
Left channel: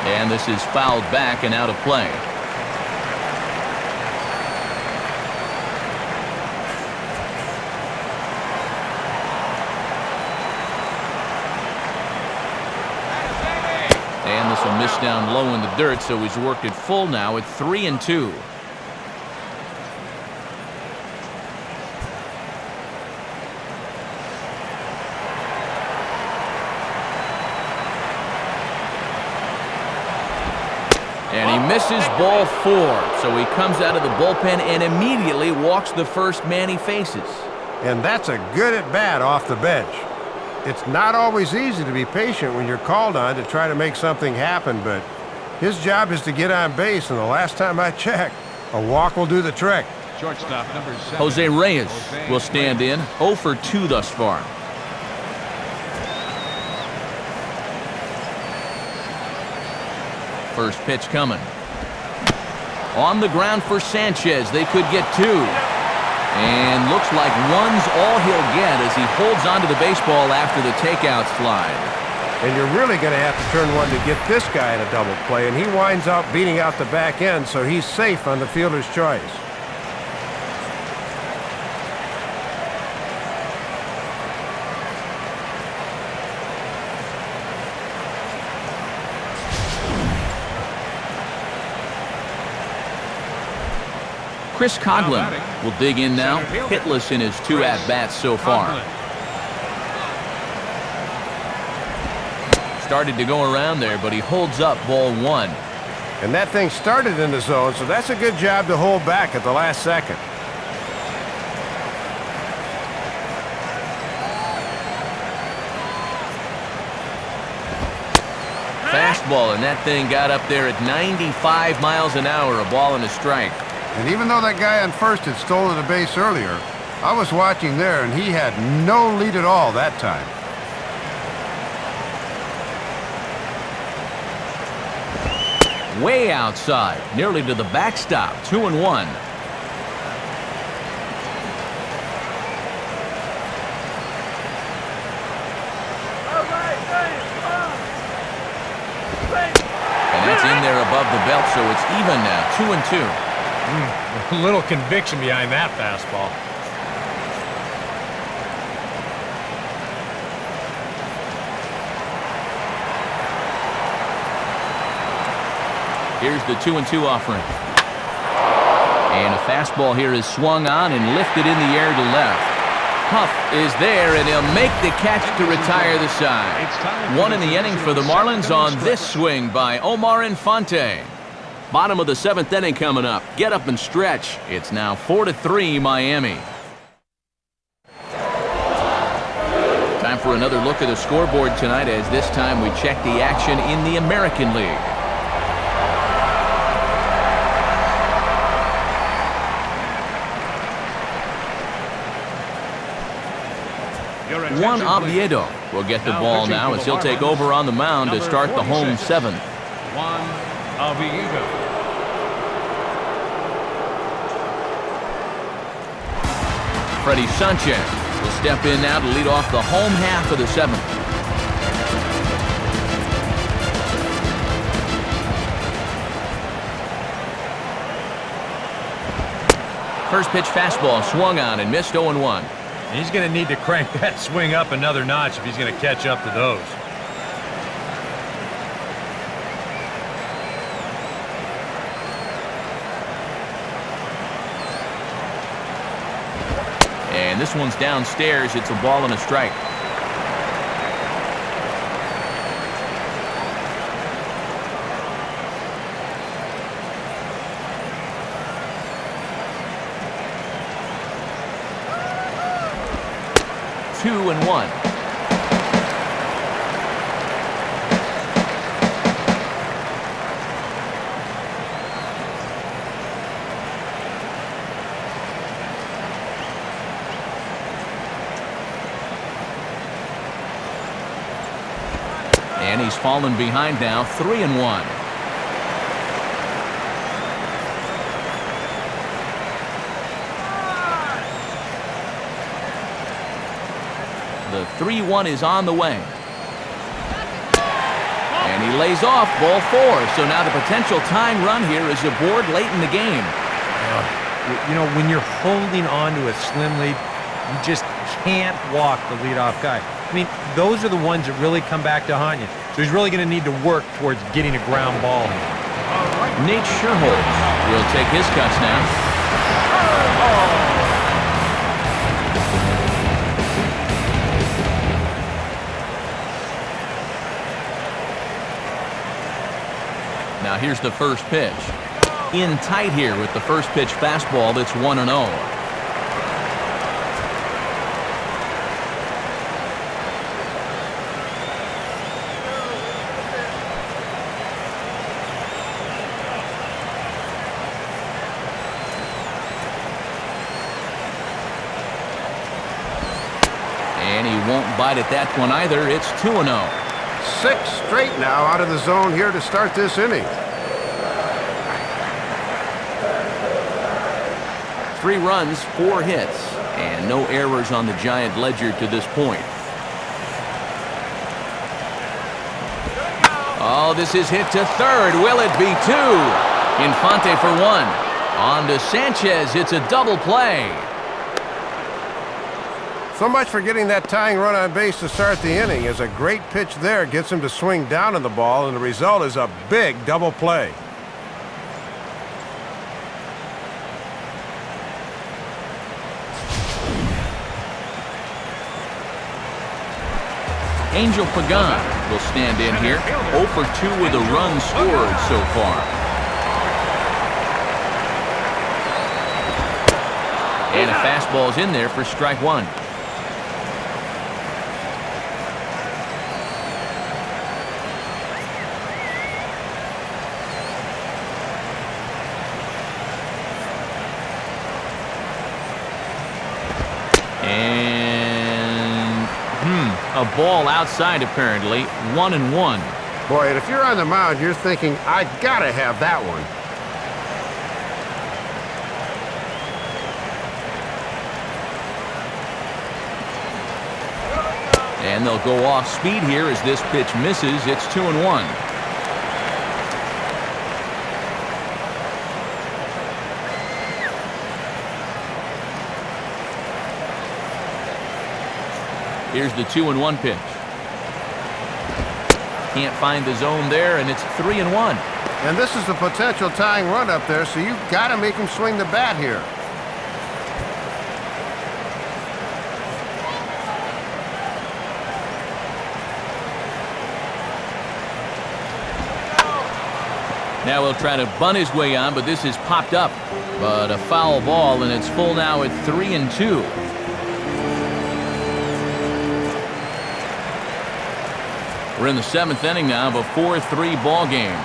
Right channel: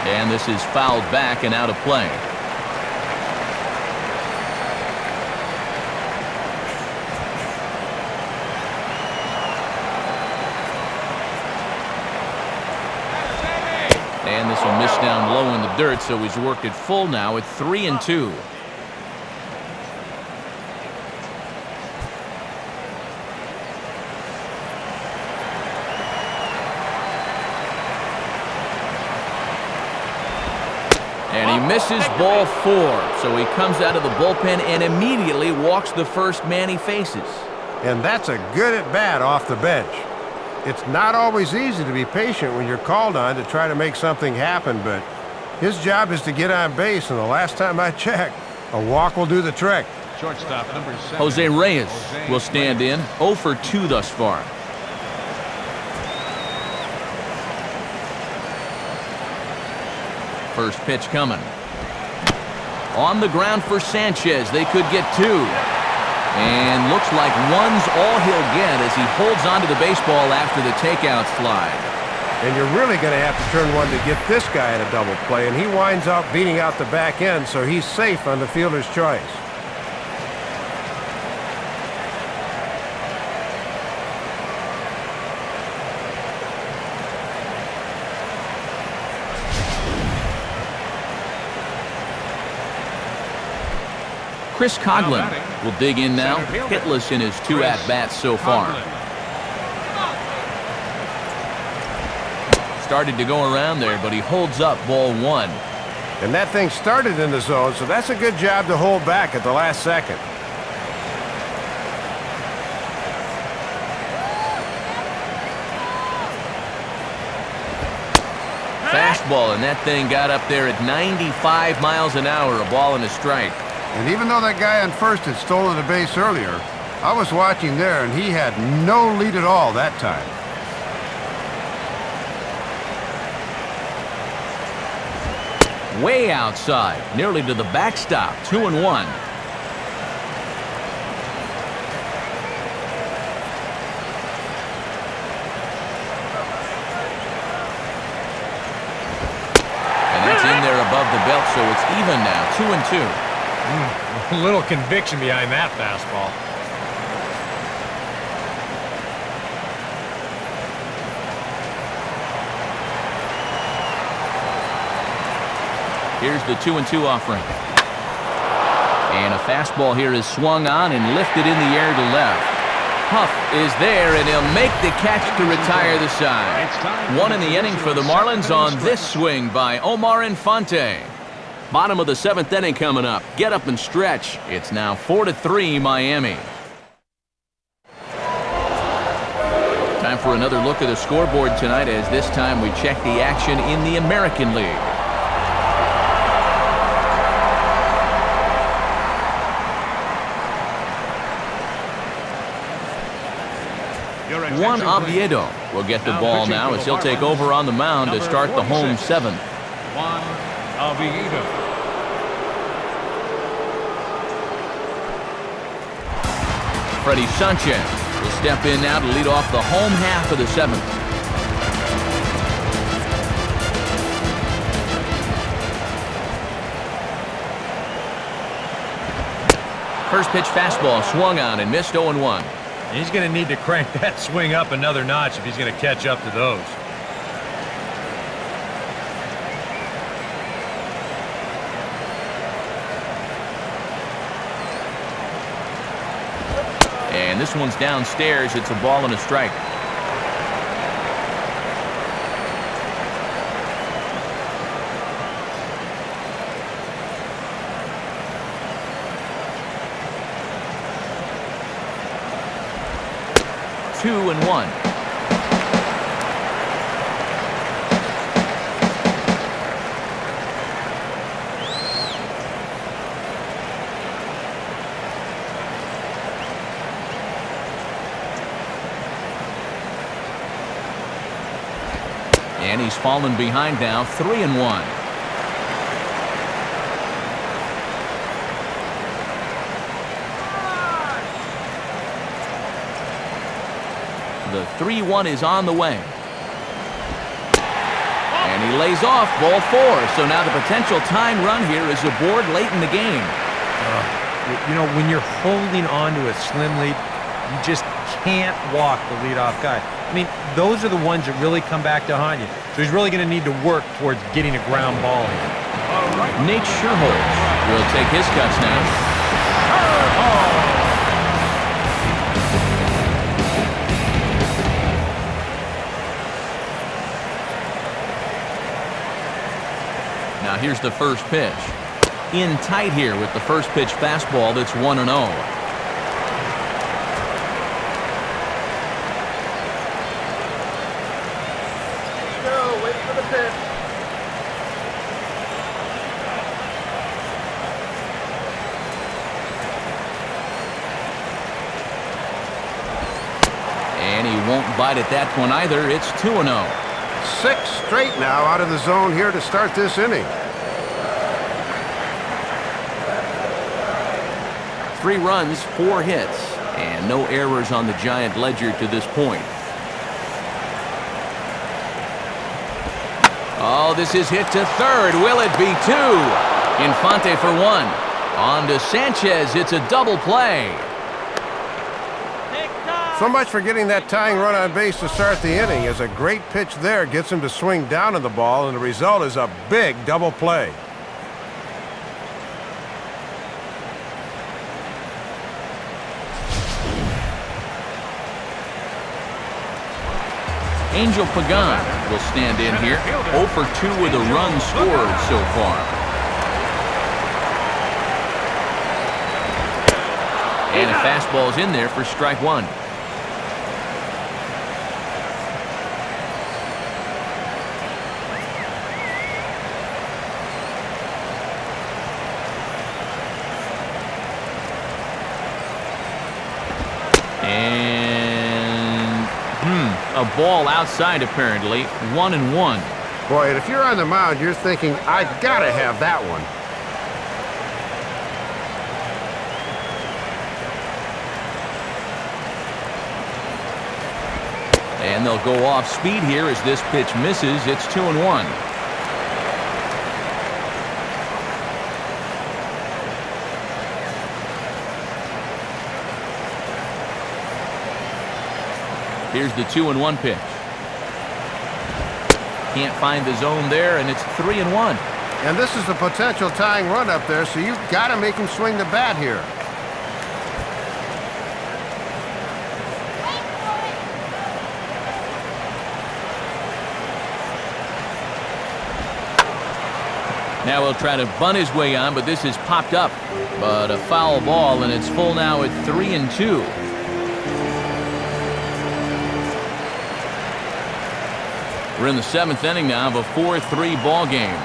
And this is fouled back and out of play. And this will miss down low in the dirt, so he's worked it full now at 3-2. And he misses ball 4, so he comes out of the bullpen and immediately walks the first man he faces. And that's a good at-bat off the bench. It's not always easy to be patient when you're called on to try to make something happen, but his job is to get on base, and the last time I checked, a walk will do the trick. Jose Reyes will stand in, 0 for 2 thus far. First pitch coming. On the ground for Sanchez. They could get 2. And looks like one's all he'll get as he holds onto the baseball after the takeout slide. And you're really going to have to turn one to get this guy in a double play, and he winds up beating out the back end, so he's safe on the fielder's choice. Chris Coghlan will dig in now, hitless in his 2 at-bats so far. Started to go around there, but he holds up ball 1. And that thing started in the zone, so that's a good job to hold back at the last second. Fastball, and that thing got up there at 95 miles an hour, a ball and a strike. And even though that guy on first had stolen a base earlier, I was watching there, and he had no lead at all that time. Way outside, nearly to the backstop, 2-1. And that's in there above the belt, so it's even now, 2-2. A little conviction behind that fastball. Here's the 2-2 offering. And a fastball here is swung on and lifted in the air to left. Huff is there, and he'll make the catch to retire the side. One in the inning for the Marlins on this swing by Omar Infante. Bottom of the 7th inning coming up. Get up and stretch. It's now 4-3 Miami. Time for another look at the scoreboard tonight, as this time we check the action in the American League. Juan Oviedo will get the ball now as he'll take over on the mound to start the home 7th. Freddie Sanchez will step in now to lead off the home half of the 7th. First pitch fastball swung on and missed 0-1. He's going to need to crank that swing up another notch if he's going to catch up to those. And this one's downstairs. It's a ball and a strike. Two and one. And he's fallen behind now, 3-1. The 3-1 is on the way. And he lays off ball 4. So now the potential tying run here is aboard late in the game. You know, when you're holding on to a slim lead, you just can't walk the leadoff guy. I mean, those are the ones that really come back to haunt you. So he's really going to need to work towards getting a ground ball here. Nate Sherholz will take his cuts now. Now here's the first pitch. In tight here with the first pitch fastball that's 1-0. And he won't bite at that one either. It's 2-0. 6 straight now out of the zone here to start this inning. 3 runs, 4 hits, and no errors on the Giant ledger to this point. Oh, this is hit to third. Will it be 2? Infante for 1. On to Sanchez. It's a double play. So much for getting that tying run on base to start the inning, as a great pitch there gets him to swing down on the ball, and the result is a big double play. Angel Pagan will stand in here. 0 for 2 with a run scored so far. And a fastball's in there for strike 1. And a ball outside apparently. 1-1. Boy, and if you're on the mound, you're thinking, I gotta have that one. And they'll go off speed here as this pitch misses. It's 2-1. Here's the 2-1 pitch. Can't find the zone there, and it's 3-1. And this is a potential tying run up there, so you've got to make him swing the bat here. Now he'll try to bunt his way on, but this is popped up. But a foul ball, and it's full now at 3-2. We're in the 7th inning now of a 4-3 ball game.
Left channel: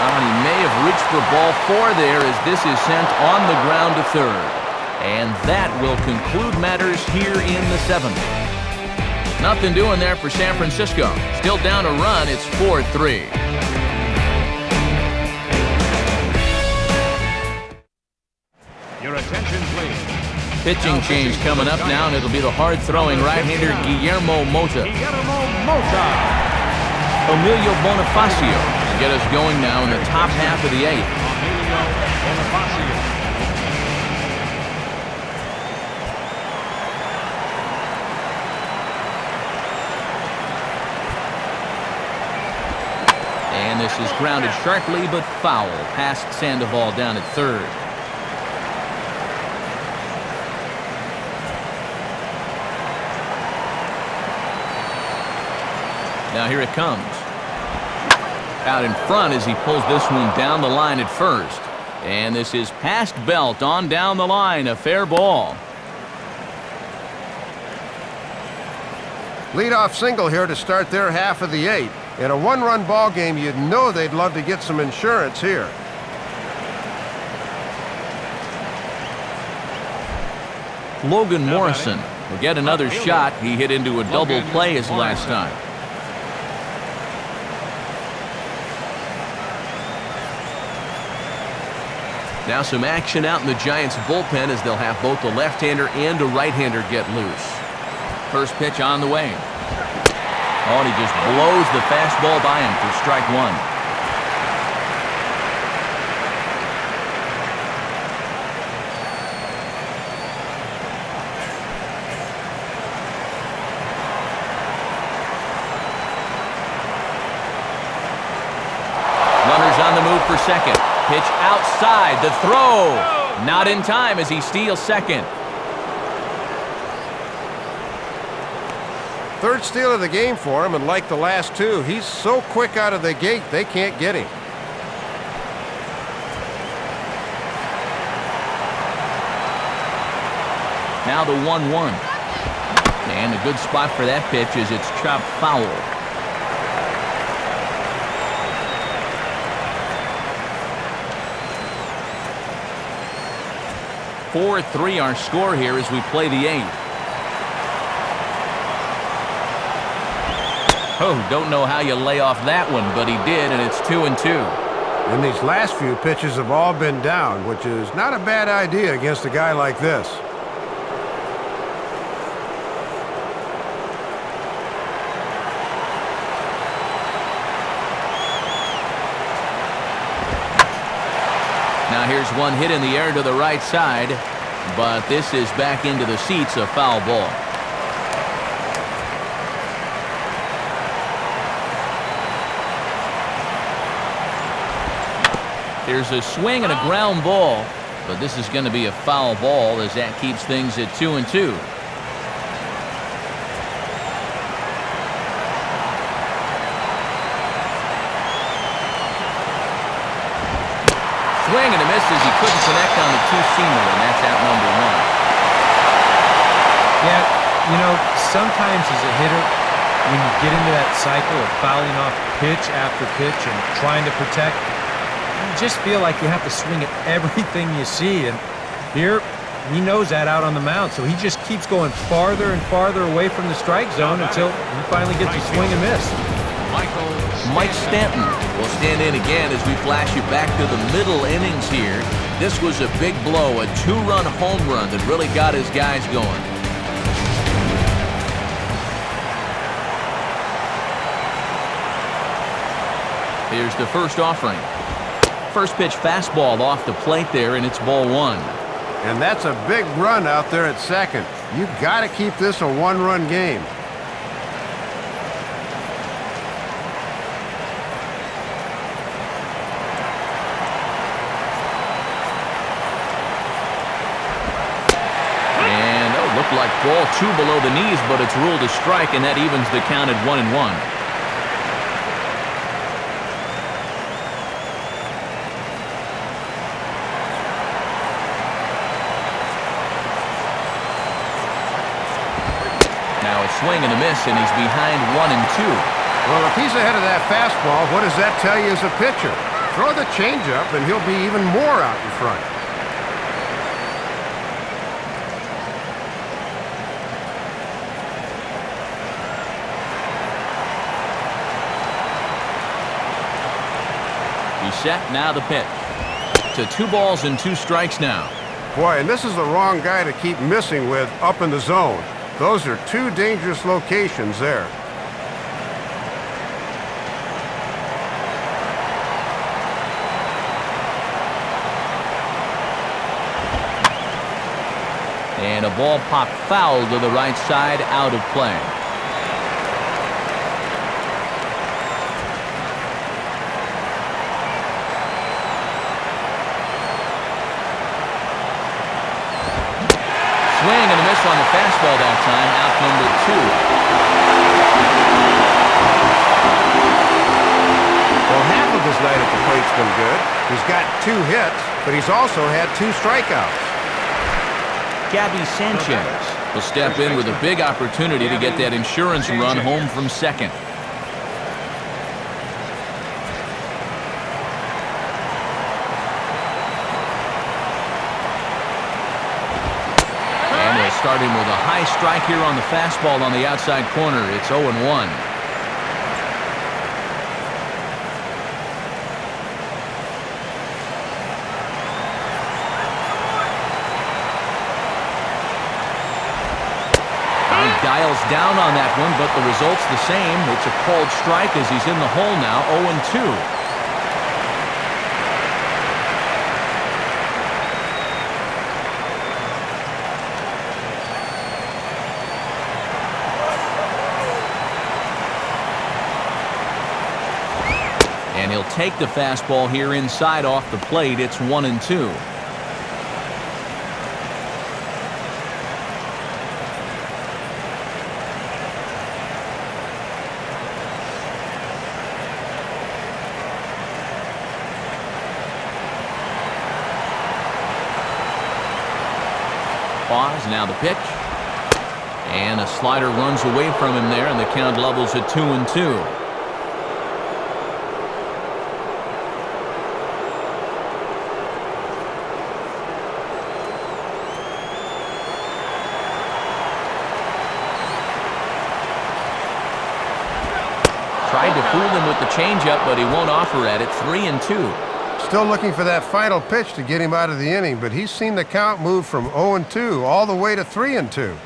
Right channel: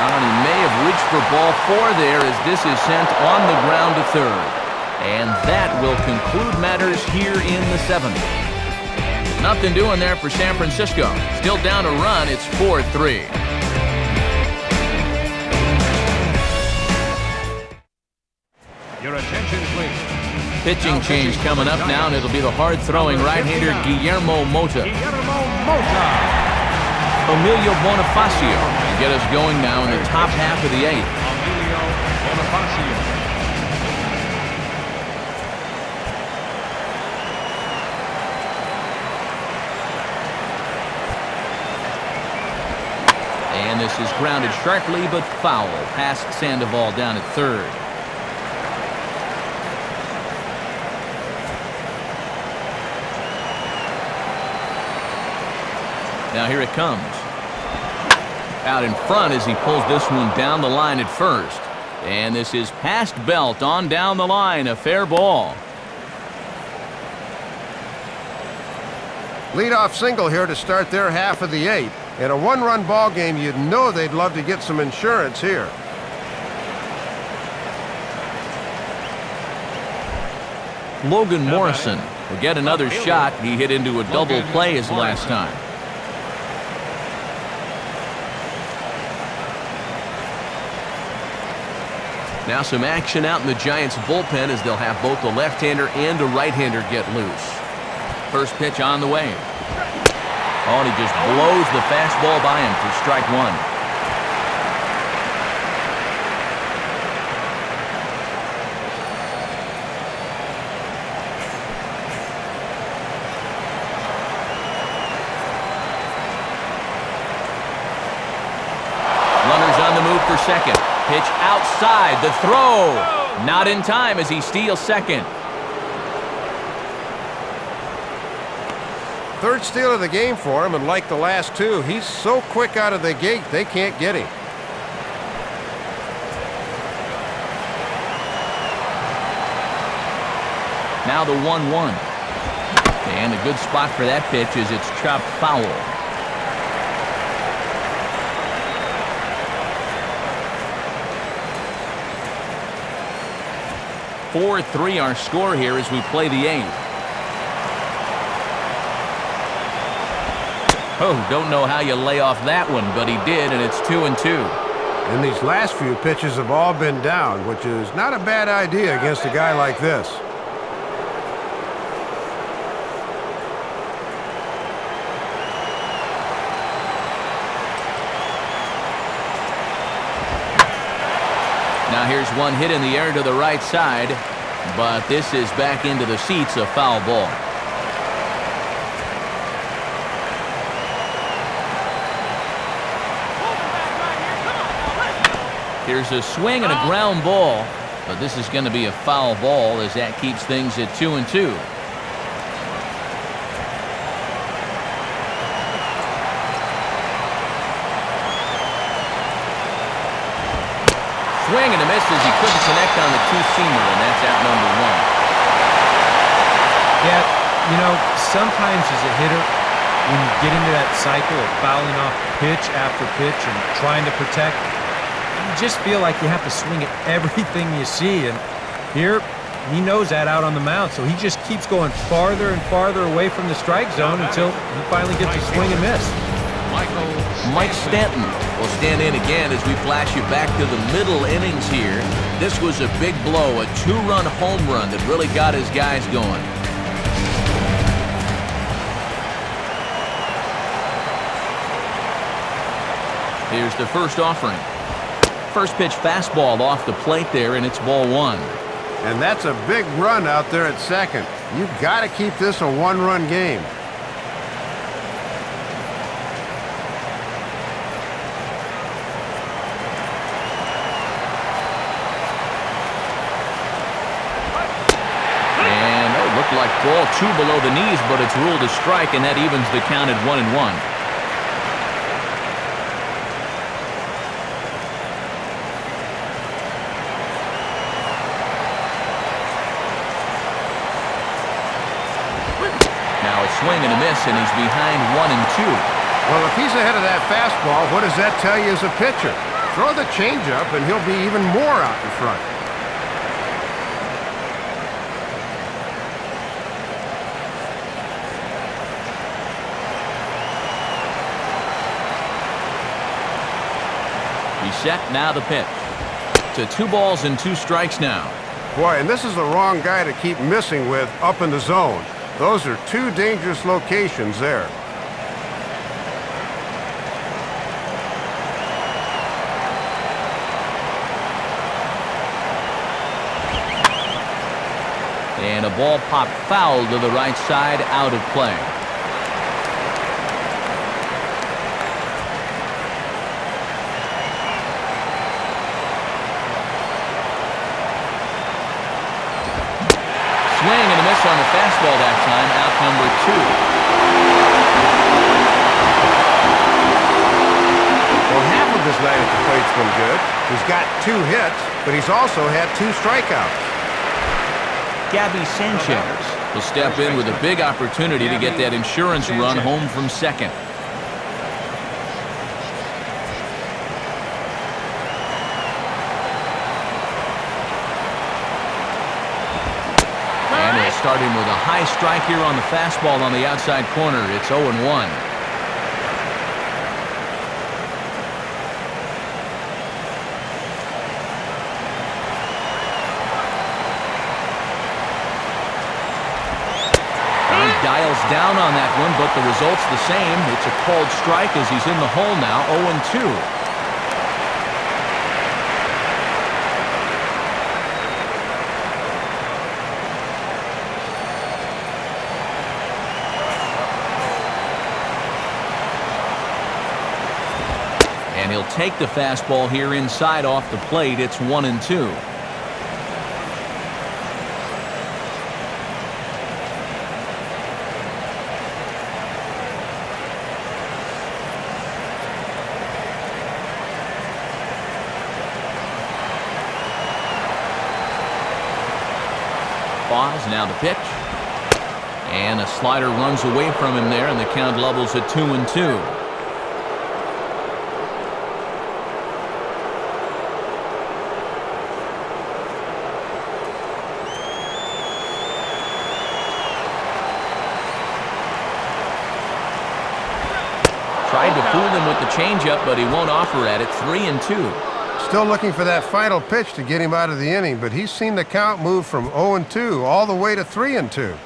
And he may have reached for ball 4 there as this is sent on the ground to third. And that will conclude matters here in the 7th. Nothing doing there for San Francisco. Still down a run. It's 4-3. Pitching change coming up now, and it'll be the hard-throwing right-hander Guillermo Mota. Emilio Bonifacio will get us going now in the top half of the 8th. And this is grounded sharply but foul past Sandoval down at third. Now here it comes. Out in front as he pulls this one down the line at first. And this is past Belt on down the line, a fair ball. Leadoff single here to start their half of the 8th. In a one-run ball game, you'd know they'd love to get some insurance here. Logan Morrison will get another shot. He hit into a double play his last time. Now some action out in the Giants bullpen as they'll have both the left-hander and a right-hander get loose. First pitch on the way. Oh, and he just blows the fastball by him for strike 1. Runners on the move for second. Pitch outside. The throw. Not in time as he steals second. Third steal of the game for him, and like the last 2, he's so quick out of the gate, they can't get him. Now the 1-1. And a good spot for that pitch as it's chopped foul. .43 our score here as we play the 8th. Oh, don't know how you lay off that one, but he did, and it's 2-2. And these last few pitches have all been down, which is not a bad idea against a guy like this. Now here's one hit in the air to the right side, but this is back into the seats, a foul ball. Here's a swing and a ground ball, but this is going to be a foul ball as that keeps things at 2-2. Swing and a miss as he couldn't connect on the two-seamer, and that's out number 1. Yeah, you know, sometimes as a hitter, when you get into that cycle of fouling off pitch after pitch and trying to protect, you just feel like you have to swing at everything you see. And here, he knows that out on the mound, so he just keeps going farther and farther away from the strike zone until he finally gets a swing and miss. Mike Stanton will stand in again as we flash you back to the middle innings here. This was a big blow, a 2-run home run that really got his guys going. Here's the first offering. First pitch fastball off the plate there, and it's ball 1. And that's a big run out there at second. You've got to keep this a one-run game. Looked like ball 2 below the knees, but it's ruled a strike, and that evens the count at 1-1. Now a swing and a miss, and he's behind 1-2. Well, if he's ahead of that fastball, what does that tell you as a pitcher? Throw the changeup, and he'll be even more out in front. He's set, now the pitch. To 2 balls and 2 strikes now. Boy, and this is the wrong guy to keep missing with up in the zone. Those are 2 dangerous locations there. And a ball popped foul to the right side, out of play. Swing and a miss on the fastball that time, out number 2. Well, half of his night at the plate's been good. He's got 2 hits, but he's also had 2 strikeouts. Gabby Sanchez will step in with a big opportunity to get that insurance run home from second. And he'll start him with a high strike here on the fastball on the outside corner. It's 0-1. Dials down on that one, but the result's the same. It's a called strike as he's in the hole now, 0-2. And he'll take the fastball here inside off the plate. It's 1-2. Pause, now the pitch. And a slider runs away from him there, and the count levels at 2-2. Tried to fool him with the changeup, but he won't offer at it. 3-2. Still looking for that final pitch to get him out of the inning, but he's seen the count move from 0-2 all the way to 3-2.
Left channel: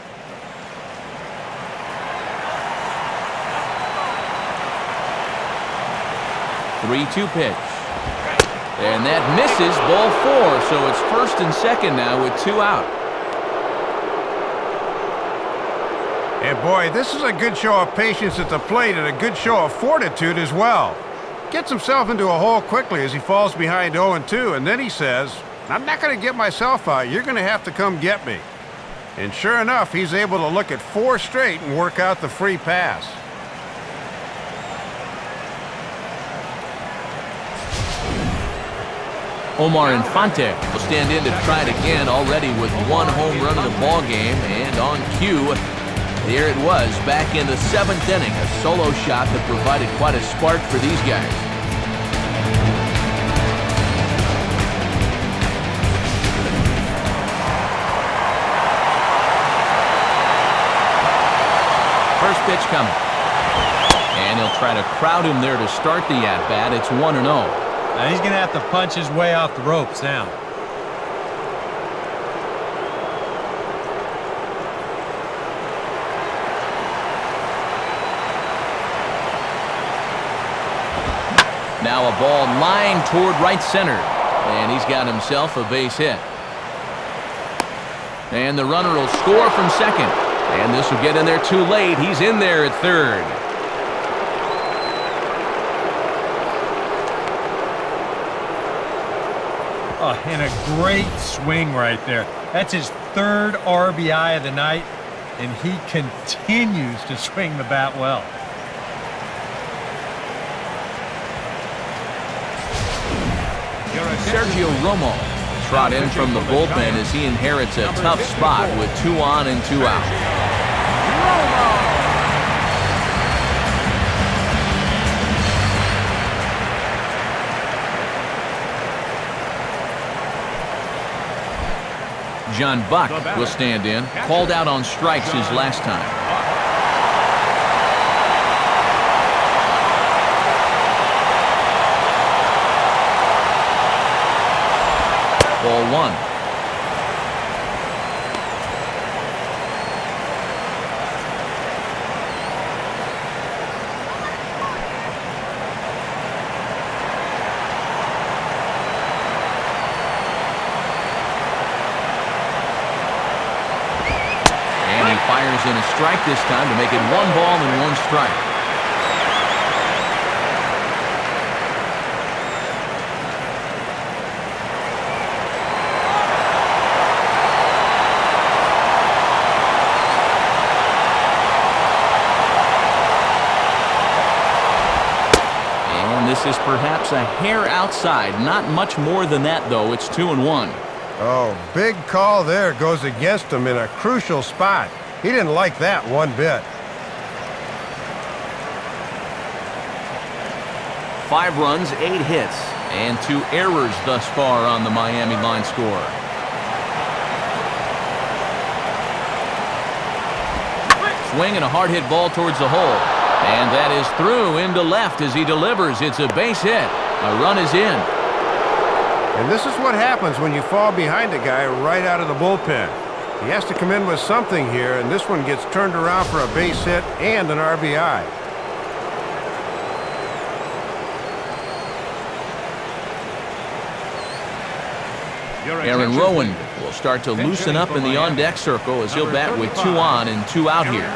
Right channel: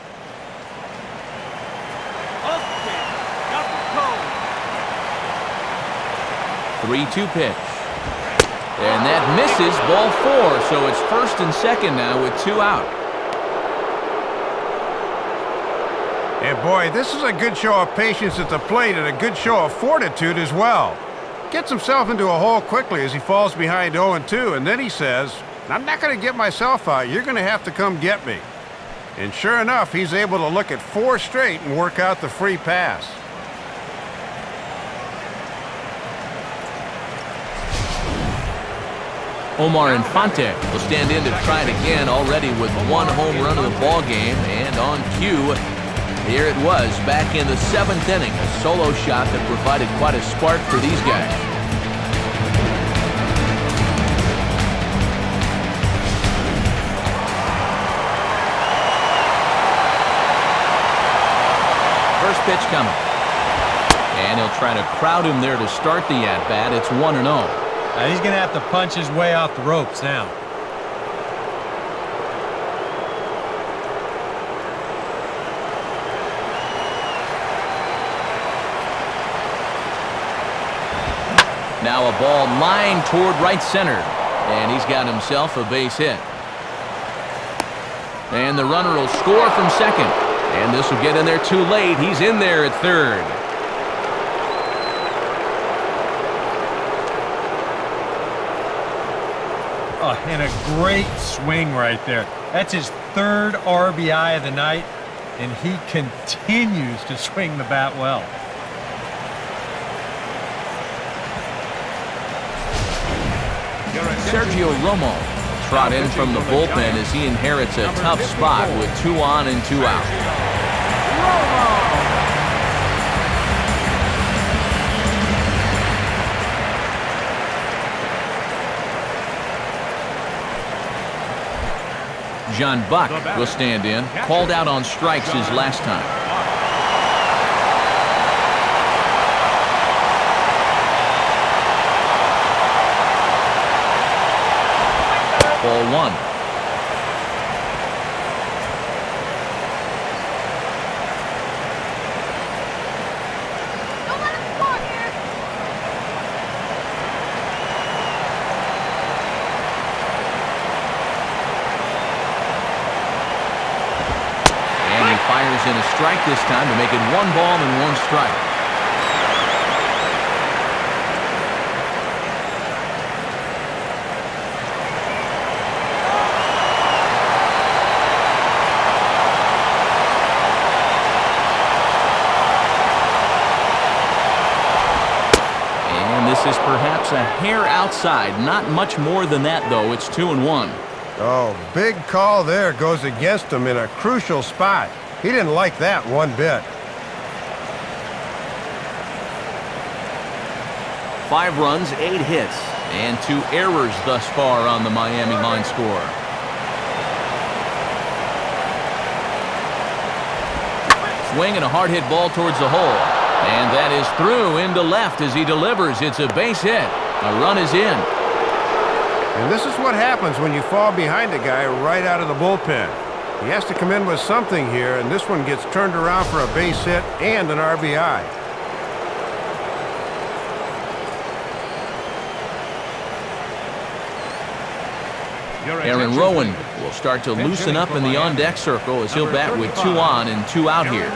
3-2 pitch. And that misses, ball 4, so it's first and second now with 2 out. And boy, this is a good show of patience at the plate and a good show of fortitude as well. Gets himself into a hole quickly as he falls behind 0-2, and then he says, "I'm not going to get myself out. You're going to have to come get me." And sure enough, he's able to look at 4 straight and work out the free pass. Omar Infante will stand in to try it again, already with 1 home run of the ball game, and on cue, here it was back in the 7th inning, a solo shot that provided quite a spark for these guys. First pitch coming. And he'll try to crowd him there to start the at-bat. It's 1-0. Now he's going to have to punch his way off the ropes now. Now a ball lined toward right center, and he's got himself a base hit. And the runner will score from second, and this will get in there too late. He's in there at third. Oh, and a great swing right there. That's his third RBI of the night, and he continues to swing the bat well. Sergio Romo will trot in from the bullpen as he inherits a tough spot with 2 on and 2 out. John Buck will stand in, called out on strikes his last time. Ball 1. Don't let him score here. And he fires in a strike this time to make it 1 ball and 1 strike. This is perhaps a hair outside. Not much more than that, though. It's 2-1. Oh, big call there goes against him in a crucial spot. He didn't like that one bit. 5 runs, 8 hits, and 2 errors thus far on the Miami line score. Swing and a hard hit ball towards the hole. And that is through into left as he delivers. It's a base hit. A run is in. And this is what happens when you fall behind a guy right out of the bullpen. He has to come in with something here, and this one gets turned around for a base hit and an RBI. Aaron Rowan will start to loosen up in the on-deck circle as he'll bat with 2 on and 2 out here.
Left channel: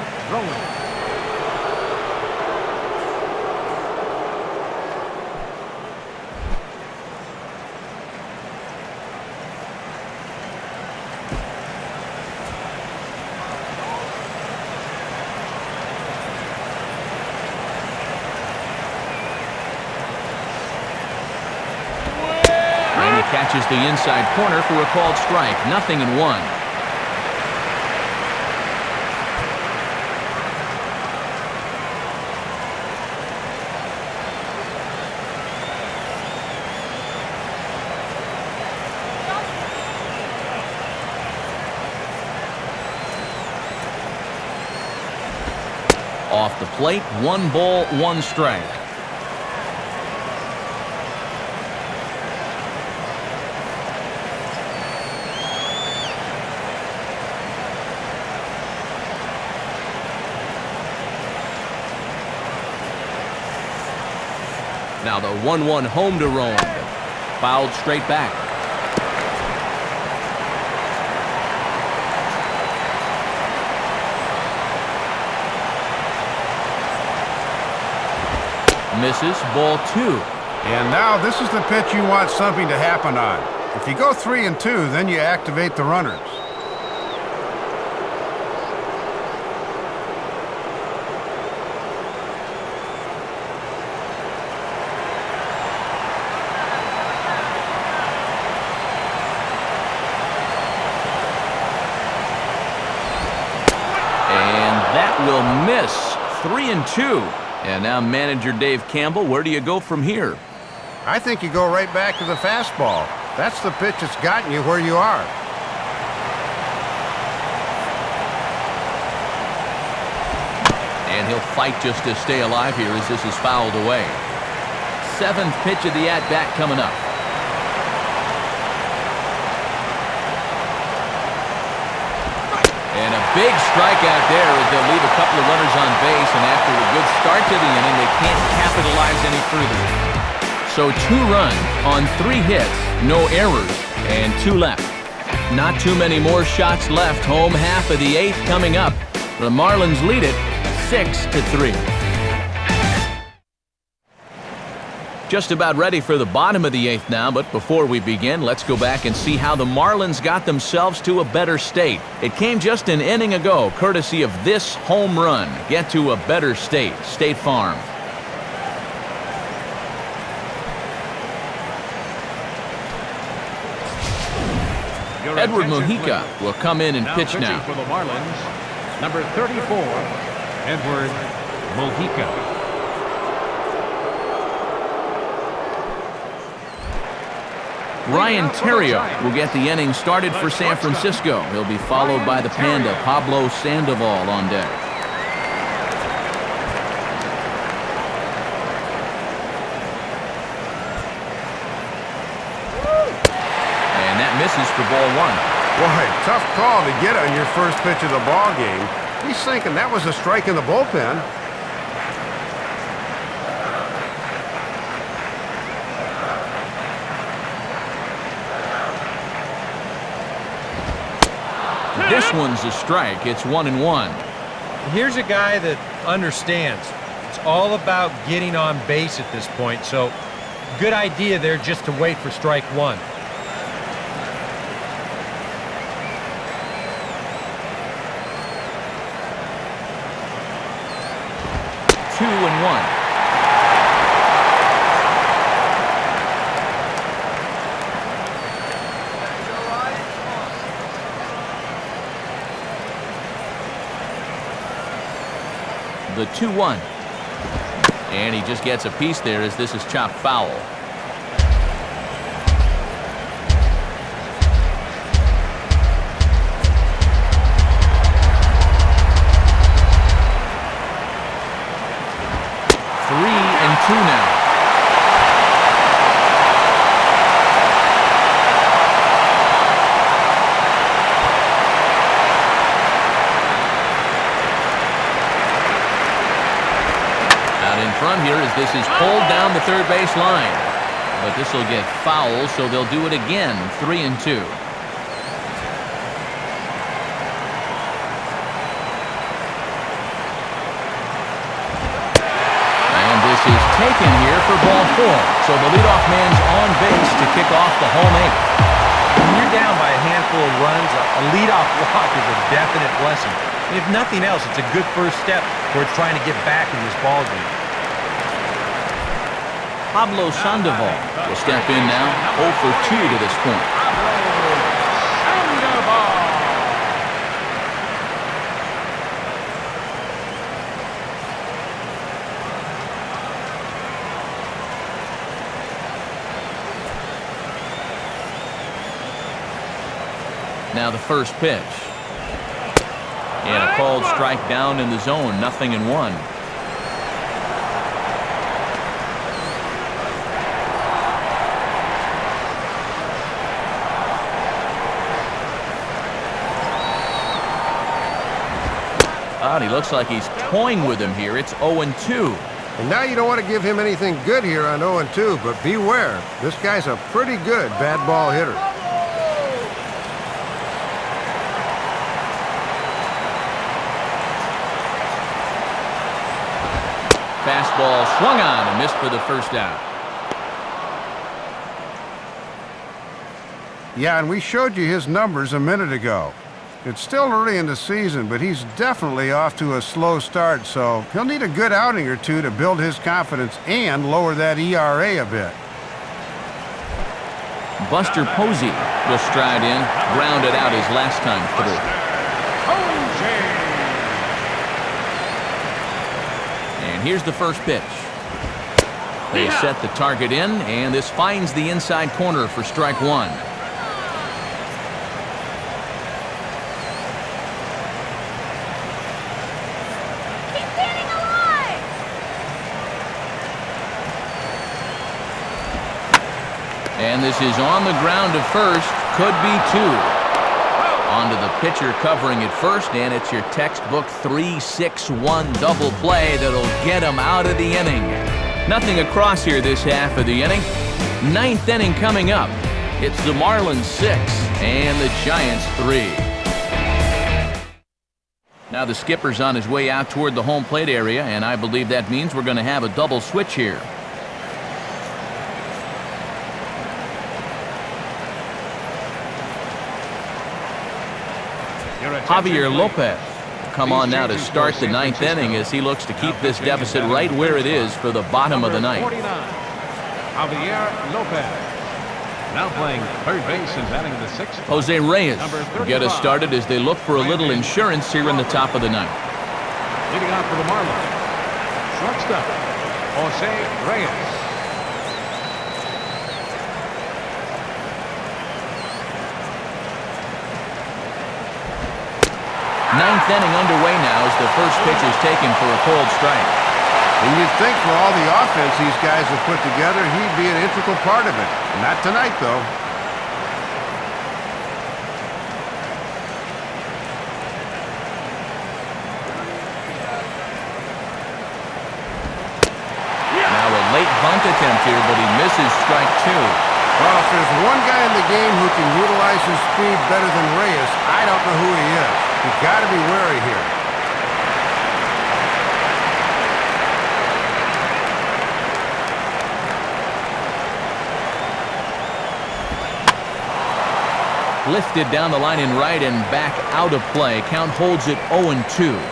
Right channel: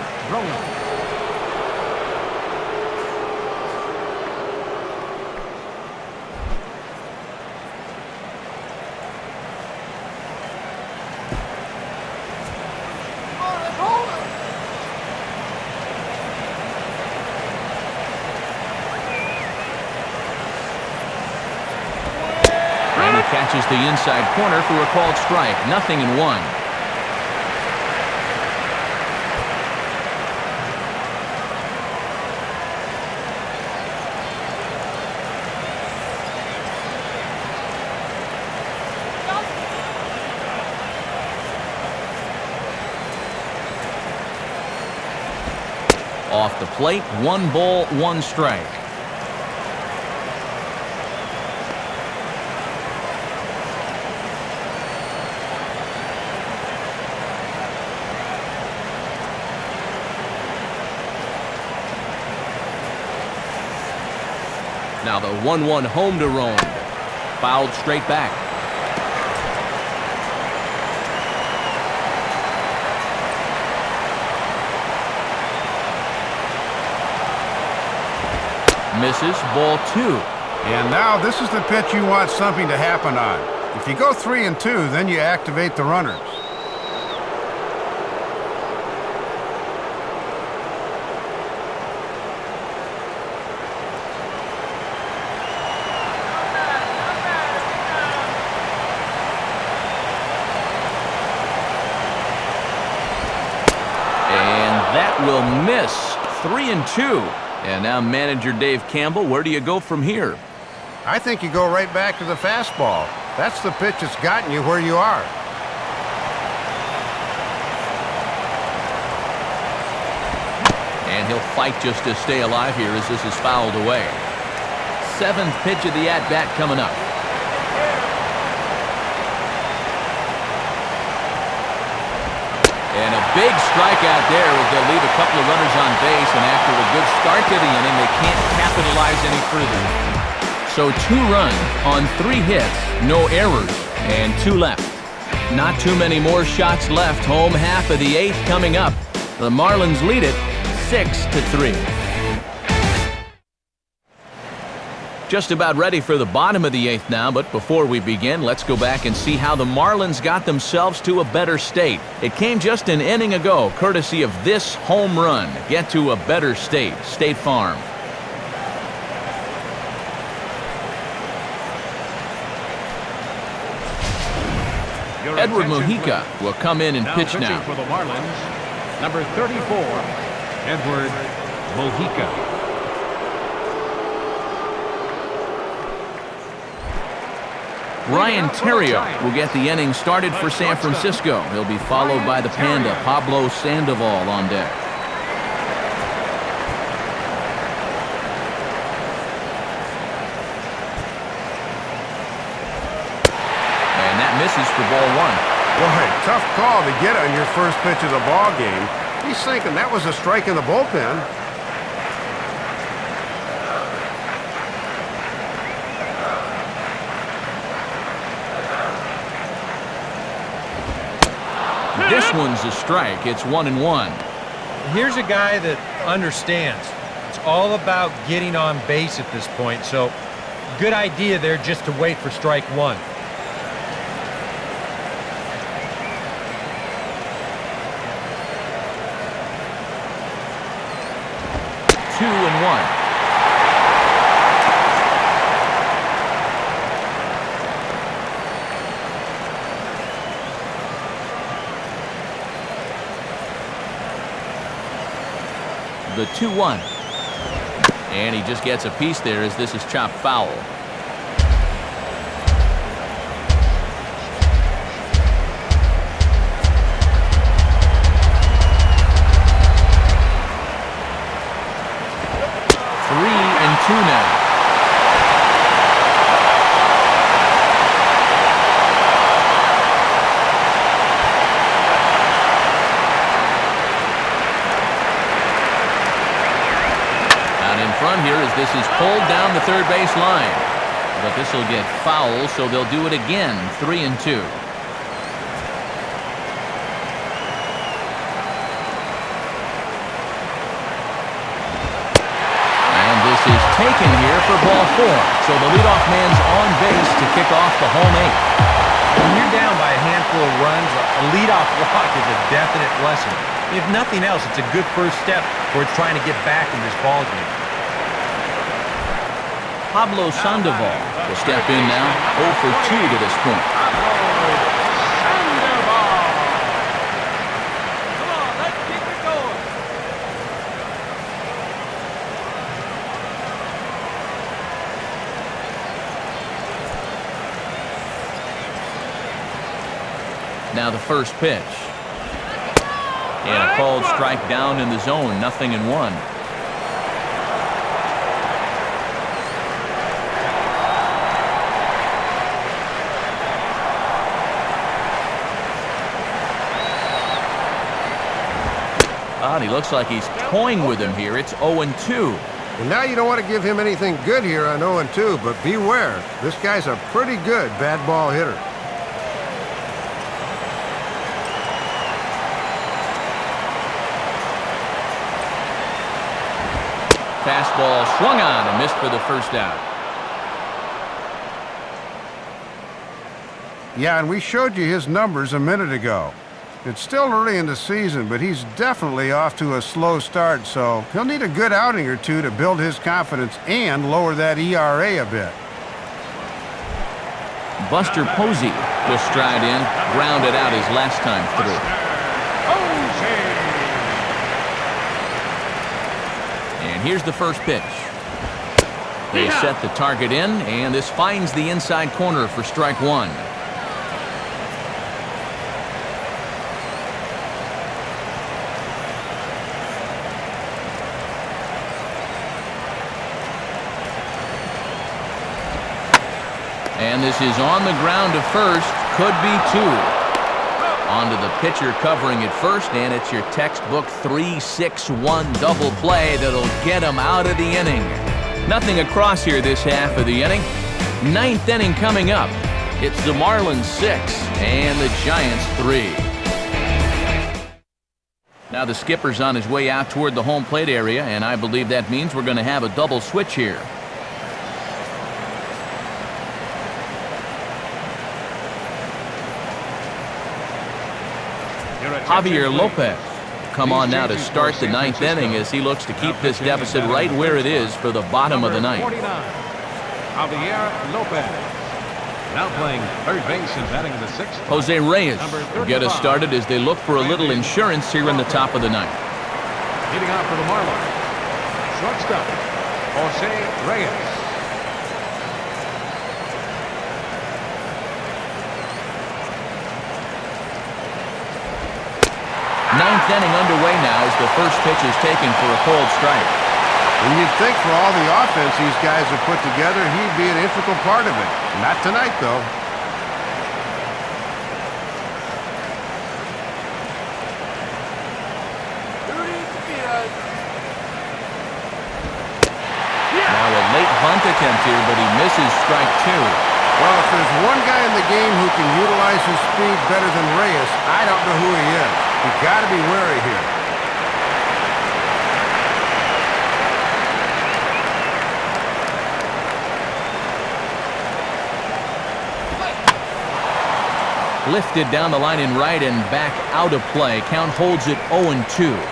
Catches the inside corner for a called strike. 0-1. Off the plate, 1 ball, 1 strike. Now the 1-1 home to Rowan. Fouled straight back. Misses, ball 2. And now this is the pitch you want something to happen on. If you go 3-2, then you activate the runners. Will miss. 3-2. And now manager Dave Campbell, where do you go from here? I think you go right back to the fastball. That's the pitch that's gotten you where you are. And he'll fight just to stay alive here as this is fouled away. 7th pitch of the at-bat coming up. And a big strikeout there as they'll leave a couple of runners on base, and after a good start to the inning, they can't capitalize any further. So 2 runs on 3 hits, no errors, and 2 left. Not too many more shots left. Home half of the 8th coming up. The Marlins lead it 6-3. Just about ready for the bottom of the 8th now, but before we begin, let's go back and see how the Marlins got themselves to a better state. It came just an inning ago, courtesy of this home run. Get to a better state. State Farm. Edward Mujica will come in and pitch now. For the Marlins, number 34, Edward Mujica. Ryan Theriot will get the inning started for San Francisco. He'll be followed by the Panda, Pablo Sandoval, on deck. And that misses for ball 1. Boy, tough call to get on your first pitch of the ball game. He's thinking that was a strike in the bullpen. This one's a strike. It's 1-1. Here's a guy that understands. It's all about getting on base at this point, so good idea there just to wait for strike 1. Two and 1. The 2-1. And he just gets a piece there as this is chopped foul. Three and 2 now. In front here as this is pulled down the third base line. But this will get foul, so they'll do it again. 3 and 2. And this is taken here for ball 4. So the leadoff man's on base to kick off the home 8th. When you're down by a handful of runs, a leadoff walk is a definite blessing. If nothing else, it's a good first step towards trying to get back in this ball game. Pablo Sandoval will step in now, 0 for 2 to this point. Now the first pitch. And a called strike down in the zone, 0-1. And he looks like he's toying with him here. It's 0-2. And now you don't want to give him anything good here on 0-2, but beware. This guy's a pretty good bad ball hitter. Fastball swung on and missed for the first out. Yeah, and we showed you his numbers a minute ago. It's still early in the season, but he's definitely off to a slow start, so he'll need a good outing or two to build his confidence and lower that ERA a bit. Buster Posey will stride in, grounded out his last time through. And here's the first pitch. They set the target in, and this finds the inside corner for strike 1. And this is on the ground to first. Could be 2. Onto the pitcher covering it first, and it's your textbook 3-6-1 double play that'll get him out of the inning. Nothing across here this half of the inning. 9th inning coming up. It's the Marlins 6 and the Giants 3. Now the skipper's on his way out toward the home plate area, and I believe that means we're going to have a double switch here. Javier Lopez will come on now to start the ninth inning as he looks to keep this deficit right where it is for the bottom of the ninth. 49. Javier Lopez. Now playing third base and batting the sixth. Jose Reyes will get us started as they look for a little insurance here in the top of the ninth. Ninth inning underway now as the first pitch is taken for a cold strike. And you'd think for all the offense these guys have put together, he'd be an integral part of it. Not tonight, though. Now a late bunt attempt here, but he misses strike two. Well, if there's one guy in the game who can utilize his speed better than Reyes, I don't know who he is. You've got to be wary here. Lifted down the line in right and back out of play. Count holds it 0-2.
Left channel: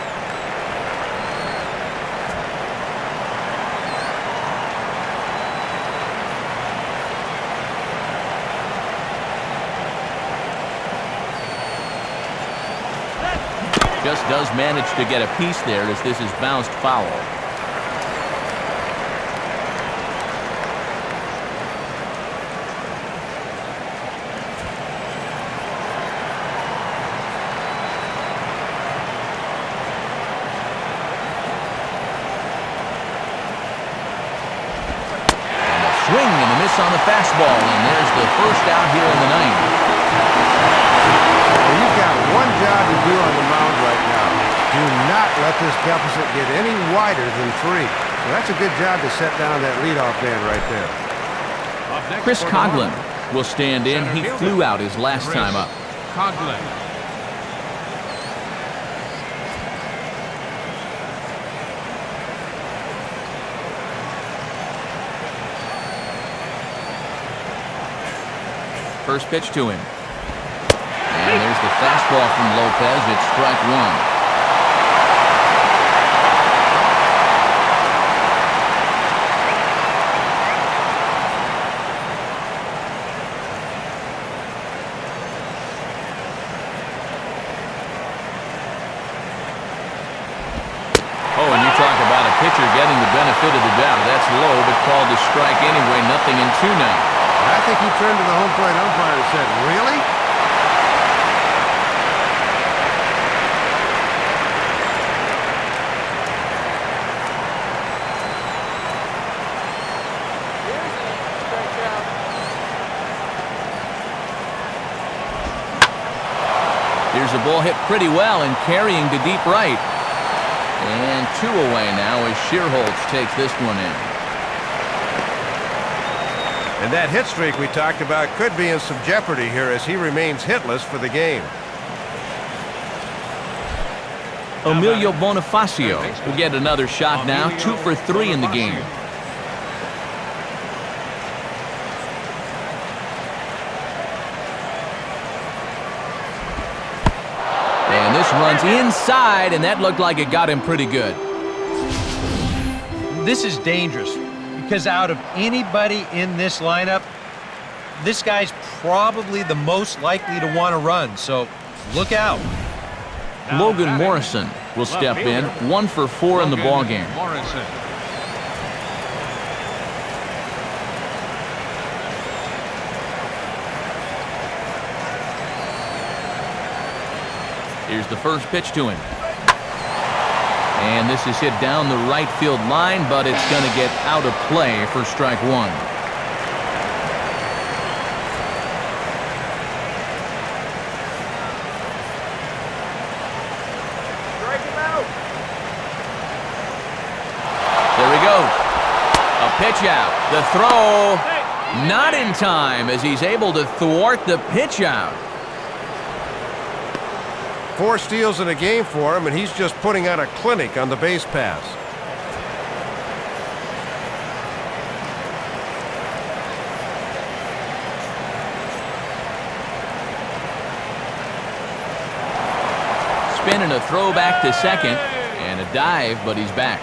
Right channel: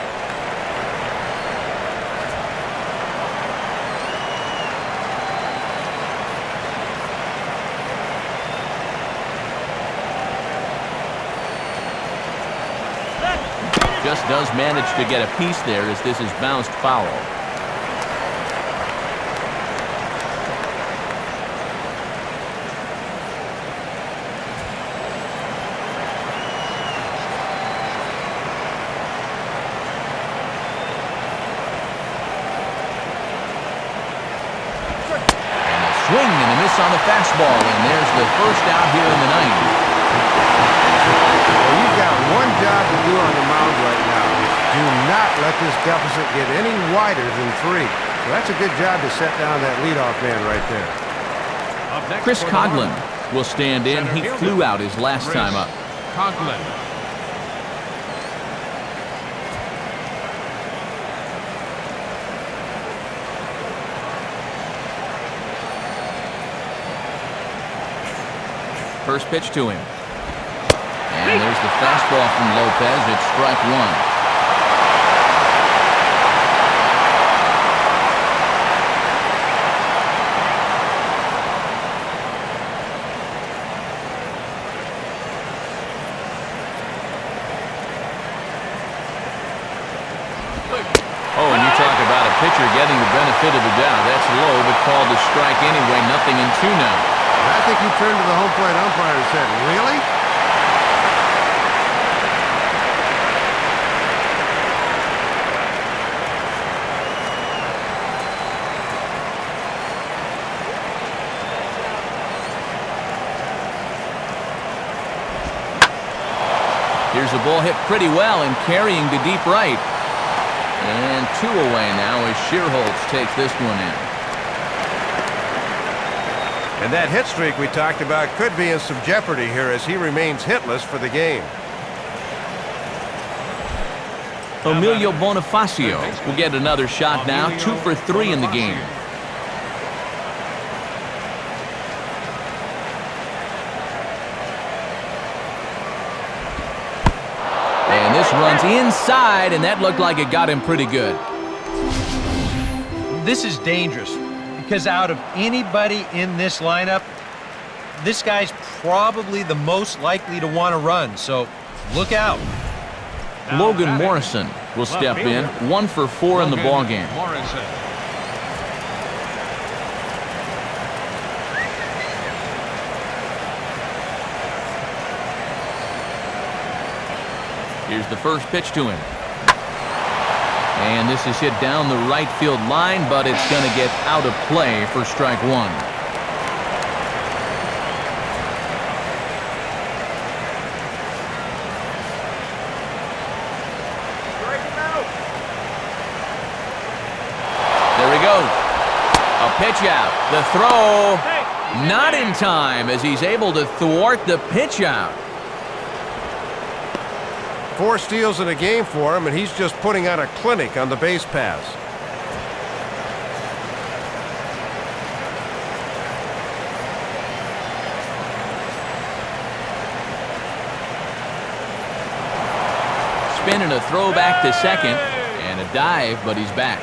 Just does manage to get a piece there as this is bounced foul. And a swing and a miss on the fastball, and there's the first out here in the ninth. Well, you've got one job to do on the mound right now. Do not let this deficit get any wider than 3. So that's a good job to set down that leadoff man right there. Chris Coughlin will stand in. He flew out his last time up. Conklin. First pitch to him. And there's the fastball from Lopez. It's strike one. Oh, and you talk about a pitcher getting the benefit of the doubt. That's low, but called a strike anyway. 0-2 now. And I think he turned to the home plate umpire and said, "Really?" Here's a ball hit pretty well and carrying to deep right. And 2 away now as Shearholtz takes this one in. And that hit streak we talked about could be in some jeopardy here as he remains hitless for the game. Emilio Bonifacio will get another shot now. 2 for 3 in the game. And this runs inside, and that looked like it got him pretty good. This is dangerous because out of anybody in this lineup, this guy's probably the most likely to want to run, so look out. Logan Morrison will step in. 1 for 4 in the ballgame. Here's the first pitch to him. And this is hit down the right field line, but it's going to get out of play for strike one. There he goes. A pitch out. The throw not in time as he's able to thwart the pitch out. 4 steals in a game for him, and he's just putting on a clinic on the base paths. spin and a throw back to second. And a dive, but he's back.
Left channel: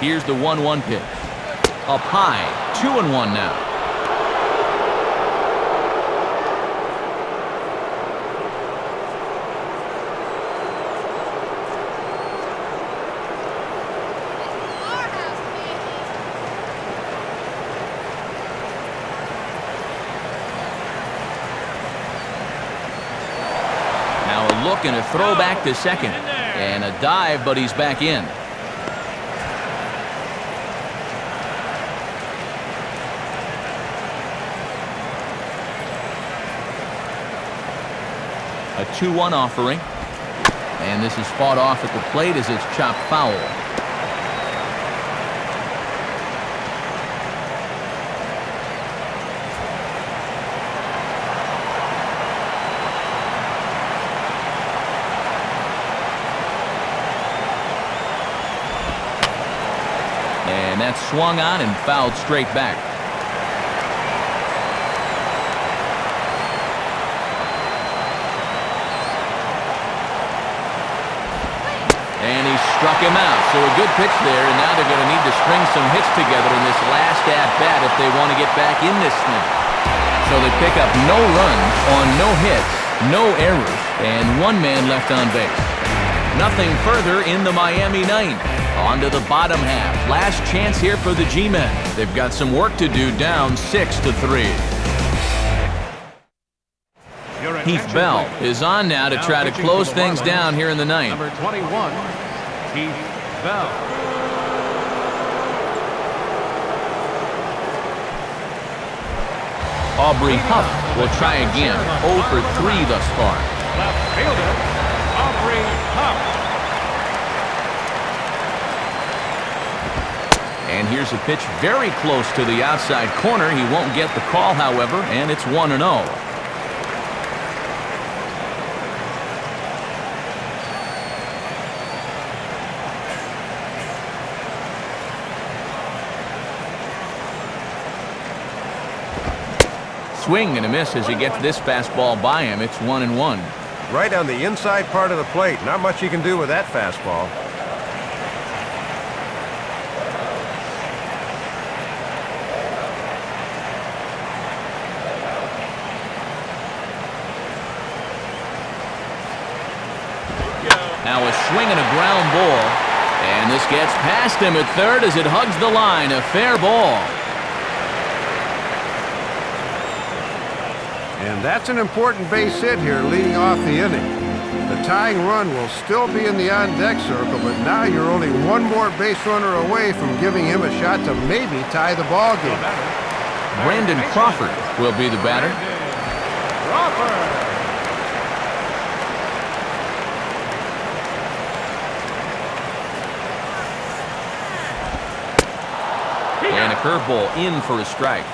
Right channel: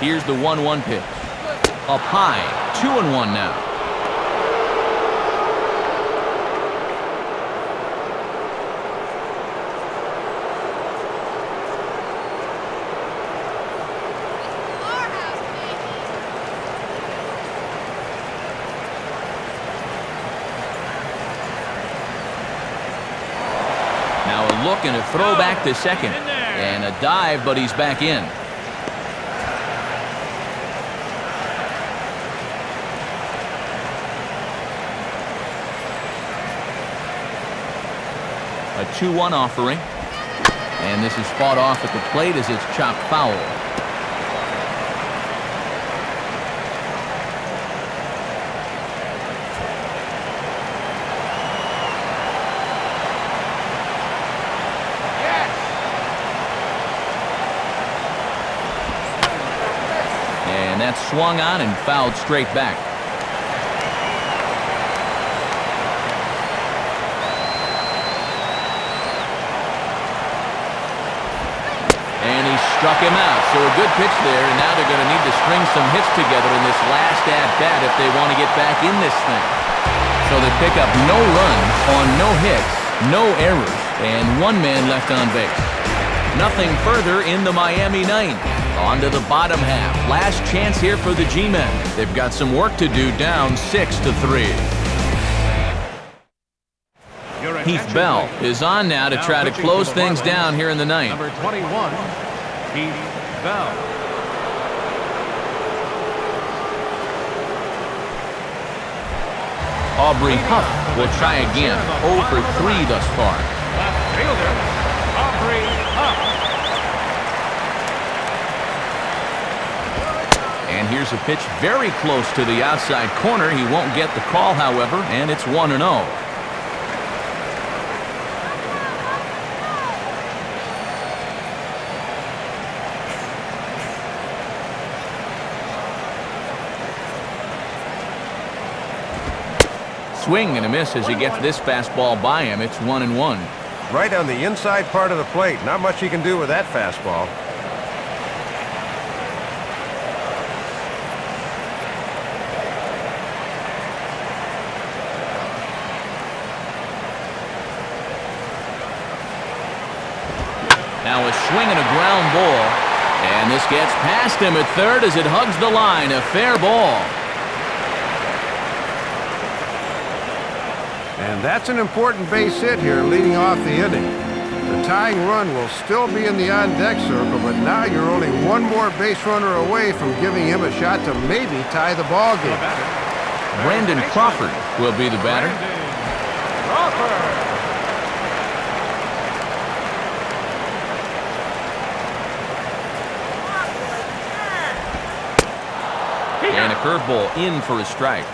Here's the 1-1 pitch. Up high, 2-1 now. Now a look and a throw back to second. And a dive, but he's back in. A 2-1 offering. And this is fought off at the plate as it's chopped foul. And that's swung on and fouled straight back. And he struck him out. So a good pitch there, and now they're going to need to string some hits together in this last at-bat if they want to get back in this thing. So they pick up no runs on no hits, no errors, and one man left on base. Nothing further in the Miami ninth. On to the bottom half. Last chance here for the G-men. They've got some work to do, down 6-3. Heath Bell is on now to try to close things down here in the ninth. Number 21, Heath Bell. Aubrey Huff will try again. 0 for 3 thus far. And here's a pitch very close to the outside corner. He won't get the call, however, and it's 1-0. Swing and a miss as he gets this fastball by him. It's 1-1. Right on the inside part of the plate. Not much you can do with that fastball. Now a swing and a ground ball. And this gets past him at third as it hugs the line. A fair ball. And that's an important base hit here leading off the inning. The tying run will still be in the on-deck circle, but now you're only one more base runner away from giving him a shot to maybe tie the ball game. Brandon Crawford will be the batter. And a curveball in for a strike.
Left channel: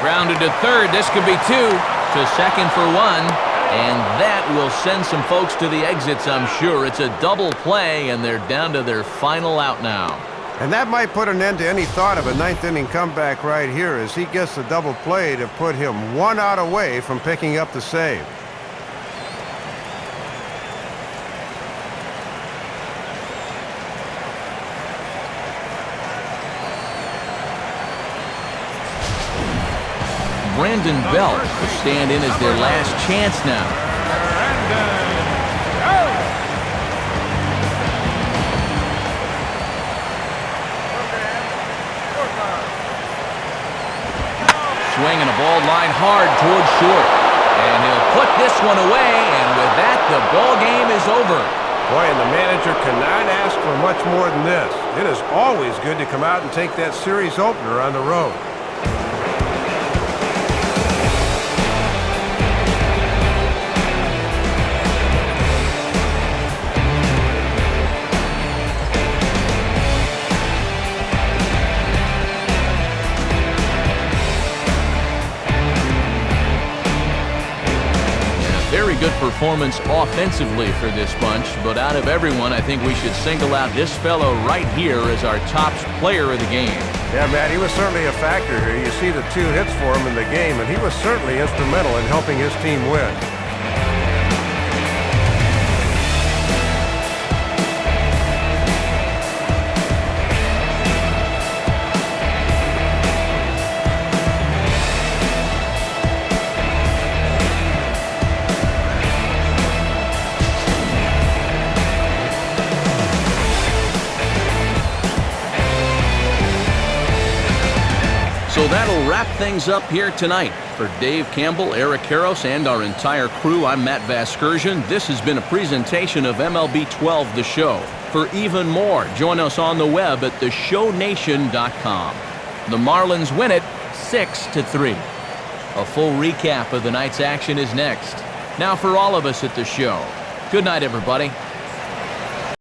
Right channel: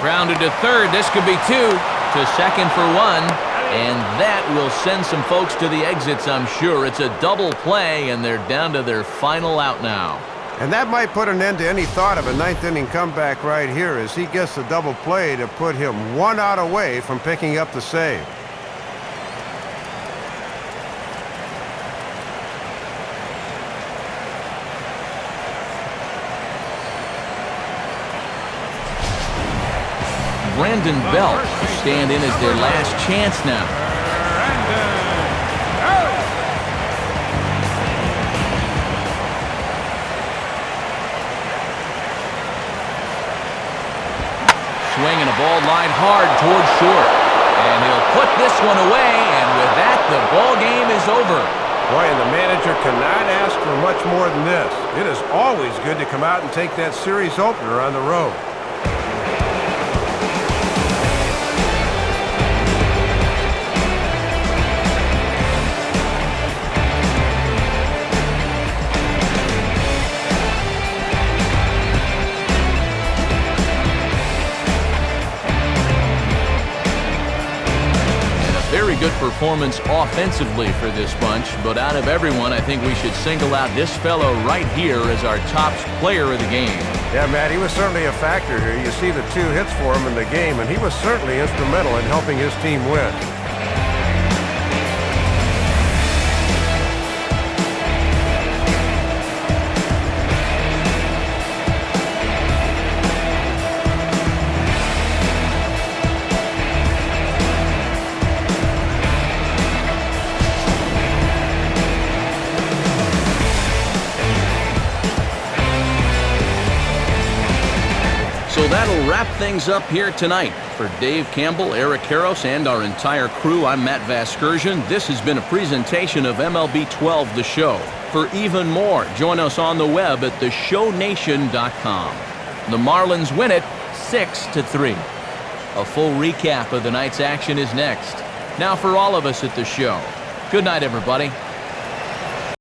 Grounded to third. This could be 2. To second for 1. And that will send some folks to the exits, I'm sure. It's a double play, and they're down to their final out now. And that might put an end to any thought of a ninth-inning comeback right here as he gets the double play to put him 1 out away from picking up the save. Brandon Belt will stand in as their last chance now. Swing and a ball line hard towards short. And he'll put this one away, and with that, the ball game is over. Boy, and the manager cannot ask for much more than this. It is always good to come out and take that series opener on the road. good performance offensively for this bunch, but out of everyone, I think we should single out this fellow right here as our top player of the game. Yeah, Matt, he was certainly a factor here. You see the 2 hits for him in the game, and he was certainly instrumental in helping his team win. So that'll wrap things up here tonight. For Dave Campbell, Eric Karros, and our entire crew, I'm Matt Vasgersian. This has been a presentation of MLB 12 The Show. For even more, join us on the web at theshownation.com. The Marlins win it 6-3. A full recap of the night's action is next. Now for all of us at the show, good night, everybody.